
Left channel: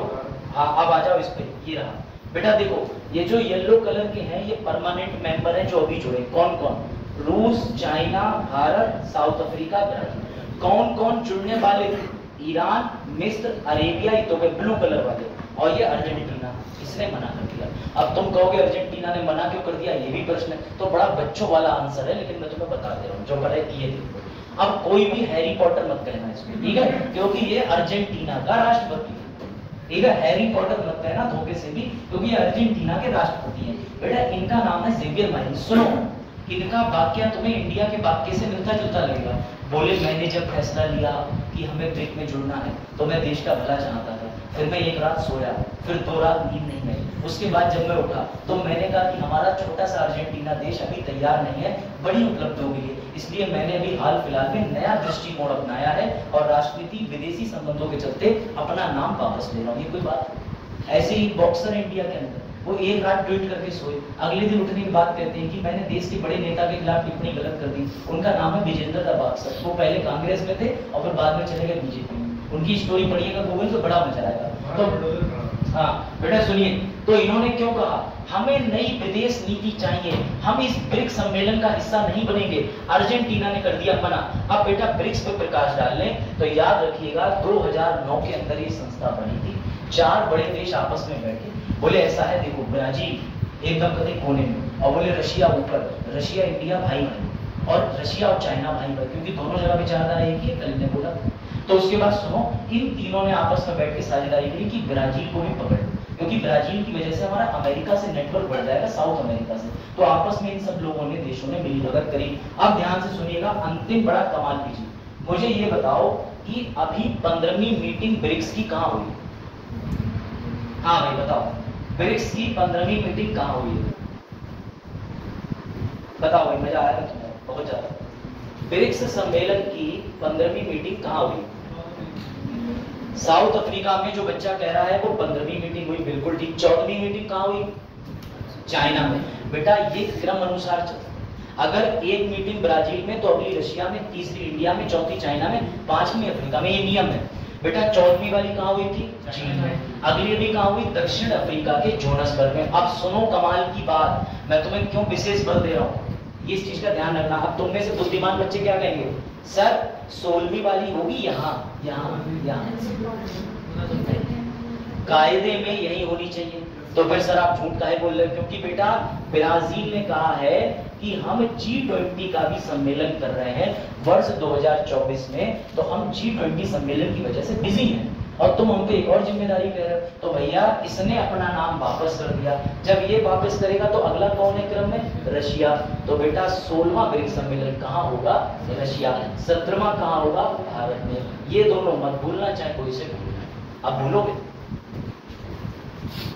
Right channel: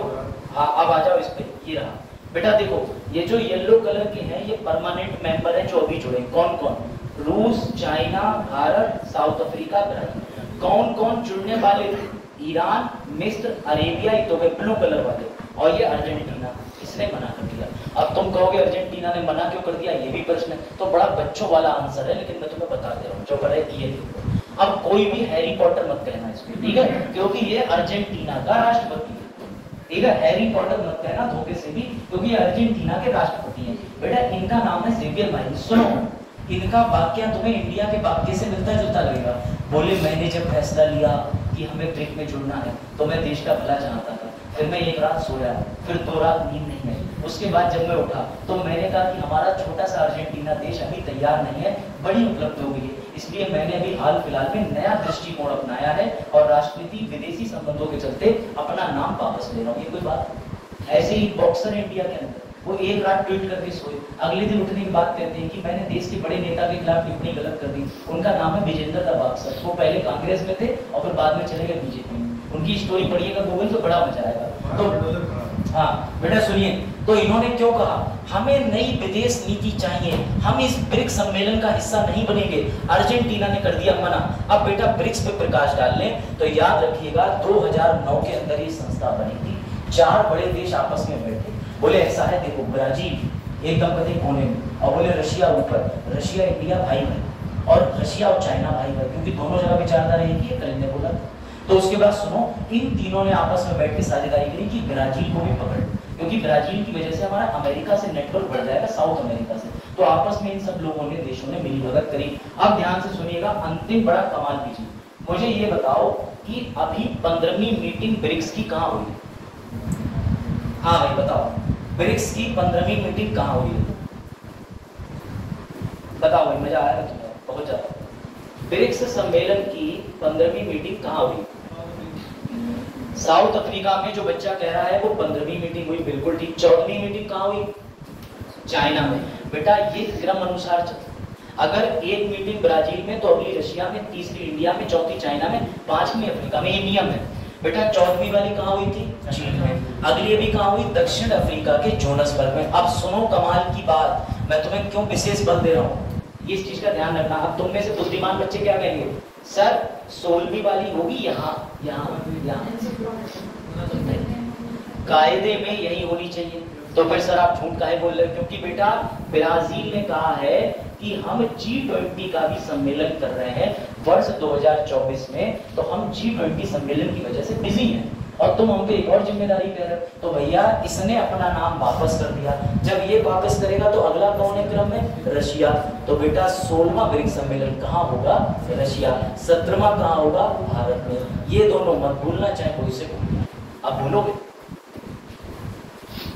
हाँ अब आ जाओ इस पे, ये रहा बेटा। देखो ये जो येलो कलर के हैं ये परमानेंट मेंबर हैं जो अभी जुड़े। कौन कौन? रूस, China, Bharat, south Africa, Brazil. कौन कौन जुड़ने वाले थे? ईरान, मिस्र, अरेबिया, तो ब्लू कलर वाले, और ये अर्जेंटीना। इसने मना कर दिया। अब तुम कहोगे अर्जेंटीना ने मना क्यों कर दिया, ये भी प्रश्न है। तो बड़ा बच्चों वाला आंसर है, लेकिन मैं तुम्हें बता दे रहा हूँ जो पढ़े ये देखो। अब कोई भी हैरी पॉटर मत कहना इसमें, ठीक है, क्योंकि ये अर्जेंटीना का राष्ट्रपति है। ठीक है, हैरी पॉटर मत कहना धोखे से भी, क्योंकि अर्जेंटीना के राष्ट्रपति हैं। बेटा इनका नाम है जेवियर माइन। सुनो इनका वाक्य तुम्हें इंडिया के वाक्य से मिलता जुलता लगेगा। बोले मैंने जब फैसला लिया कि हमें ब्रिक में जुड़ना है तो मैं देश का भला चाहता था, फिर मैं 1 रात सोया, फिर 2 रात नींद नहीं आई। उसके बाद जब मैं उठा तो मैंने कहा कि हमारा छोटा सा अर्जेंटीना देश अभी तैयार नहीं है, बड़ी उपलब्धि हो गई है, इसलिए मैंने अभी हाल फिलहाल में नया दृष्टिकोण अपनाया है और राजनीति विदेशी संबंधों के चलते अपना नाम वापस ले रहा हूँ। ये कोई बात? ऐसे ही बॉक्सर इंडिया के अंदर वो 1 रात ट्वीट करके सोए, अगले दिन उठने की बात कहते हैं कि मैंने देश के बड़े नेता के खिलाफ टिप्पणी गलत कर दी। उनका नाम है विजेंद्र दा बॉक्सर। वो पहले कांग्रेस में थे और फिर बाद में चले गए बीजेपी में। उनकी स्टोरी पढ़िएगा गूगल पे, बड़ा मजा आएगा। तो हाँ बेटा सुनिए, तो इन्होंने क्यों कहा हमें नई विदेश नीति चाहिए, हम इस ब्रिक्स सम्मेलन का हिस्सा नहीं बनेंगे। अर्जेंटीना ने कर दिया मना। अब बेटा ब्रिक्स पे प्रकाश डाल लें तो याद रखिएगा 2009 के अंदर ये संस्था बनी थी। 4 बड़े देश आपस में बैठे, बोले ऐसा है देखो, ब्राजील एकदम कहीं कोने में, और बोले रशिया ऊपर, रशिया इंडिया भाई भाई, और रशिया और चाइना भाई भाई, क्योंकि दोनों जगह विचारधारा एक ही है, कल ने बोला। तो उसके बाद सुनो, इन तीनों ने आपस में बैठ के साझेदारी करी कि ब्राजील को भी पकड़, क्योंकि ब्राजील की वजह से हमारा अमेरिका से नेटवर्क बढ़ जाएगा, साउथ अमेरिका से। तो आपस में इन सब लोगों ने, देशों ने मिलीभगत करी। अब ध्यान से सुनिएगा, अंतिम बड़ा कमाल की चीज, मुझे ये बताओ कि अभी 15वीं मीटिंग ब्रिक्स की कहाँ हुई? हाँ भाई बताओ, ब्रिक्स की 15वीं मीटिंग कहाँ हुई है? बताओ भाई, मजा आया तुम्हें बहुत ज्यादा। ब्रिक्स सम्मेलन की 15वीं मीटिंग कहाँ हुई? साउथ अफ्रीका में। जो बच्चा कह रहा है वो 15वीं मीटिंग हुई, बिल्कुल ठीक। 14वीं मीटिंग कहाँ हुई? चाइना में। बेटा ये क्रम अनुसार चलता, अगर एक मीटिंग ब्राजील में तो अगली रशिया में, तीसरी इंडिया में, चौथी चाइना में, 5वीं अफ्रीका में, ये नियम है। बेटा 14वीं वाली कहाँ हुई थी? चीन में। अगली अभी कहाँ हुई? दक्षिण अफ्रीका के जोहान्सबर्ग में। अब सुनो कमाल की बात, मैं तुम्हें क्यों विशेष बल दे रहा हूँ, इस चीज का ध्यान रखना। अब तुम में से बुद्धिमान बच्चे क्या कहेंगे, सर 16वीं वाली होगी यहाँ यहाँ यहाँ, कायदे में यही होनी चाहिए। तो फिर सर आप झूठ काहे बोल रहे हो? क्योंकि बेटा ब्राजील ने कहा है कि हम G20 का भी सम्मेलन कर रहे हैं वर्ष 2024 में, तो हम G20 सम्मेलन की वजह से बिजी हैं और तुम हम पे एक और जिम्मेदारी ले रहे हो। तो भैया इसने अपना नाम वापस कर दिया। जब ये वापस करेगा तो अगला कौन है क्रम में? रशिया। तो बेटा 16वां ब्रिक्स सम्मेलन कहाँ होगा? रशिया। 17वां कहाँ होगा? भारत में। ये दोनों मत भूलना, चाहे कोई से भूलना। अब भूलोगे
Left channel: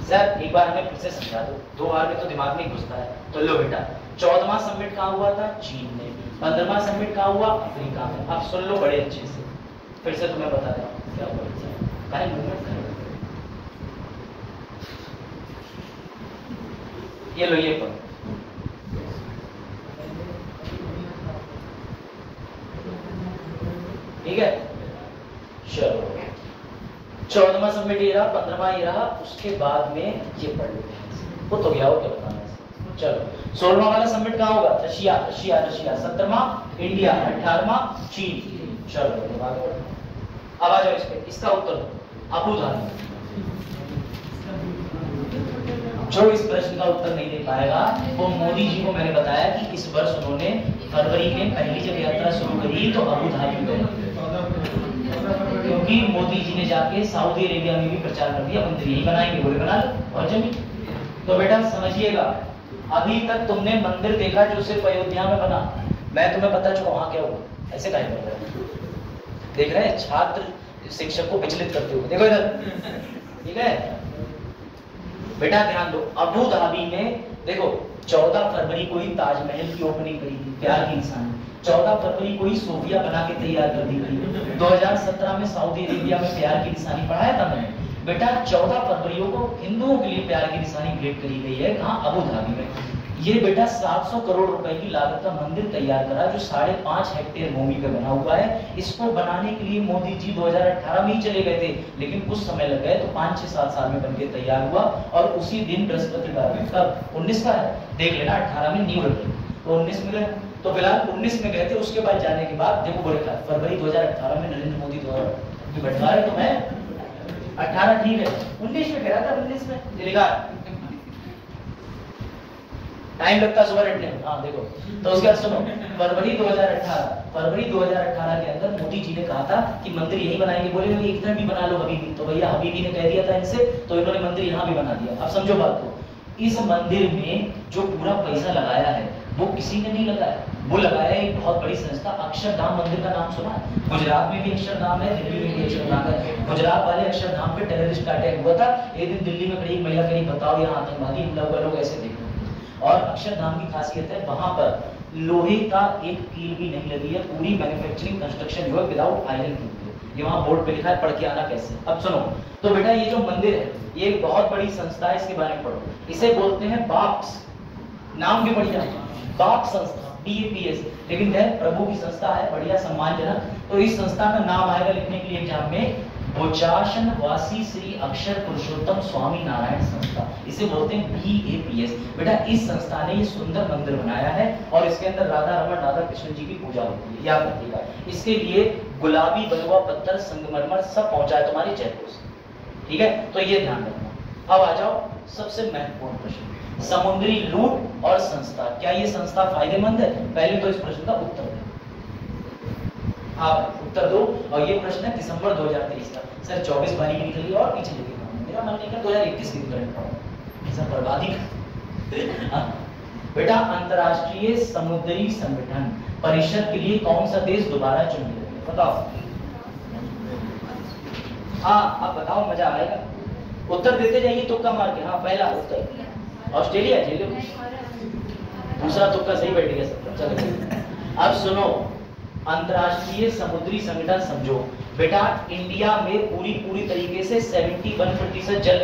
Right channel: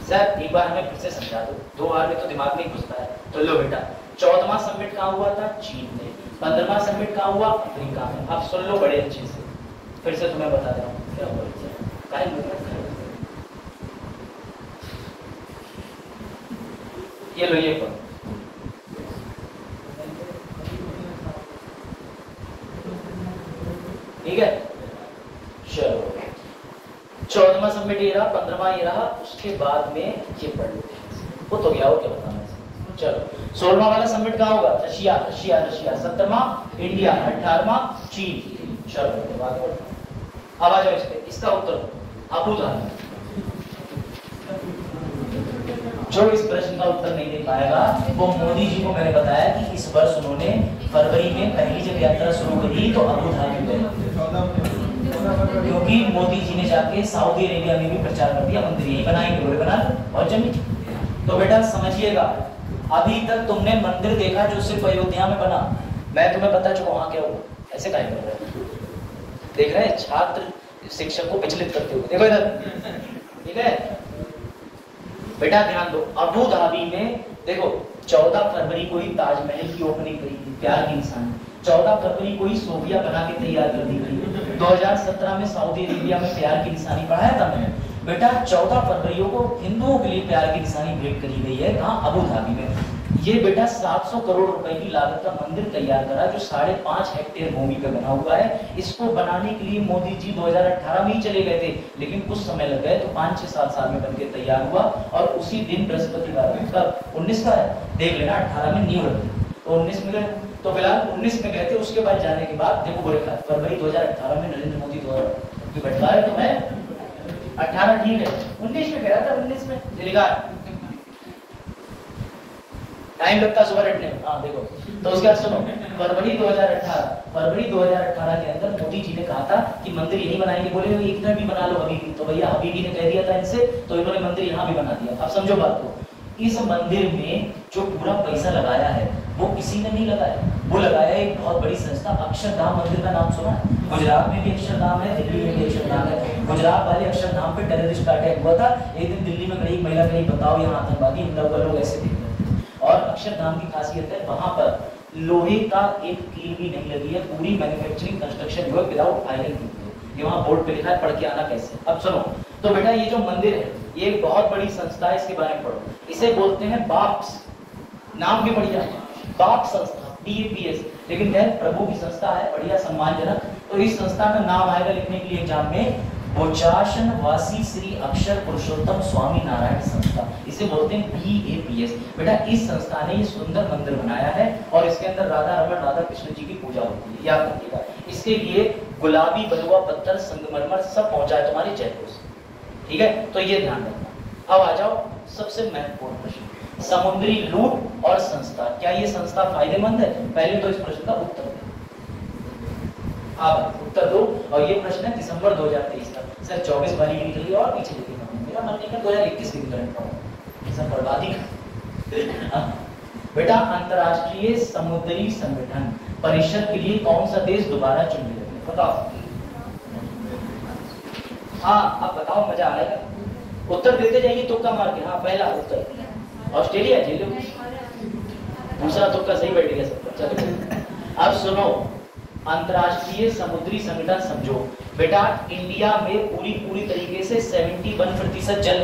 सर एक बार हमें फिर से समझा दो, 2 बार में तो दिमाग नहीं घुसता है। तो लो बेटा 14वां समिट कहाँ हुआ था? चीन में। 15वां समिट कहाँ हुआ? अफ्रीका में। अब सुन लो बड़े अच्छे से, फिर से तुम्हें बता रहा हूँ क्या बोलते हैं। ये लो ये पढ़ो, ठीक है? चलो 14वां समिट ये रहा, 15वां ये रहा, उसके बाद में ये पढ़ लो, वो तो गया हो क्या बताना। चलो 16वां वाला समिट कहाँ होगा? Russia Russia Russia. 17वां इंडिया, 18वां चीन। चलो अब आ जाओ इस पे, इसका उत्तर अबू धाबी। जो इस प्रश्न का उत्तर नहीं दे पाएगा वो मोदी जी को मैंने बताया कि इस वर्ष उन्होंने फरवरी में पहली जब यात्रा शुरू करी तो अबू धाबी गए, क्योंकि मोदी जी ने जाके सऊदी अरेबिया में भी प्रचार कर दिया मंदिर यही बनाएंगे, बोले बना लो और जमीन। तो बेटा समझिएगा, अभी तक तुमने मंदिर देखा जो सिर्फ अयोध्या में बना, मैं तुम्हें बता चुका वहां क्या हुआ। ऐसे कहा देख रहे हैं छात्र शिक्षक को विचलित करते हुए, देखो इधर, ठीक है बेटा ध्यान दो। अबू धाबी में देखो 14 फरवरी को ही ताजमहल की ओपनिंग करी थी, प्यार की निशानी। 14 फरवरी को ही सोफिया बना के तैयार कर दी थी। 2017 में सऊदी अरेबिया में प्यार की निशानी पढ़ाया था मैंने। बेटा 14 फरवरी को हिंदुओं के लिए प्यार की निशानी भेंट करी गई है, कहाँ? अबू धाबी में। ये बेटा 700 करोड़ रुपए की लागत का मंदिर तैयार करा जो 5.5 हेक्टेयर भूमि पे बना हुआ है। इसको बनाने के लिए मोदी जी 2018 में ही चले गए थे, लेकिन कुछ समय लग गए, तो 5-6-7 साल में बनके तैयार हुआ और उसी दिन बृहस्पतिवार कब 19 का है, देख लेना 18 में नींव रखी तो 19 में गए। तो फिलहाल 19 में गए थे, उसके बाद जाने के बाद देखो बड़े फरवरी 2018 में नरेंद्र मोदी की बैठा है, तो मैं 18 ठीक है 19 में गया था, 19 में लिखा टाइम लगता सुबह रटने में। हाँ देखो, तो उसके बाद सुनो फरवरी 2018 के अंदर मोदी जी ने कहा था कि मंदिर यही बनाएंगे, बोले इधर भी बना लो हबीबी, तो भैया हबीबी ने कह दिया था इनसे, तो इन्होंने मंदिर यहाँ भी बना दिया। अब समझो बात को, इस मंदिर में जो पूरा पैसा लगाया है वो किसी ने नहीं लगाया, वो लगाया एक बहुत बड़ी संस्था अक्षरधाम मंदिर का नाम सुना है? गुजरात में भी अक्षरधाम है, दिल्ली में भी अक्षरधाम है। गुजरात वाले अक्षरधाम पे टेररिस्ट का अटैक हुआ था एक दिन दिल्ली में, कहीं महिला कहीं बताओ यहाँ आतंकवादी, इन लोग ऐसे दिख रहे। और अक्षरधाम की खासियत है वहां पर लोहे का एक कील भी नहीं लगी है, पूरी मैन्युफैक्चरिंग कंस्ट्रक्शन हुआ विदाउट आयरन। ये वहां बोर्ड पे लिखा है, पढ़ के आना कैसे। अब सुनो, तो बेटा ये जो मंदिर है ये एक बहुत बड़ी संस्था है, इसके बारे में पढ़ो। इसे बोलते हैं बाप्स, नाम भी बढ़िया, बाप्स संस्था, BAPS, लेकिन खैर प्रभु की संस्था है, बढ़िया सम्मानजनक। तो इस संस्था का नाम आएगा लिखने के लिए एग्जाम में, बोचासन वासी श्री अक्षर पुरुषोत्तम स्वामी नारायण संस्था, इसे बोलते हैं BAPS। बेटा इस संस्था ने ये सुंदर मंदिर बनाया है और इसके अंदर राधा रमन राधा कृष्ण जी की पूजा होती है, याद रखिएगा। इसके लिए गुलाबी बलुआ पत्थर संगमरमर सब पहुंचा है तुम्हारी जयपुर से, ठीक है? तो ये ध्यान रखना। अब आ जाओ सबसे महत्वपूर्ण प्रश्न, समुद्री लूट और संस्था, क्या ये संस्था फायदेमंद है? पहले तो इस प्रश्न का उत्तर दो, हाँ उत्तर दो। और ये प्रश्न है दिसंबर 2023 का, सर 24 वाली की निकली और पीछे लिखी, मेरा मन नहीं 2021 की करंट पड़ा, बर्बादी का। बेटा अंतरराष्ट्रीय समुद्री संगठन परिषद के लिए कौन सा देश दोबारा चुन लिया? बताओ। हाँ अब बताओ, मजा आएगा। उत्तर देते जाइए तुक्का मार के। हाँ पहला उत्तर ऑस्ट्रेलिया, झेलो। दूसरा तुक्का सही बैठ गया सबका। चलो अब सुनो, अंतरराष्ट्रीय समुद्री संगठन समझो। बेटा इंडिया में पूरी तरीके से 71% जल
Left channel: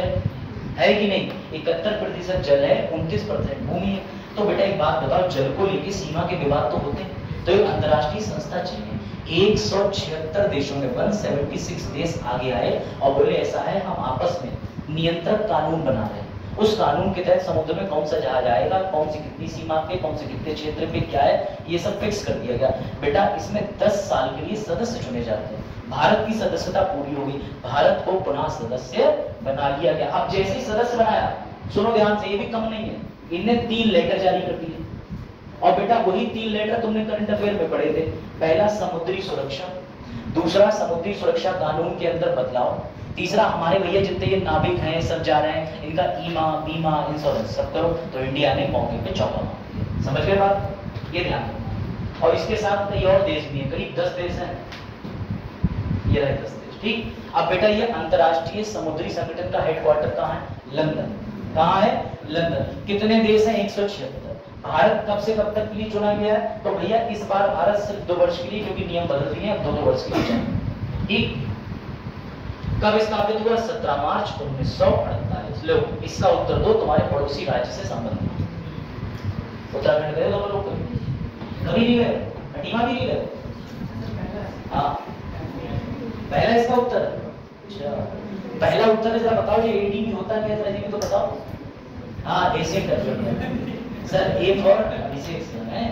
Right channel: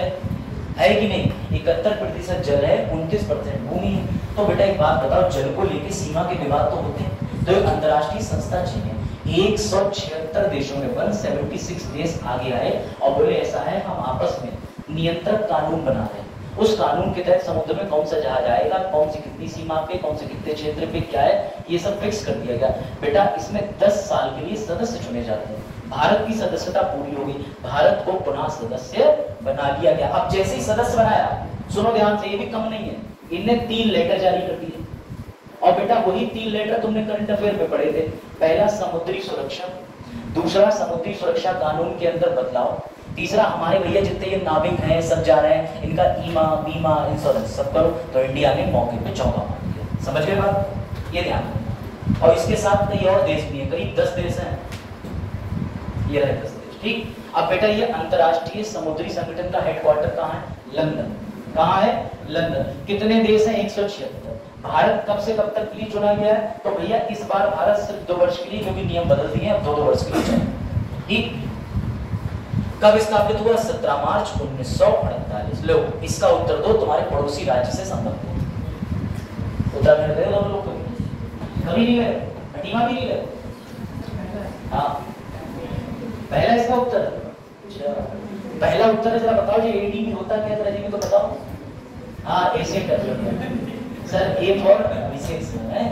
है कि नहीं? 71% जल है, 29% भूमि है। तो बेटा एक बात बताओ, जल को लेके सीमा के विवाद तो होते हैं। तो एक अंतरराष्ट्रीय संस्था चाहिए, 176 देशों में 176 देश आगे आए और बोले ऐसा है, हम आपस में नियंत्रक कानून बना रहे हैं। उस कानून के तहत समुद्र में कौन सा जहाज आएगा, कौन सी कितनी सीमा पे, कौन से कितने क्षेत्र पे क्या है, ये सब फिक्स कर दिया गया। बेटा इसमें 10 साल के लिए सदस्य चुने जाते हैं। भारत की सदस्यता पूरी हो गई, भारत को पुनः सदस्य बना दिया गया। अब जैसे ही सदस्य बनाया, सुनो ध्यान से, ये भी कम नहीं है, इनने 3 लेटर जारी कर दिए। और बेटा वही 3 लेटर तुमने करंट अफेयर में पढ़े थे। पहला समुद्री सुरक्षा, दूसरा समुद्री सुरक्षा कानून के अंदर बदलाव, तीसरा हमारे भैया जितने ये नाविक हैं सब जा रहे हैं, इनका ईमा बीमा इंश्योरेंस सब करो। तो इंडिया ने मौके पे चौका मार दिया। समझ गए बात? ये ध्यान रखो। और इसके साथ कई और देश भी हैं, करीब 10 देश हैं। ये रहे 10 देश। ठीक। अब बेटा ये अंतरराष्ट्रीय समुद्री संगठन का हेडक्वार्टर कहाँ है? लंदन। कहाँ है? लंदन। कितने देश हैं? 176। भारत कब से कब तक के लिए चुना गया है? तो भैया इस बार भारत सिर्फ 2 वर्ष के लिए, क्योंकि नियम बदल दिए हैं, अब 2 वर्ष के लिए चाहिए। ठीक। कब स्थापित हुआ? 17 मार्च 1948। लो इसका उत्तर दो, तुम्हारे पड़ोसी राज्य से संबंधित। उत्तराखंड गए हो लोग? कभी नहीं गए? हटीमा भी नहीं गए? हाँ पहला इसका उत्तर। पहला उत्तर है, जरा बताओ ये एडीबी होता क्या है? तो बताओ। हाँ Asian development sir, A for विशेष है।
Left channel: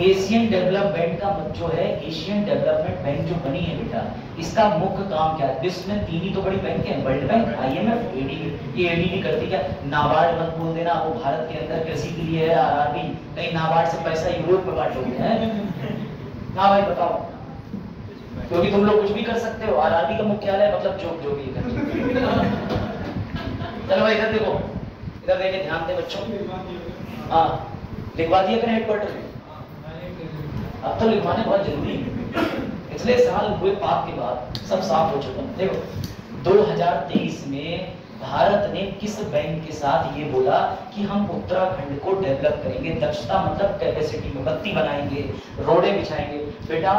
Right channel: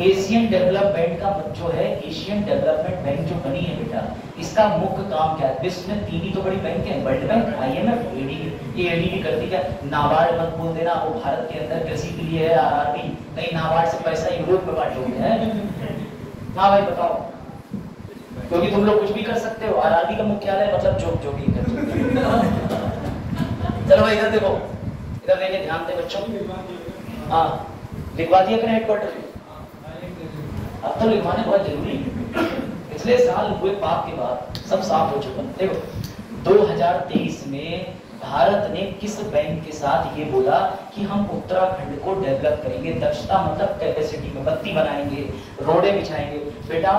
एशियन डेवलपमेंट का जो है, एशियन डेवलपमेंट बैंक जो बनी है बेटा, इसका मुख्य काम क्या है? विश्व में 3 ही तो बड़ी बैंक है, वर्ल्ड बैंक, IMF, एडीबी। ये एडीबी करती क्या? नाबार्ड मत बोल देना, वो भारत के अंदर कृषि के लिए है, आरआरबी। कहीं नाबार्ड से पैसा यूरोप में बांट लोगे हैं ना भाई? बताओ, क्योंकि तुम लोग कुछ भी कर सकते हो। आरआरबी का मुख्यालय मतलब जो भी कर। चलो भाई इधर देखो, इधर देखे, ध्यान दे बच्चों। हाँ लिखवा दिया अपने हेडक्वार्टर में। अब तो लिखवाना बहुत जरूरी है। पिछले साल हुए पाप के बाद सब साफ हो चुका है। देखो 2023 में भारत ने किस बैंक के साथ ये बोला कि हम उत्तराखंड को डेवलप करेंगे, दक्षता मतलब कैपेसिटी में, बत्ती बनाएंगे, रोडें बिछाएंगे। बेटा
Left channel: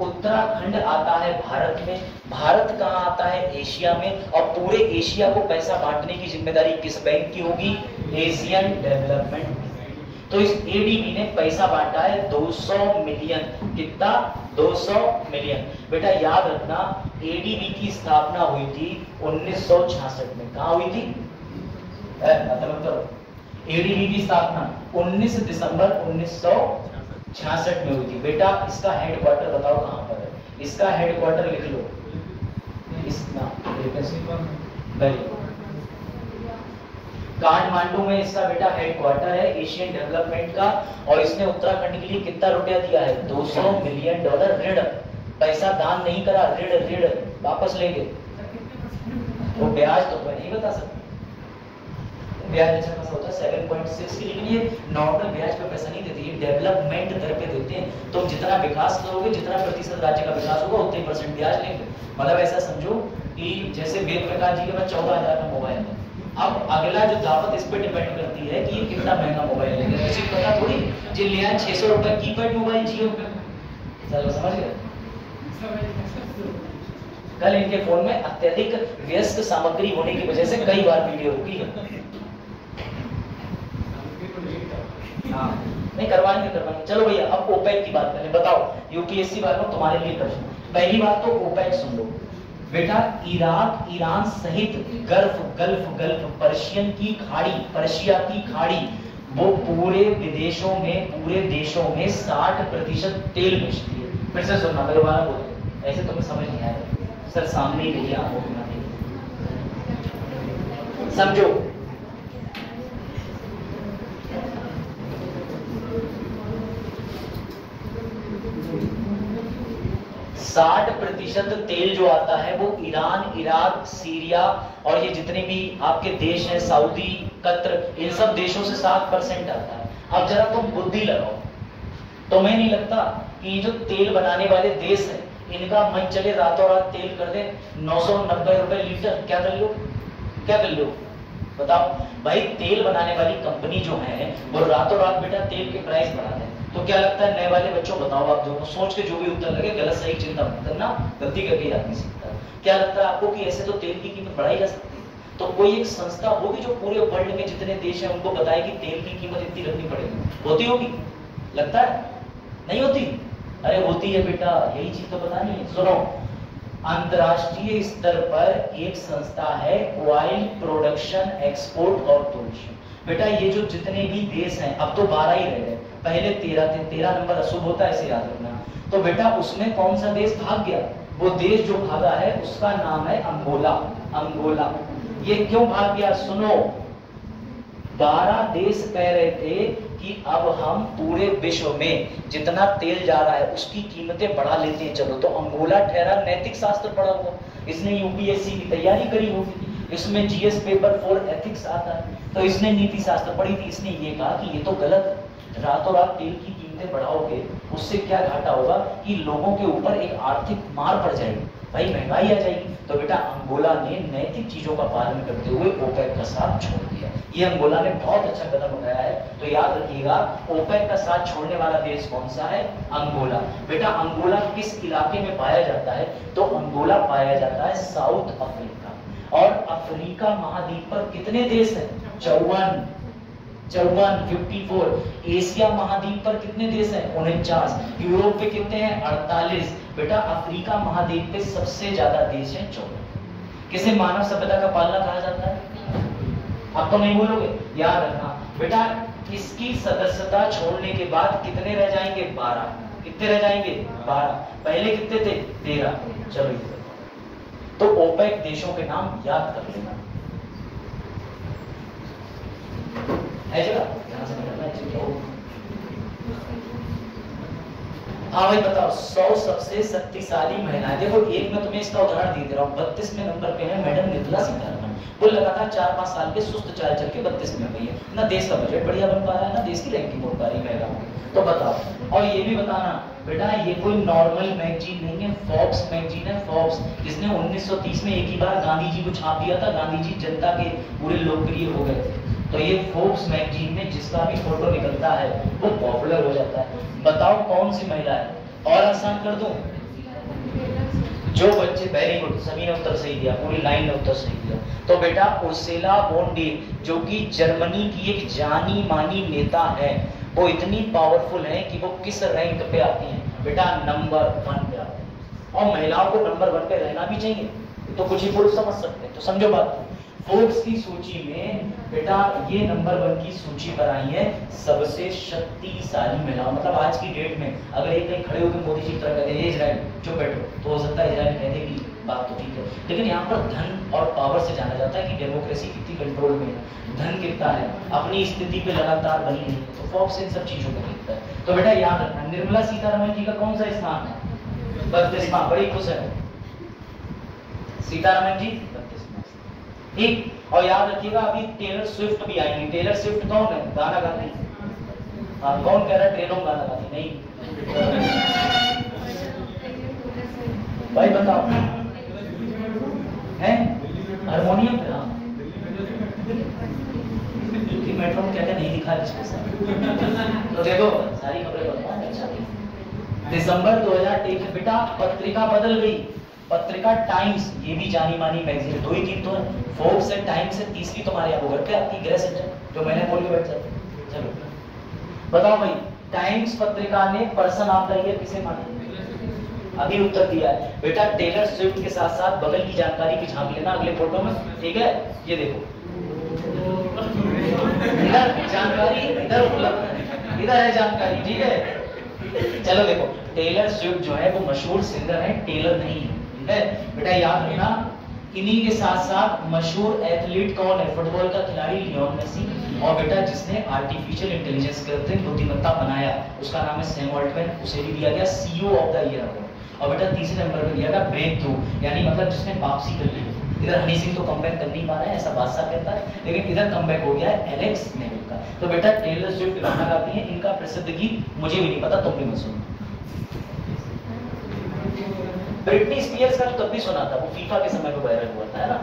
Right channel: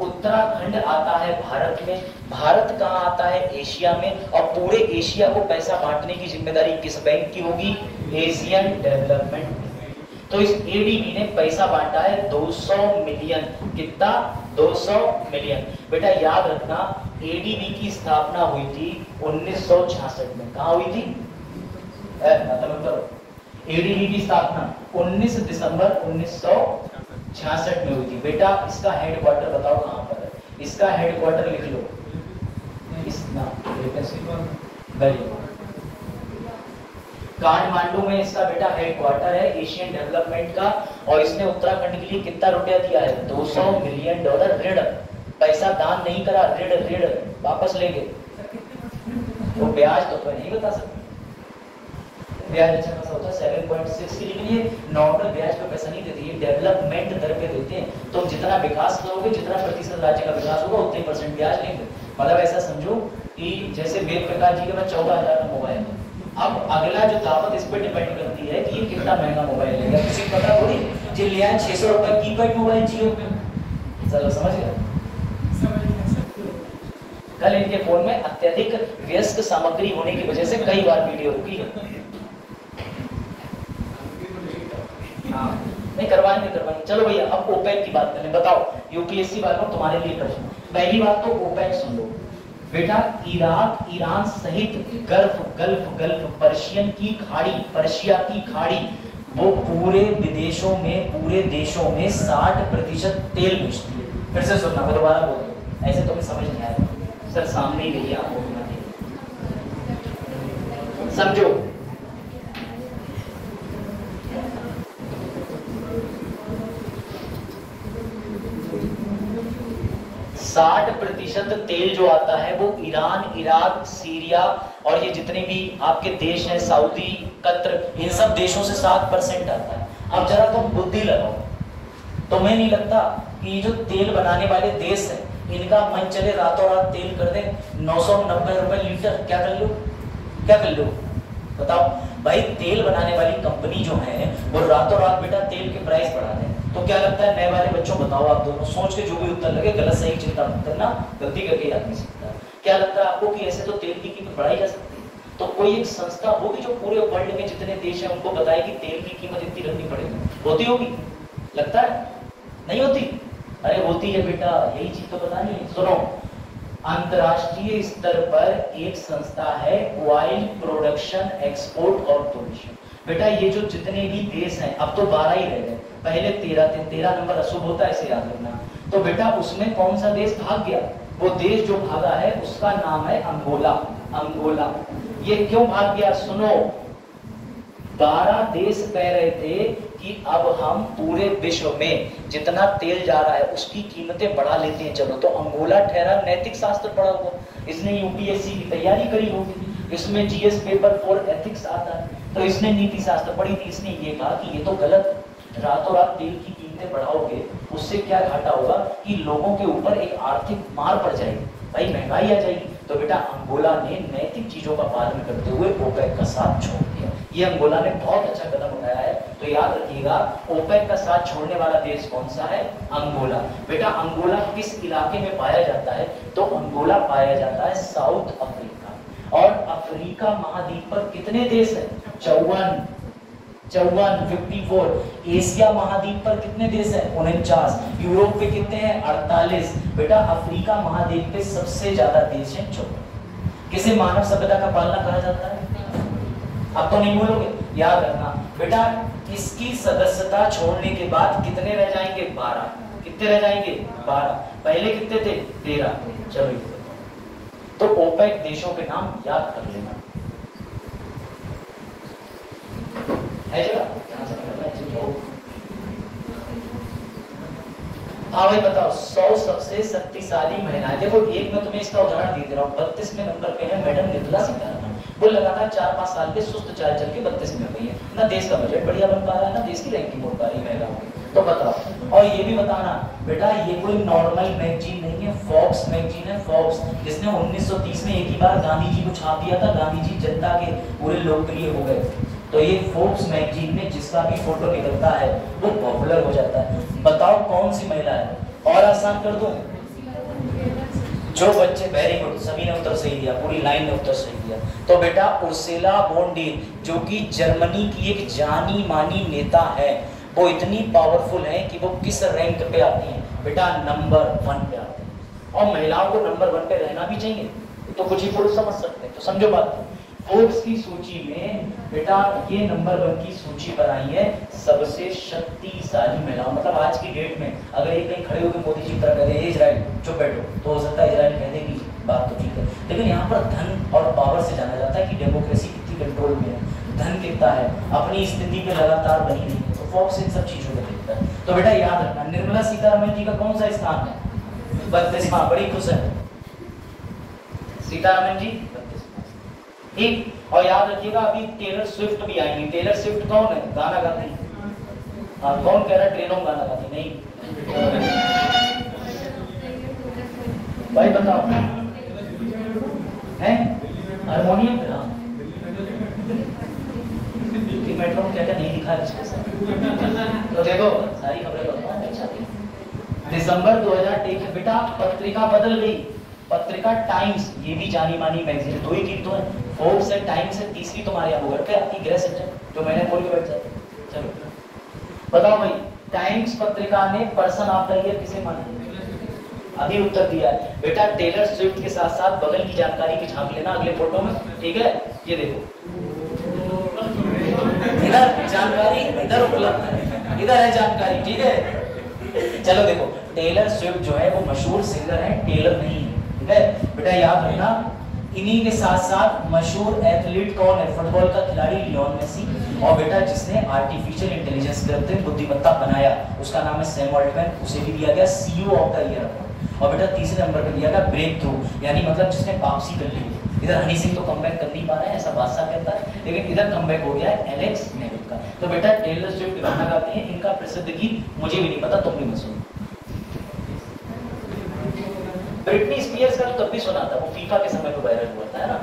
उत्तराखंड आता है भारत में, भारत कहाँ आता है? एशिया में। और पूरे एशिया को पैसा बांटने की जिम्मेदारी किस बैंक की होगी? Asian development. तो इस एडीबी ने पैसा बांटा है 200 मिलियन। कितना? 200 मिलियन। बेटा याद रखना, एडीबी की स्थापना हुई थी 1966 में। कहाँ हुई थी? मतलब एडीबी की स्थापना 19 दिसंबर 1966 में हुई थी। बेटा इसका हेडक्वार्टर बताओ कहाँ पर है? इसका हेडक्वार्टर लिख लो, काठमांडू में इसका बेटा हेडक्वार्टर है एशियन डेवलपमेंट का। और इसने उत्तराखंड के लिए कितना रुपया दिया है? $200 मिलियन ऋण। पैसा दान नहीं करा, ऋण वापस ले गए। तो ब्याज तो मैं नहीं बता सकता, ब्याज अच्छा खासा होता है 7.6 की, लेकिन ये नॉर्मल ब्याज पे पैसा नहीं देते, ये डेवलपमेंट दर पे देते हैं। तो जितना विकास करोगे, जितना प्रतिशत राज्य का विकास होगा, उतने % ब्याज लेंगे। मतलब ऐसा समझो कि जैसे वेद प्रकाश जी के पास 14,000 का मोबाइल है, अब अगला जो दावत इस पे डिपेंड करती है कि ये कितना महंगा मोबाइल लेगा। किसी को पता थोड़ी जो लिया है 600 रुपए कीपैड मोबाइल जियो का, समझ गए? कल इनके फोन में अत्यधिक व्यस्त सामग्री होने की वजह से कई बार वीडियो रुकी है। नहीं करवाएंगे। चलो भैया अब ओपेक की बात करें। बताओ यूपीएससी वालों तुम्हारे लिए प्रश्न। पहली बात तो ओपेक सुन लो बेटा, इराक, ईरान सहित गल्फ पर्शियन की खाड़ी, पर्शिया की खाड़ी, वो पूरे विदेशों में, पूरे देशों में 60% तेल बेचती है। फिर से सुनना, मैं दोबारा बोल रहा हूं, ऐसे तुम्हें समझ नहीं आएगा सर, सामने ही रहिए आप, समझो। 60% तेल जो आता है वो ईरान, इराक, सीरिया और ये जितने भी आपके देश हैं, सऊदी, कतर, इन सब देशों से 7% आता है। अब जरा तुम बुद्धि लगाओ, तुम्हें नहीं लगता कि ये जो तेल बनाने वाले देश हैं इनका मन चले रातों रात तेल कर दे 990 रुपए लीटर, क्या कर लो, क्या कर लो बताओ भाई। तेल बनाने वाली कंपनी जो है वो रातों रात बेटा तेल के प्राइस बढ़ा दें, तो क्या लगता है नए वाले बच्चों, बताओ आप दोनों सोच के जो भी उत्तर लगे, गलत सही चिंता मत करना, गलती करके याद नहीं सकता। क्या लगता है आपको कि ऐसे तो तेल की कीमत बढ़ाई जा सकती है? तो कोई एक संस्था होगी जो पूरे वर्ल्ड में जितने देश हैं उनको बताए कि तेल की कीमत इतनी रखनी पड़ेगी, होती होगी? लगता है नहीं होती? अरे होती है बेटा, यही चीज तो पता नहीं। सुनो, अंतरराष्ट्रीय स्तर पर एक संस्था है ऑयल प्रोडक्शन एक्सपोर्ट कॉर्पोरेशन। बेटा ये जो जितने भी देश हैं, अब तो 12 ही रह गए, पहले 13 थे, 13 नंबर अशुभ होता है, इसे याद रखना। तो बेटा उसमें कौन सा देश भाग गया? वो देश जो भागा है उसका नाम है अंगोला। अंगोला ये क्यों भाग गया? सुनो, 12 देश कह रहे थे कि अब हम पूरे विश्व में जितना तेल जा रहा है उसकी कीमतें बढ़ा लेते हैं, चलो। तो अंगोला ठहरा नैतिक शास्त्र पढ़ा हुआ, इसने यूपीएससी की तैयारी करी होगी, इसमें जीएस पेपर 4 एथिक्स आता है, तो इसने नीति शास्त्र पढ़ी थी। इसने ये कहा कि ये तो गलत, रातों रात तेल की कीमतें बढ़ाओगे उससे क्या घाटा होगा कि लोगों के ऊपर एक आर्थिक मार पड़ जाएगी, भाई महंगाई आ जाएगी। तो बेटा अंगोला ने नैतिक चीजों का पालन करते हुए ओपेक का साथ छोड़ दिया। ये अंगोला ने बहुत अच्छा कदम उठाया है, तो याद रखिएगा ओपेक का साथ छोड़ने वाला देश कौन सा है? अंगोला। बेटा अंगोला किस इलाके में पाया जाता है? तो अंगोला पाया जाता है साउथ अफ्रीका। और अफ्रीका महाद्वीप पर कितने देश हैं? 54। एशिया महाद्वीप पर कितने देश हैं? 49। यूरोप पे कितने हैं? 48। बेटा अफ्रीका महाद्वीप पे सबसे ज्यादा देश हैं 54। किसे मानव सभ्यता का पालना कहा जाता है? अब तो नहीं बोलोगे, याद रखना बेटा। इसकी सदस्यता छोड़ने के बाद कितने रह जाएंगे? 12। कितने रह जाएंगे? 12। पहले कितने थे? 13। चलो तो ओपेक देशों के नाम याद कर लेना है जगह। हाँ भाई बताओ, 100 सबसे शक्तिशाली महिलाएं। देखो एक मैं तुम्हें इसका उदाहरण दे रहा हूँ। 32वें नंबर पे है मैडम निर्मला सीतारमण। वो लगातार 4-5 साल के सुस्त चाल चल के 32 में गई है ना। देश का बजट बढ़िया बन पा रहा है ना, देश की रैंकिंग हो पा रही है। तो बताओ, और ये भी बताना बेटा ये कोई नॉर्मल मैगजीन नहीं है, फोर्ब्स मैगजीन है। फोर्ब्स जिसने 1930 में एक ही बार गांधी जी को छाप दिया था, गांधी जी जनता के पूरे लोकप्रिय हो गए थे। तो ये फोर्ब्स मैगजीन में जिसका भी फोटो निकलता है वो पॉपुलर हो जाता है। बताओ कौन सी महिला है? और आसान कर दूं, जो बच्चे, वेरी गुड, सभी ने उत्तर सही दिया, पूरी लाइन ने उत्तर सही दिया। तो बेटा उर्सुला वॉन डे जो कि जर्मनी की एक जानी मानी नेता है, वो इतनी पावरफुल है कि वो किस रैंक पे आती हैं? बेटा नंबर 1 पे आते हैं। और महिलाओं को नंबर 1 पे रहना भी चाहिए, तो कुछ ही पुरुष समझ सकते हैं। तो समझो बात, फोर्ब्स की सूची में बेटा ये नंबर 1 की सूची बनाई है सबसे शक्तिशाली महिलाओं। मतलब आज की डेट में अगर एक नहीं खड़े होकर मोदी जी कर इजराइल चुप बैठो, तो हो सकता है इजराइल कह देगी बात तो ठीक है, लेकिन यहाँ पर धन और पावर से जाना जाता है कि डेमोक्रेसी कितनी कंट्रोल में है, धन कितना है, अपनी स्थिति पे लगातार बनी नहीं है। तो फोर्ब्स इन सब चीजों को देखता है। तो बेटा याद रखना, निर्मला सीतारमण जी का कौन सा स्थान है? 32वां। बड़ी खुश है सीतारमण जी, ठीक। और याद रखिएगा अभी टेलर स्विफ्ट भी आएंगी। टेलर स्विफ्ट कौन है? गाना गाती। हाँ कौन कह रहा है ट्रेनों गाना गाती? नहीं भाई बताओ, हैं हारमोनियम पे? हाँ मेट्रो में क्या क्या नहीं दिखा जिसके साथ। तो देखो सारी खबरें अच्छा। दिसंबर 2023 बेटा पत्रिका बदल गई। पत्रिका टाइम्स, ये भी जानी मानी मैगजीन, 2 ही 3 तो है, फोर्ब्स है, टाइम्स है, तीसरी तुम्हारे यहाँ घर पे आपकी गृह सज्जन जो मैंने बोल के बैठ जाती। चलो बताओ भाई, टाइम्स पत्रिका ने पर्सन ऑफ द ईयर किसे माना? अभी उत्तर दिया है बेटा टेलर स्विफ्ट के साथ साथ बगल की जानकारी भी झांक लेना अगले फोटो में, ठीक है? ये देखो इधर जानकारी, इधर उपलब्ध है, इधर है जानकारी, ठीक है? चलो देखो, टेलर स्विफ्ट जो है वो मशहूर सिंगर है, टेलर नहीं है, ठीक है बेटा? याद रखना इन्हीं के साथ साथ मशहूर एथलीट कौन है? फुटबॉल का खिलाड़ी लियोन मेसी। और बेटा जिसने आर्टिफिशियल इंटेलिजेंस कृत्रिम बुद्धिमत्ता बनाया उसका नाम है सैम ऑल्टमैन, उसे भी दिया गया CEO of the year award. और बेटा तीसरे नंबर पर दिया गया ब्रेक थ्रू, यानी मतलब जिसने वापसी कर ली। इधर हनी सिंह तो कमबैक कर नहीं पा रहे हैं ऐसा बादशाह कहता है, लेकिन इधर कमबैक हो गया है एलेक्स नेविल का। तो बेटा टेलर स्विफ्ट गाना गाती हैं, इनका प्रसिद्ध गीत मुझे भी नहीं पता, तुम भी मत सुनो। ब्रिटनी स्पीयर्स का तो तब भी सुना था, वो फीफा के समय पे वायरल हुआ था, है ना।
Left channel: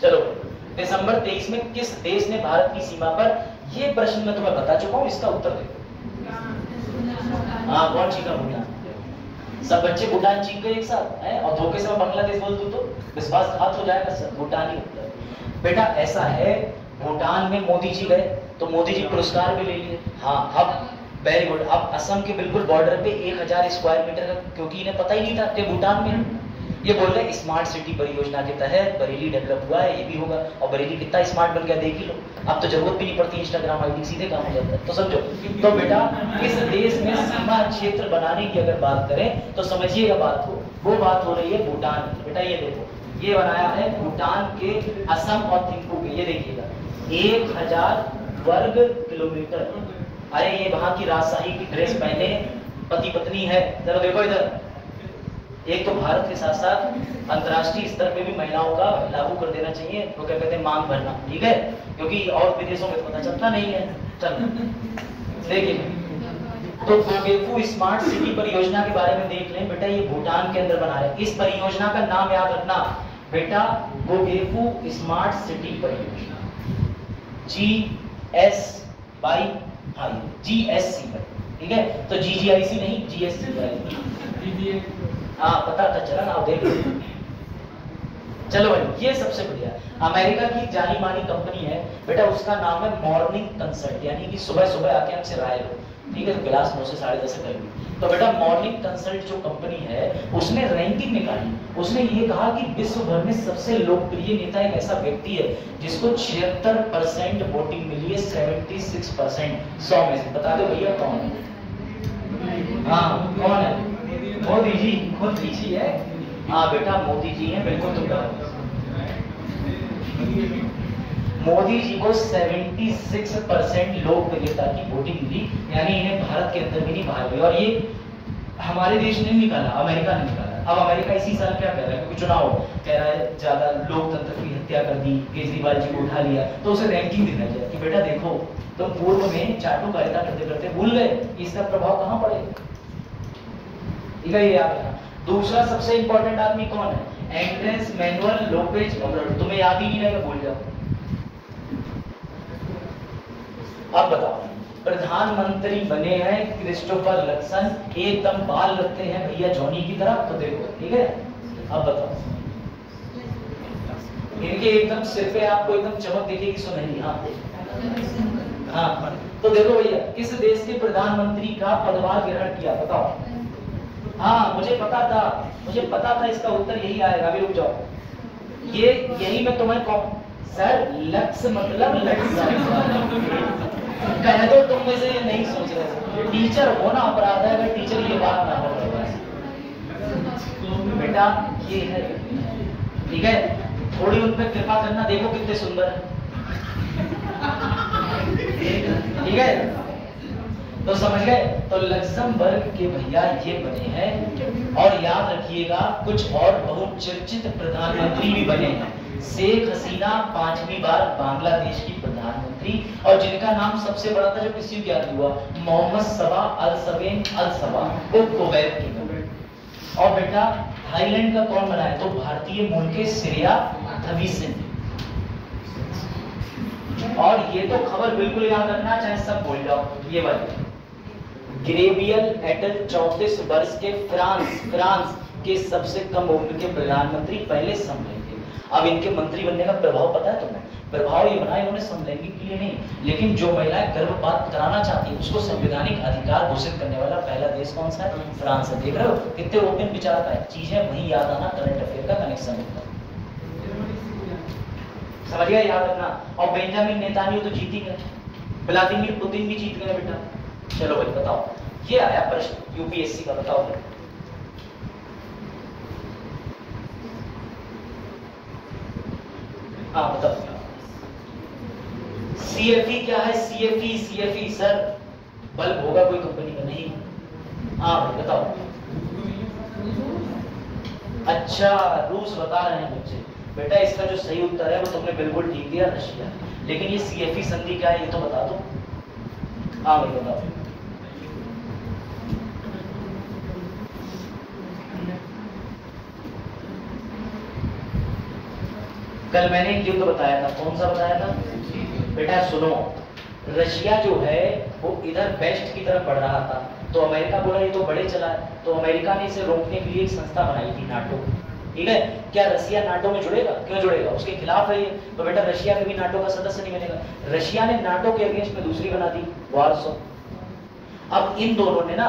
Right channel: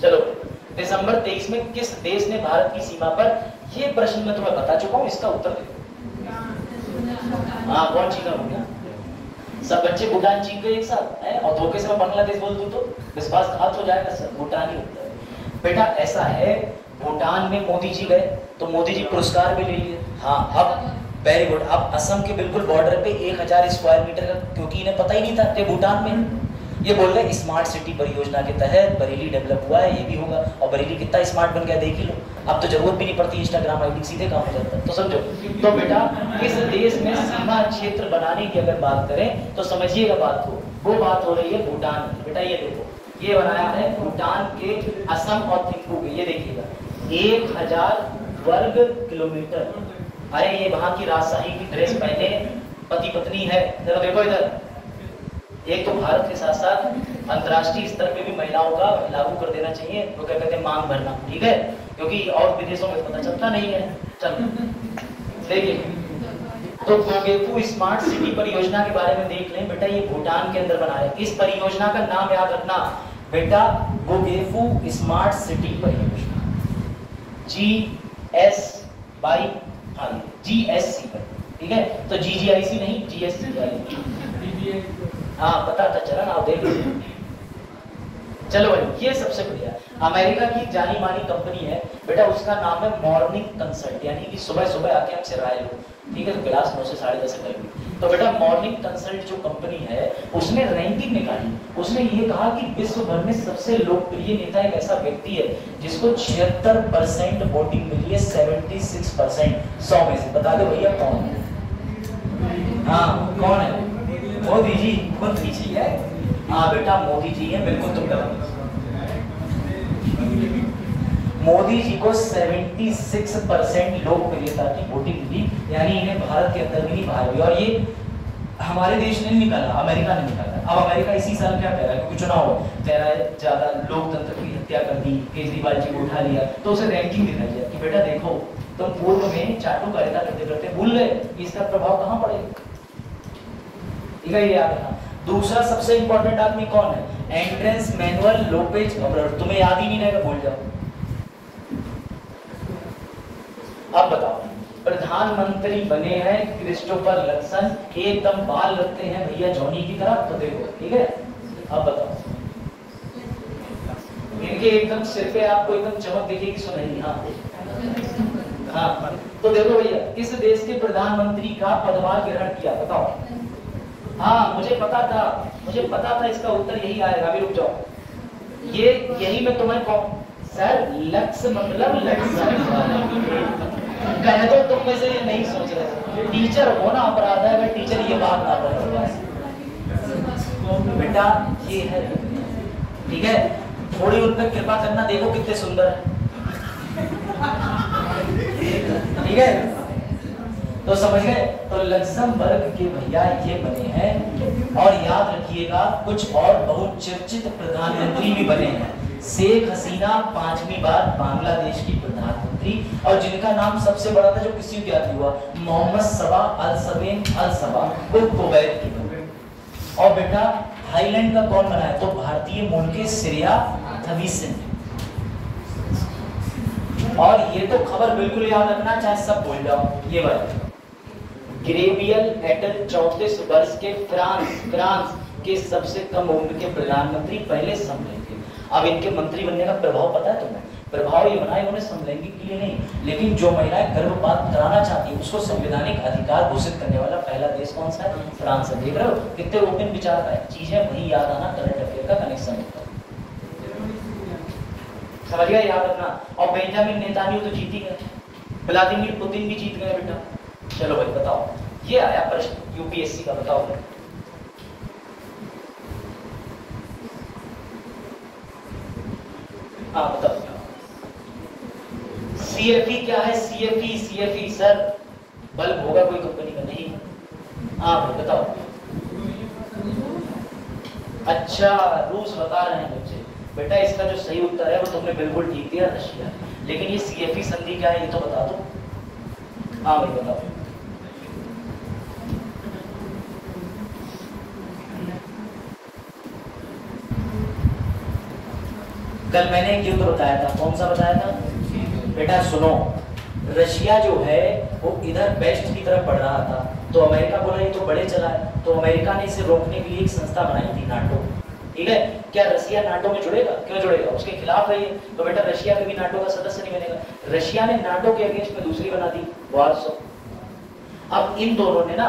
चलो, दिसंबर 23 में किस देश ने भारत की सीमा पर, ये प्रश्न मैं तुम्हें बता चुका हूं, इसका उत्तर देखो। हाँ, कौन चीना भूटान? सब बच्चे भूटान चीन गए एक साथ है, और धोखे से मैं बांग्लादेश बोल दूं तो विश्वासघात हो जाएगा, सब भूटान ही होता है। बेटा ऐसा है, भूटान में मोदी जी गए तो मोदी जी पुरस्कार भी ले लिए। हाँ, अब वेरी गुड। अब असम के बिल्कुल बॉर्डर पे 1000 स्क्वायर मीटर का, क्योंकि इन्हें पता ही नहीं था कि भूटान में, ये बोल रहे स्मार्ट सिटी परियोजना के तहत बरेली डेवलप हुआ है, ये भी होगा। और बरेली कितना स्मार्ट बन गया देख ही लो, अब तो जरूरत भी नहीं पड़ती इंस्टाग्राम आईडी, सीधे काम हो जाता है। तो समझो, तो बेटा इस देश में सीमा क्षेत्र बनाने की अगर बात करें तो समझिएगा बात को, वो बात हो रही है भूटान की। बेटा ये देखो, ये बनाया है भूटान के असम और थिम्पू के, ये देखिएगा 1000 वर्ग किलोमीटर। अरे ये वहां की राजशाही की ड्रेस पहने पति पत्नी है, जरा देखो इधर। एक तो भारत के साथ साथ अंतर्राष्ट्रीय स्तर पे भी महिलाओं का लागू कर देना चाहिए, वो क्या कहते हैं, मांग भरना, ठीक है, क्योंकि और विदेशों में पता चलता नहीं है। चलो देखिए, तो गोगेफू स्मार्ट सिटी परियोजना के बारे में देख लें। बेटा ये भूटान के अंदर बना रहे हैं। इस परियोजना का नाम याद रखना बेटा, गोगेफू स्मार्ट सिटी परियोजना, GSC पर, ठीक है। तो GGIC नहीं, GSC। हाँ पता था, चला ना, देख। चलो भाई, ये सबसे बढ़िया। अमेरिका की जानी मानी कंपनी है बेटा, उसका नाम है मॉर्निंग कंसल्ट, यानी कि सुबह सुबह आके आपसे राय लो, ठीक है, तो क्लास 9 से 10:30 करेंगे। तो बेटा मॉर्निंग कंसल्ट जो कंपनी है, उसने रैंकिंग निकाली। उसने ये कहा कि विश्व भर में सबसे लोकप्रिय नेता एक ऐसा व्यक्ति है जिसको 76% वोटिंग मिली है, 76%, 100 में से। बता दो भैया कौन? हाँ कौन है? मोदी जी। मोदी जी है, हाँ बेटा मोदी जी है, बिल्कुल तुम गलत। मोदी जी को 76% लोकप्रियता की वोटिंग मिली, यानी इन्हें भारत के अंदर भी नहीं, बाहर भी। और ये हमारे देश ने निकाला, अमेरिका ने निकाला। अब अमेरिका इसी साल क्या कह रहा है, क्योंकि चुनाव कह रहा है ज्यादा लोकतंत्र की हत्या कर दी, केजरीवाल जी को उठा लिया, तो उसे रैंकिंग दिखाई जाए कि बेटा देखो तुम पूर्व में चाटुकारिता करते करते भूल गए, इसका प्रभाव कहाँ पड़ेगा। याद रखना। दूसरा सबसे इंपॉर्टेंट आदमी कौन है? Andres Manuel Lopez Obrador. तुम्हें याद ही नहीं रहेगा, भूल जाओ। अब बताओ, प्रधानमंत्री बने हैं क्रिस्टोफर लक्सन, एकदम बाल लगते हैं भैया जॉनी की तरह, तो देखो, ठीक है। अब बताओ, इनके एकदम सिर पे आपको एकदम चमक दिखेगी, सुनहरी। हाँ, तो देखो भैया, किस देश के प्रधानमंत्री का पदभार ग्रहण किया, बताओ। हाँ मुझे पता था इसका उत्तर यही आएगा, अभी रुक जाओ। ये यही मैं तुम्हें कहूं सर, लक्ष्य मतलब कह दो, तुम मुझे ये नहीं सोच रहे। टीचर हो ना, अपराध है अगर टीचर ये बात ना बोले। बेटा ये है, ठीक है, थोड़ी उन पर कृपा करना, देखो कितने सुंदर है, ठीक है। तो समझ गए, तो लक्समबर्ग के भैया ये बने हैं। और याद रखिएगा कुछ और बहुत चर्चित प्रधानमंत्री भी बने हैं। शेख हसीना 5वीं बार बांग्लादेश की प्रधानमंत्री, और जिनका नाम सबसे बड़ा था जो किसी को याद हुआ, मोहम्मद सबा अल सवेन अल सबा, वो कुवैत की बने। और बेटा थाईलैंड का कौन बना है? तो भारतीय मूल के श्रेया थविसन। और ये तो खबर बिल्कुल याद रखना, चाहे सब भूल जाओ, ये बात। ग्रेवियल एटल 34 वर्ष के फ्रांस के सबसे कम उम्र के प्रधानमंत्री, पहले समलैंगिक। अब इनके मंत्री बनने का प्रभाव पता है तुम्हें? प्रभाव ये बना इन्होंने समलैंगिक के लिए नहीं, लेकिन जो महिलाएं गर्भपात कराना चाहती है उसको संवैधानिक अधिकार घोषित करने वाला पहला देश कौन सा है? फ्रांस है। देख रहे हो कितने ओपन विचार का चीज है, वही याद आना, करंट अफेयर का कनेक्शन होता है, समझ गया, याद रखना। और बेंजामिन नेतान्याहू तो जीत ही गए, व्लादिमीर पुतिन भी जीत गए बेटा। चलो भाई बताओ, ये आया प्रश्न यूपीएससी का, बताओ। हाँ बताओ, सीएफई क्या है? सीएफई सर बल्ब होगा कोई कंपनी का, नहीं? हाँ भाई बताओ। अच्छा रूस बता रहे हैं बच्चे। बेटा इसका जो सही उत्तर है वो तुमने बिल्कुल ठीक दिया, रशिया। लेकिन ये सीएफई संधि क्या है ये तो बता दो। हाँ भाई बताओ। कल मैंने एक युद्ध बताया था, कौन सा बताया था बेटा? सुनो, रशिया जो है वो इधर वेस्ट की तरफ बढ़ रहा था, तो अमेरिका बोला ये तो बड़े चला है, तो अमेरिका ने इसे रोकने के लिए एक संस्था बनाई थी, नाटो। ठीक है, क्या रशिया नाटो में जुड़ेगा? क्यों जुड़ेगा? उसके खिलाफ है, तो बेटा रशिया कभी नाटो का सदस्य नहीं बनेगा। रशिया ने नाटो के अगेंस्ट में दूसरी बना दी, वार्सो। अब इन दोनों ने ना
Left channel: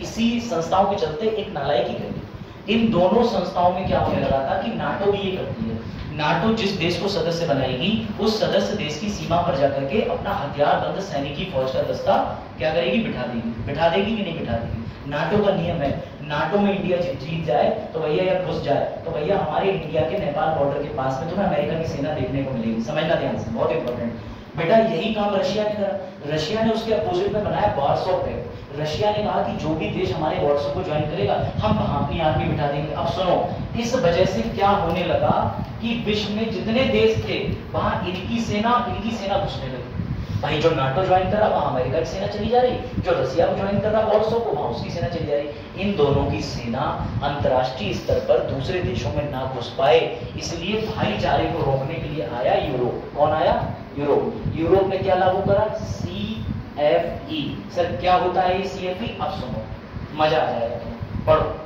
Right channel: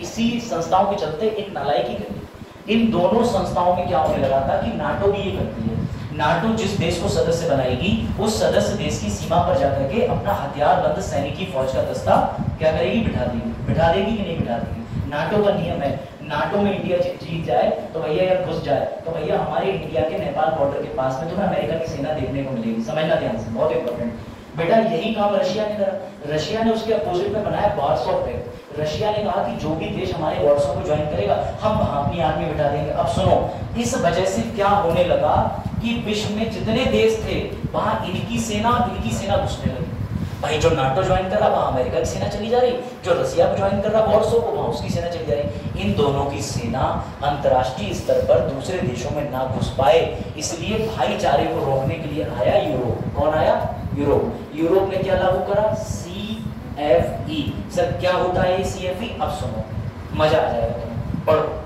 इसी संस्थाओं के चलते एक नालायकी कर दी। इन दोनों संस्थाओं में क्या होने लगा था कि नाटो भी ये करती है, नाटो जिस देश को सदस्य बनाएगी उस सदस्य देश की सीमा पर जाकर के अपना हथियारबंद सैनिकी फौज का दस्ता क्या करेगी? बिठा देगी। बिठा देगी कि नहीं बिठा देगी? नाटो का नियम है, नाटो में इंडिया जीत जाए तो भैया, या घुस जाए तो भैया, हमारे इंडिया के नेपाल बॉर्डर के पास में तुम्हें अमेरिका की सेना देखने को मिलेगी। समझना ध्यान से, बहुत इंपॉर्टेंट बेटा। यही काम रशिया ने करा। रशिया ने उसके अपोजिट में बनाया वार्सो पैक्ट। रशिया ने कहा कि जो भी देश हमारे वार्सो को ज्वाइन करेगा हम वहां अपनी आर्मी बिठा देंगे। अब सुनो, इस वजह से क्या होने लगा कि विश्व में जितने देश थे वहां इनकी सेना घुसने लगी। भाई जो नाटो ज्वाइन कर रहा वहां अमेरिका की सेना चली जा रही, जो रशिया को ज्वाइन कर रहा वार्सो को, वहां उसकी सेना चली जा रही। इन दोनों की सेना अंतर्राष्ट्रीय स्तर पर दूसरे देशों में ना घुस पाए, इसलिए भाईचारे को रोकने के लिए आया यूरोप। कौन आया? यूरोप। यूरोप ने क्या लागू करा? CFE। सर क्या होता है ये CFE? अब सुनो, मजा आ जाएगा, पढ़ो।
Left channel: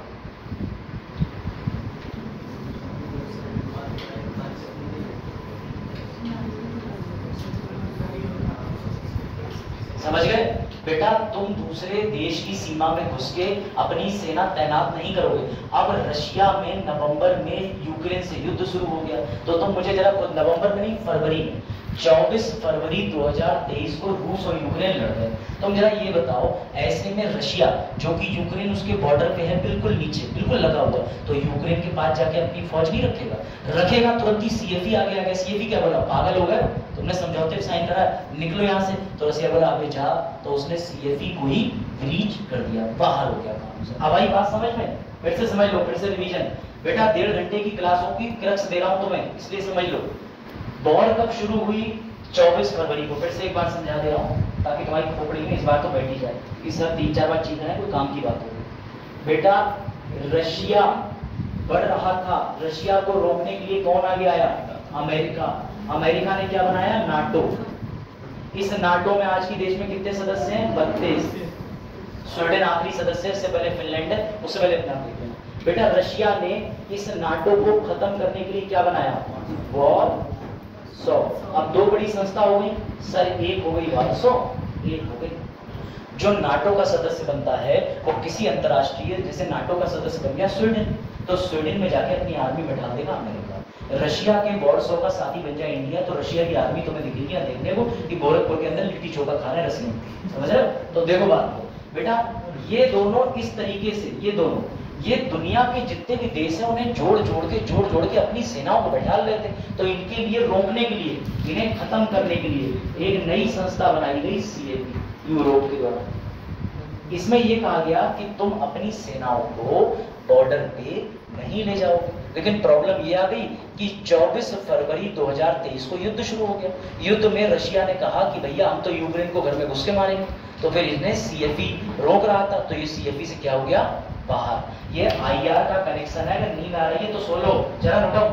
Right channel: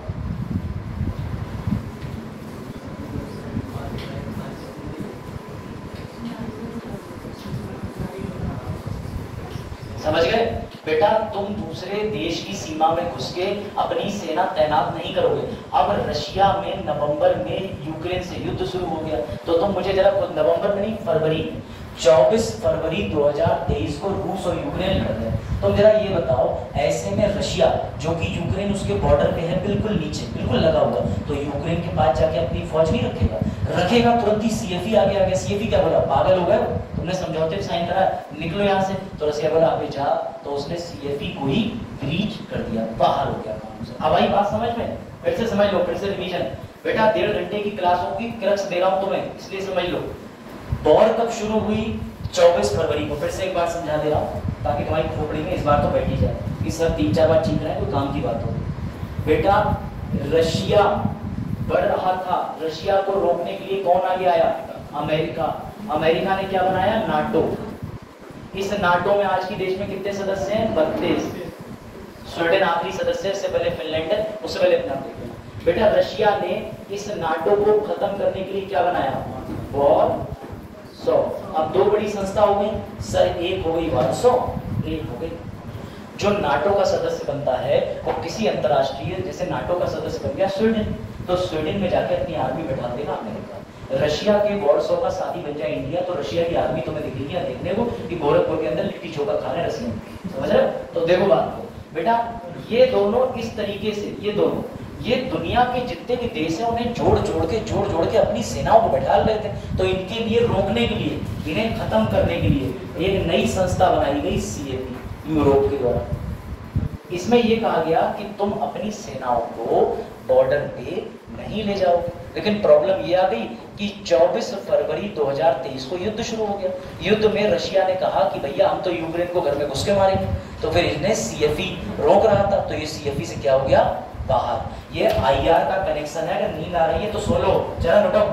समझ गए बेटा? तुम दूसरे देश की सीमा में घुस के अपनी सेना तैनात नहीं करोगे। अब रशिया में नवंबर में यूक्रेन से युद्ध शुरू हो गया, तो तुम मुझे जरा, नवंबर में नहीं, फरवरी में, 24 फरवरी 2023 को रूस और यूक्रेन लड़ रहे। तुम जरा ये बताओ, ऐसे में रशिया जो कि यूक्रेन उसके बॉर्डर पे है, बिल्कुल नीचे, बिल्कुल लगा हुआ, तो यूक्रेन के पास जाके अपनी फौज नहीं रखेगा? रखेगा, तुरंत ही CFE आ गया। CFE क्या बोला? पागल हो गया, तुमने समझौते साइन करा, निकलो यहाँ से। तो रशिया बोला अबे जा, तो उसने CFE को ही ब्रीच कर दिया, बाहर हो गया काम से। अब आई बात समझ में? फिर से समझ लो, फिर से रिवीजन बेटा। 1.5 घंटे की क्लासों की क्रक्स दे रहा हूं तुम्हें, इसलिए समझ लो। वॉर कब शुरू हुई? 24 फरवरी को। फिर से एक बार समझा दे रहा हूं ताकि तुम्हारी खोपड़ी में इस बार तो बैठी जाए कि सर 3-4 बार चीख रहे हैं, कोई काम की बात हो। बेटा रशिया बढ़ रहा था, रशिया को रोकने के लिए कौन आगे आया? अमेरिका। अमेरिका ने क्या बनाया? नाटो। इस नाटो में आज की देश में कितने सदस्य हैं? 32। स्वीडन आखिरी सदस्य, उससे पहले फिनलैंड है, उससे पहले अपना बेटा। रशिया ने इस नाटो को खत्म करने के लिए क्या बनाया? वार्सो। अब 2 बड़ी संस्था हो गई सर, एक हो गई वार्सो, एक हो गई। जो नाटो का सदस्य बनता है वो किसी अंतरराष्ट्रीय, जैसे नाटो का सदस्य बन गया स्वीडन, तो स्वीडन में जाके अपनी आर्मी बैठा देगा अमेरिका। रशिया के वार्सो का साथी बन जाए इंडिया, तो रशिया की आर्मी तुम्हें दिखेगी ना देखने को कि गोरखपुर के अंदर लिट्टी चोखा खा रहे हैं रशियन। समझ रहे हो? तो देखो बात को बेटा, ये दोनों इस तरीके से, ये दुनिया के जितने भी देश हैं उन्हें जोड़ के अपनी सेनाओं को बैठा लेते थे। तो इनके लिए रोकने के लिए, इन्हें खत्म करने के लिए एक नई संस्था बनाई गई CFE, यूरोप के द्वारा। इसमें यह कहा गया कि तुम अपनी सेनाओं को बॉर्डर पे नहीं ले जाओ। लेकिन प्रॉब्लम यह आ गई कि 24 फरवरी 2023 को युद्ध शुरू हो गया। युद्ध में रशिया ने कहा कि भैया हम तो यूक्रेन को घर में घुस के मारेंगे, तो फिर इसने CFE रोक रहा था, तो ये CFE से क्या हो गया? बाहर। ये IR का कनेक्शन है, अगर नींद आ रही है तो सो लो, जरा नोट।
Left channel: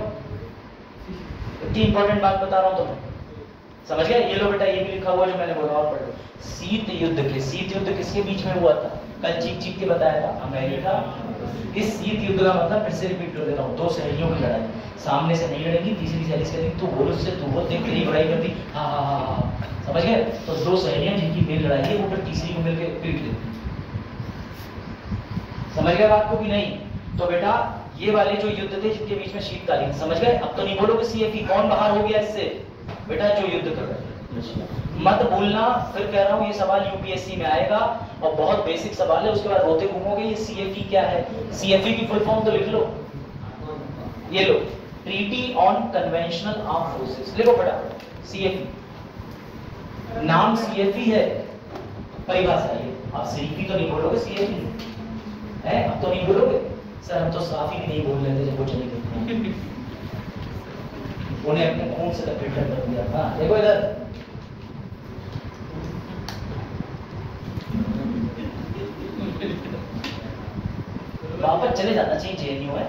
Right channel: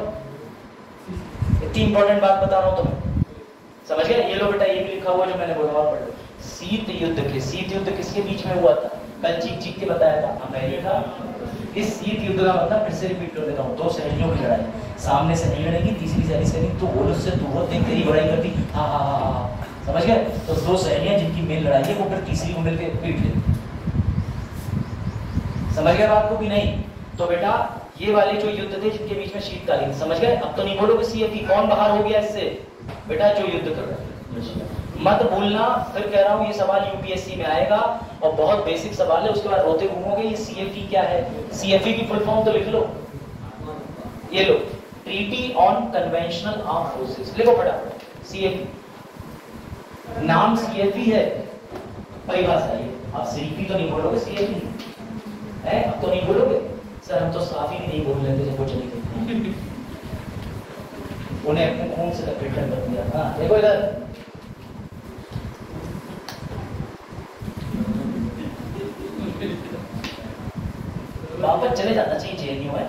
इतनी इंपॉर्टेंट बात बता रहा हूं तुम्हें, समझ गए? ये लो बेटा, ये भी लिखा हुआ है जो मैंने बोला, और पढ़ लो। शीत युद्ध किसके बीच में हुआ था? मैं चीख के बताया था, अमेरिका। इस शीत युद्ध का मतलब फिर से रिपीट कर देता हूँ, 2 सहेलियों की लड़ाई, सामने से नहीं लड़ेगी, तीसरी सहेली से तू बोल, उससे तू हो, देख तेरी बड़ाई करती, हाँ, समझ गए? तो 2 सहेलियां जिनकी मेल लड़ाई है वो फिर तीसरी को मिलकर पीट लेती। समझ गए बात को भी नहीं? तो बेटा ये वाले जो युद्ध थे जिनके बीच में शीतकालीन, समझ गए? अब तो नहीं बोलोगे CFE, कौन बाहर हो गया इससे? बेटा जो युद्ध कर रहे हैं, मत भूलना। फिर कह रहा हूं ये सवाल UPSC में आएगा और बहुत बेसिक सवाल है, उसके बाद रोते घूमोगे ये CFE क्या है। CFE की फुल फॉर्म तो लिख लो, ये लो, treaty on conventional arm forces, लिखो फटाफट CFE। नाम CFE है, परिभाषा ये। आप CFE तो नहीं बोलोगे, CFE है, अब तो नहीं बोलोगे सर, हम तो साफ ही नहीं बोल रहे थे जब वो चले गए, उन्हें अपने खून से लपेटा कर दिया। हाँ देखो इधर, वापस चले जाना चाहिए JNU है।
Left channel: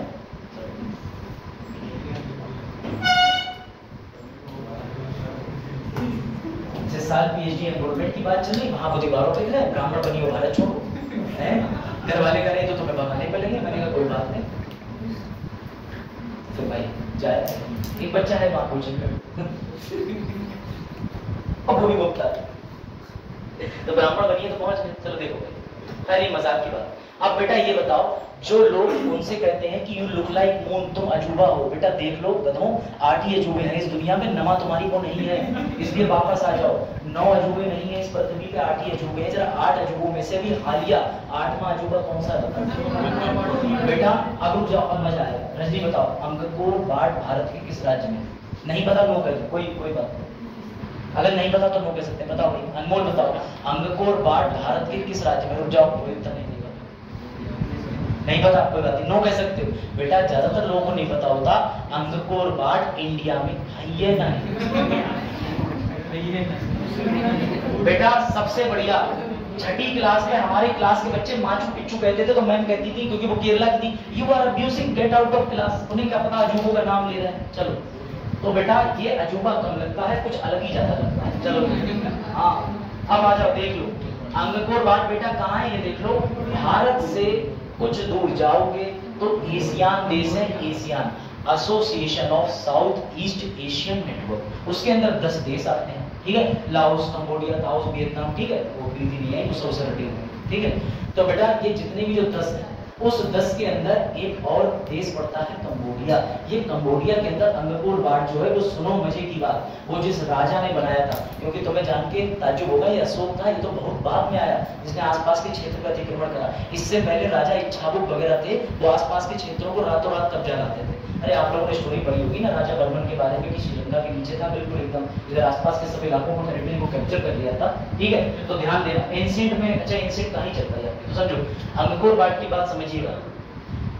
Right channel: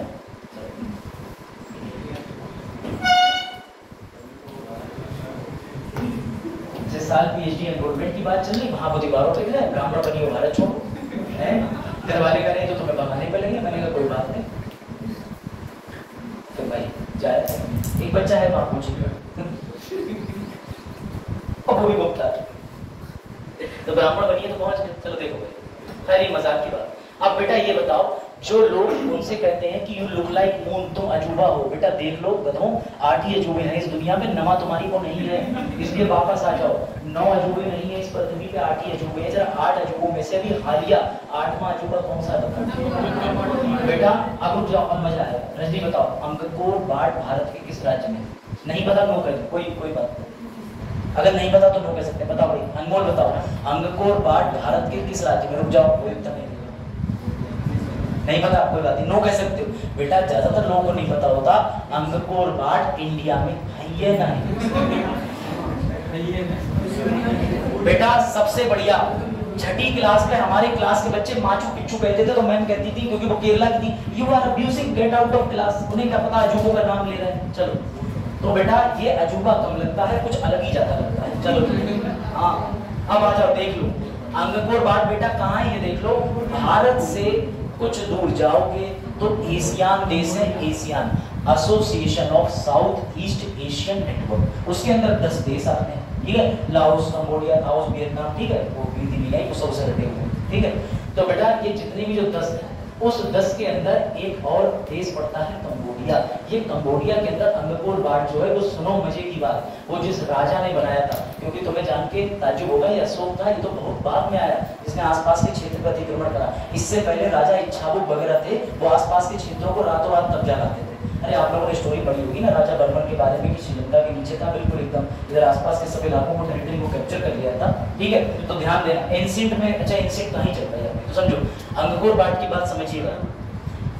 साल PhD एनरोलमेंट की बात चल रही, वहां मुझे गाँव पे गए, ब्राह्मण बनी हो भारत छोड़ो है, घर वाले कह रहे तो तुम्हें भगाने मिलेंगे, मैंने कहा कोई बात नहीं। तो भाई जाए, एक बच्चा है वहां पूछे और पूरी बोलता है तो ब्राह्मण बनिए तो पहुंच गए। चलो देखो भाई, खैर मजाक की बात। अब बेटा ये बताओ, जो लोग उनसे कहते हैं कि यू लुक लाइक मून, तुम अजूबा हो, बेटा देख लो गधों, 8 ही अजूबे हैं इस दुनिया में, 9वां तुम्हारी को नहीं है, इसलिए वापस आ जाओ। 9 अजूबे नहीं है इस पृथ्वी पे, 8 ही अजूबे हैं। जरा 8 अजूबों में से अभी हालिया 8वां अजूबा कौन सा बताओ बेटा। अब रुक जाओ, अब मजा है। रजनी बताओ, अंगकोर वाट भारत के किस राज्य में? नहीं पता नो करिए, कोई बात नहीं, अगर नहीं पता तो नो कह सकते। बताओ भाई, अनमोल बताओ, अंगकोर वाट भारत के किस राज्य में? रुक जाओ, कोई उत्तर नहीं पता, कोई बात नहीं, नो कह सकते हो बेटा। ज्यादातर लोगों को नहीं पता होता अंगकोर वाट इंडिया में है या नहीं। बेटा सबसे बढ़िया, छठी क्लास में हमारे क्लास के बच्चे माचू पिच्चू कहते थे तो मैम कहती थी, क्योंकि वो केरला की थी, you are abusing, get out of class. उन्हें क्या पता अजूबों का नाम ले रहे हैं। चलो तो बेटा ये अजूबा कम लगता है, कुछ अलग ही ज्यादा लगता है। चलो हाँ, अब आ जाओ, देख लो अंगकोर वाट बेटा कहाँ है ये देख लो। भारत से कुछ दूर जाओगे तो एशियान देश है, ASEAN association of south east Asian network, उसके अंदर 10 देश आते हैं, ठीक है। लाओस, कंबोडिया, लाओस, वियतनाम, ठीक है, वो भी नहीं है, वो सबसे हटे हुए, ठीक है। तो बेटा ये जितने भी जो 10 है, उस 10 के अंदर एक और देश पड़ता है कंबोडिया। ये कंबोडिया के अंदर अंगकोर वाट जो है, वो सुनो मजे की बात, वो जिस राजा ने बनाया था, क्योंकि तुम्हें जान के ताज्जुब होगा, ये अशोक था, ये तो बहुत बाद में आया, जिसने आसपास के क्षेत्र का अतिक्रमण करा। इससे पहले राजा इच्छाबुक वगैरह थे, वो आसपास के क्षेत्रों को रातों रात कब्जा करते थे। अरे आप लोगों ने स्टोरी पढ़ी होगी ना राजा बर्मन के बारे में, कि श्रीलंका के नीचे था बिल्कुल एकदम, इधर आसपास के सब इलाकों को, टेरिटरी को कैप्चर कर लिया था, ठीक है। तो ध्यान देना, एंशिएंट में, अच्छा एंशिएंट कहीं चलता है तो समझो, अंगकोर वाट की बात समझिएगा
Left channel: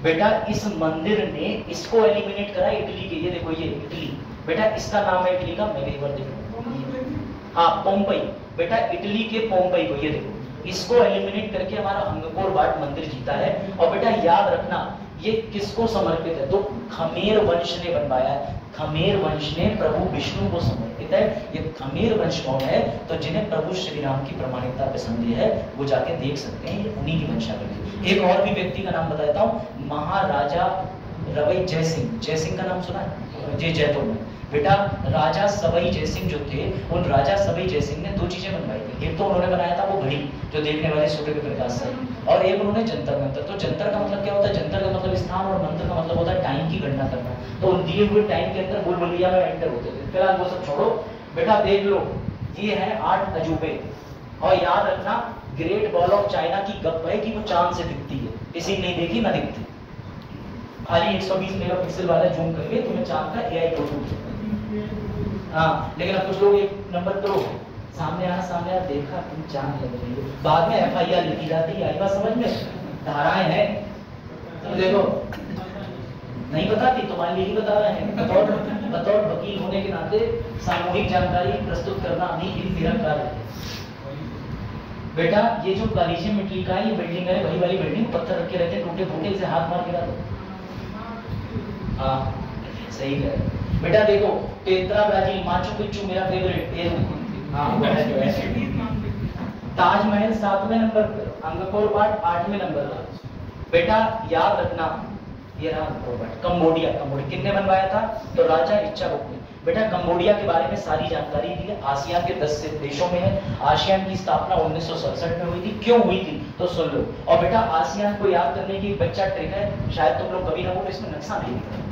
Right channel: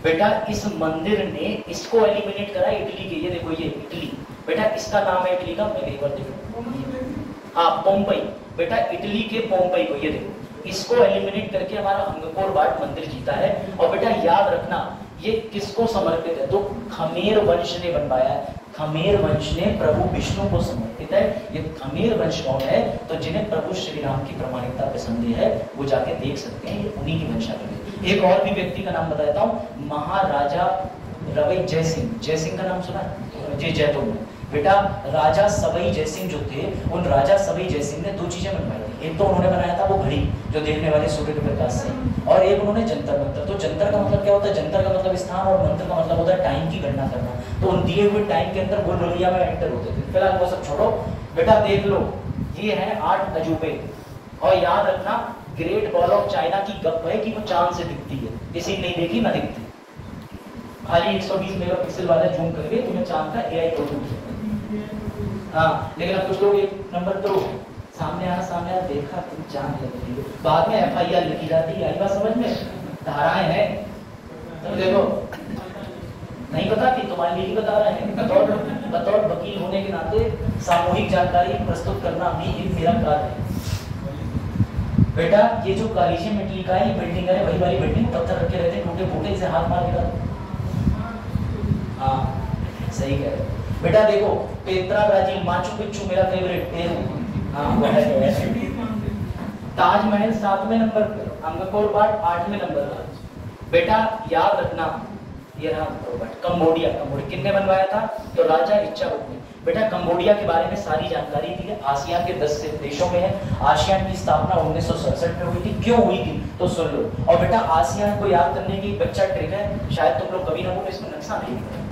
बेटा। इस मंदिर ने इसको एलिमिनेट करा इटली के, ये देखो ये इटली, बेटा इसका नाम है इटली का, मैं एक बार देखो, हाँ पोम्पई, बेटा इटली के पोम्पई को, ये देखो इसको एलिमिनेट करके हमारा अंगकोर वाट मंदिर जीता है। और बेटा याद रखना ये किसको समर्पित है, तो खमेर वंश ने बनवाया, खमेर वंश ने प्रभु विष्णु को समर्पित है। ये खमेर वंश कौन है, तो जिन्हें प्रभु श्री राम की प्रामाणिकता पसंद है वो जाके देख सकते हैं, ये उन्हीं की वंशावली। एक और भी व्यक्ति का नाम बताता हूँ, महाराजा रवि जयसिंह, जयसिंह का नाम सुना है, जी जयतों में बेटा। राजा सवई जयसिंह जो थे, उन राजा सवई जयसिंह ने 2 चीजें बनवाई थी। एक तो उन्होंने बनाया था वो घड़ी जो देखने वाले सूर्य के प्रकाश से, और एक उन्होंने जंतर मंतर। तो जंतर का मतलब क्या होता है, जंतर का मतलब स्थान और मंत्र का मतलब होता है टाइम की गणना करना। तो उन दिए हुए टाइम के अंदर वो लोलिया में एंटर होते थे। फिलहाल वो सब छोड़ो बेटा, देख लो ये है 8 अजूबे। और याद रखना ग्रेट वॉल ऑफ चाइना की गप है कि वो चांद से दिखती है, किसी नहीं देखी ना दिखती, खाली 120 मेगापिक्सल वाला जूम करके तुम्हें चांद का एआई फोटो। हाँ लेकिन अब कुछ लोग एक नंबर करो, सामने आना देखा तुम चांद लग रही है, बाद में FIR लिखी जाती है, आई बात समझ में, धाराएं हैं। तो देखो नहीं पता कि तुम्हारे लिए बता रहे हैं, बतौर वकील होने के नाते सामूहिक जानकारी प्रस्तुत करना भी एक मेरा कार्य है। बेटा ये जो कॉलेजियम इटली का ये बिल्डिंग है, वही वाली बिल्डिंग, पत्थर रखे रहते हैं टूटे फूटे, इसे हाथ मार के डालो। हाँ सही कह रहे बेटा। देखो पेत्रा ब्राजील, माचू पिच्चू मेरा फेवरेट, पेरू, हाँ वो है। ताजमहल 7वें नंबर पर, अंगकोर वाट 8वें नंबर पर। बेटा याद रखना ये रहा कंबोडिया, कंबोडिया किसने बनवाया था, तो राजा इच्छाबुक ने। बेटा कंबोडिया के बारे में सारी जानकारी दी है, आसियान के 10 देशों में है। आसियान की स्थापना 1967 में हुई थी, क्यों हुई थी तो सुन लो। और बेटा आसियान को याद करने की एक बच्चा ट्रिक है, शायद तुम लोग कभी ना हो, तो इसमें नक्शा नहीं लिखा,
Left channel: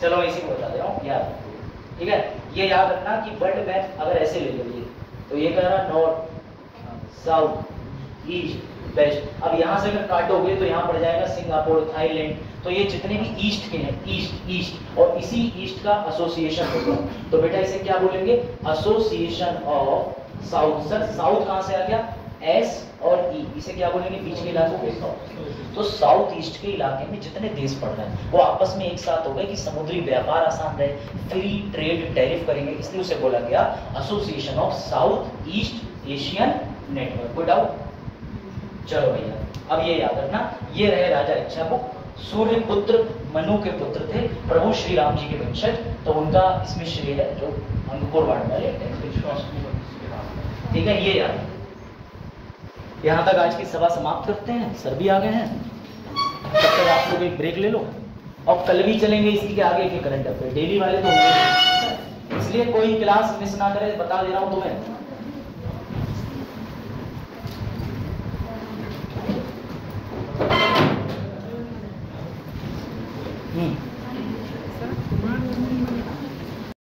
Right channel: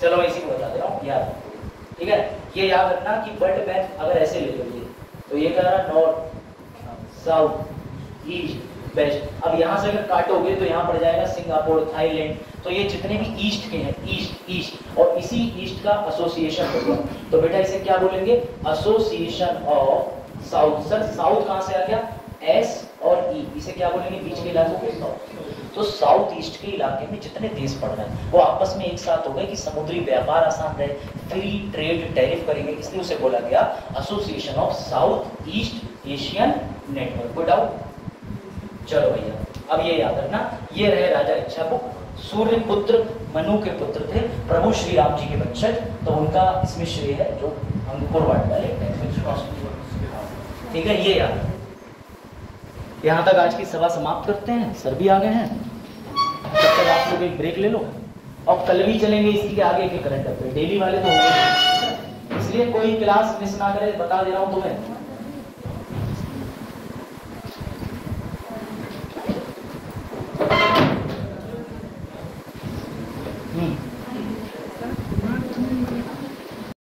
चलो मैं इसी को बता दे रहा हूँ याद, ठीक है। ये याद रखना कि वर्ल्ड मैप अगर ऐसे ले लो, तो ये कह रहा नॉर्थ साउथ ईस्ट वेस्ट। अब यहाँ से अगर काटोगे तो यहाँ पड़ जाएगा सिंगापुर, थाईलैंड। तो ये जितने भी ईस्ट के हैं, ईस्ट और इसी ईस्ट का एसोसिएशन होगा। तो बेटा इसे क्या बोलेंगे, association of south. Sir south कहाँ से आ गया, एस और ई, इसे क्या बोलेंगे, बीच के इलाकों को साउथ। तो साउथ ईस्ट के इलाके में जितने देश पड़ रहे हैं वो आपस में एक साथ हो गए कि समुद्री व्यापार आसान रहे, फ्री ट्रेड टैरिफ करेंगे, इसलिए उसे बोला गया association of south east Asian network. कोई डाउट, चलो भैया अब ये याद रखना, ये रहे राजा इच्छाबुक, सूर्य पुत्र मनु के पुत्र थे, प्रभु श्री राम जी के वंशज, तो उनका इसमें श्रेय है जो अंकुर वाट वाले। ठीक है, ये याद। यहां तक आज की सभा समाप्त करते हैं, सर भी आ गए हैं, तब तक आप लोग एक ब्रेक ले लो और कल भी चलेंगे इसी के आगे के करंट अफेयर, डेली वाले तो होंगे, इसलिए कोई क्लास मिस ना करे, बता दे रहा हूं तुम्हें।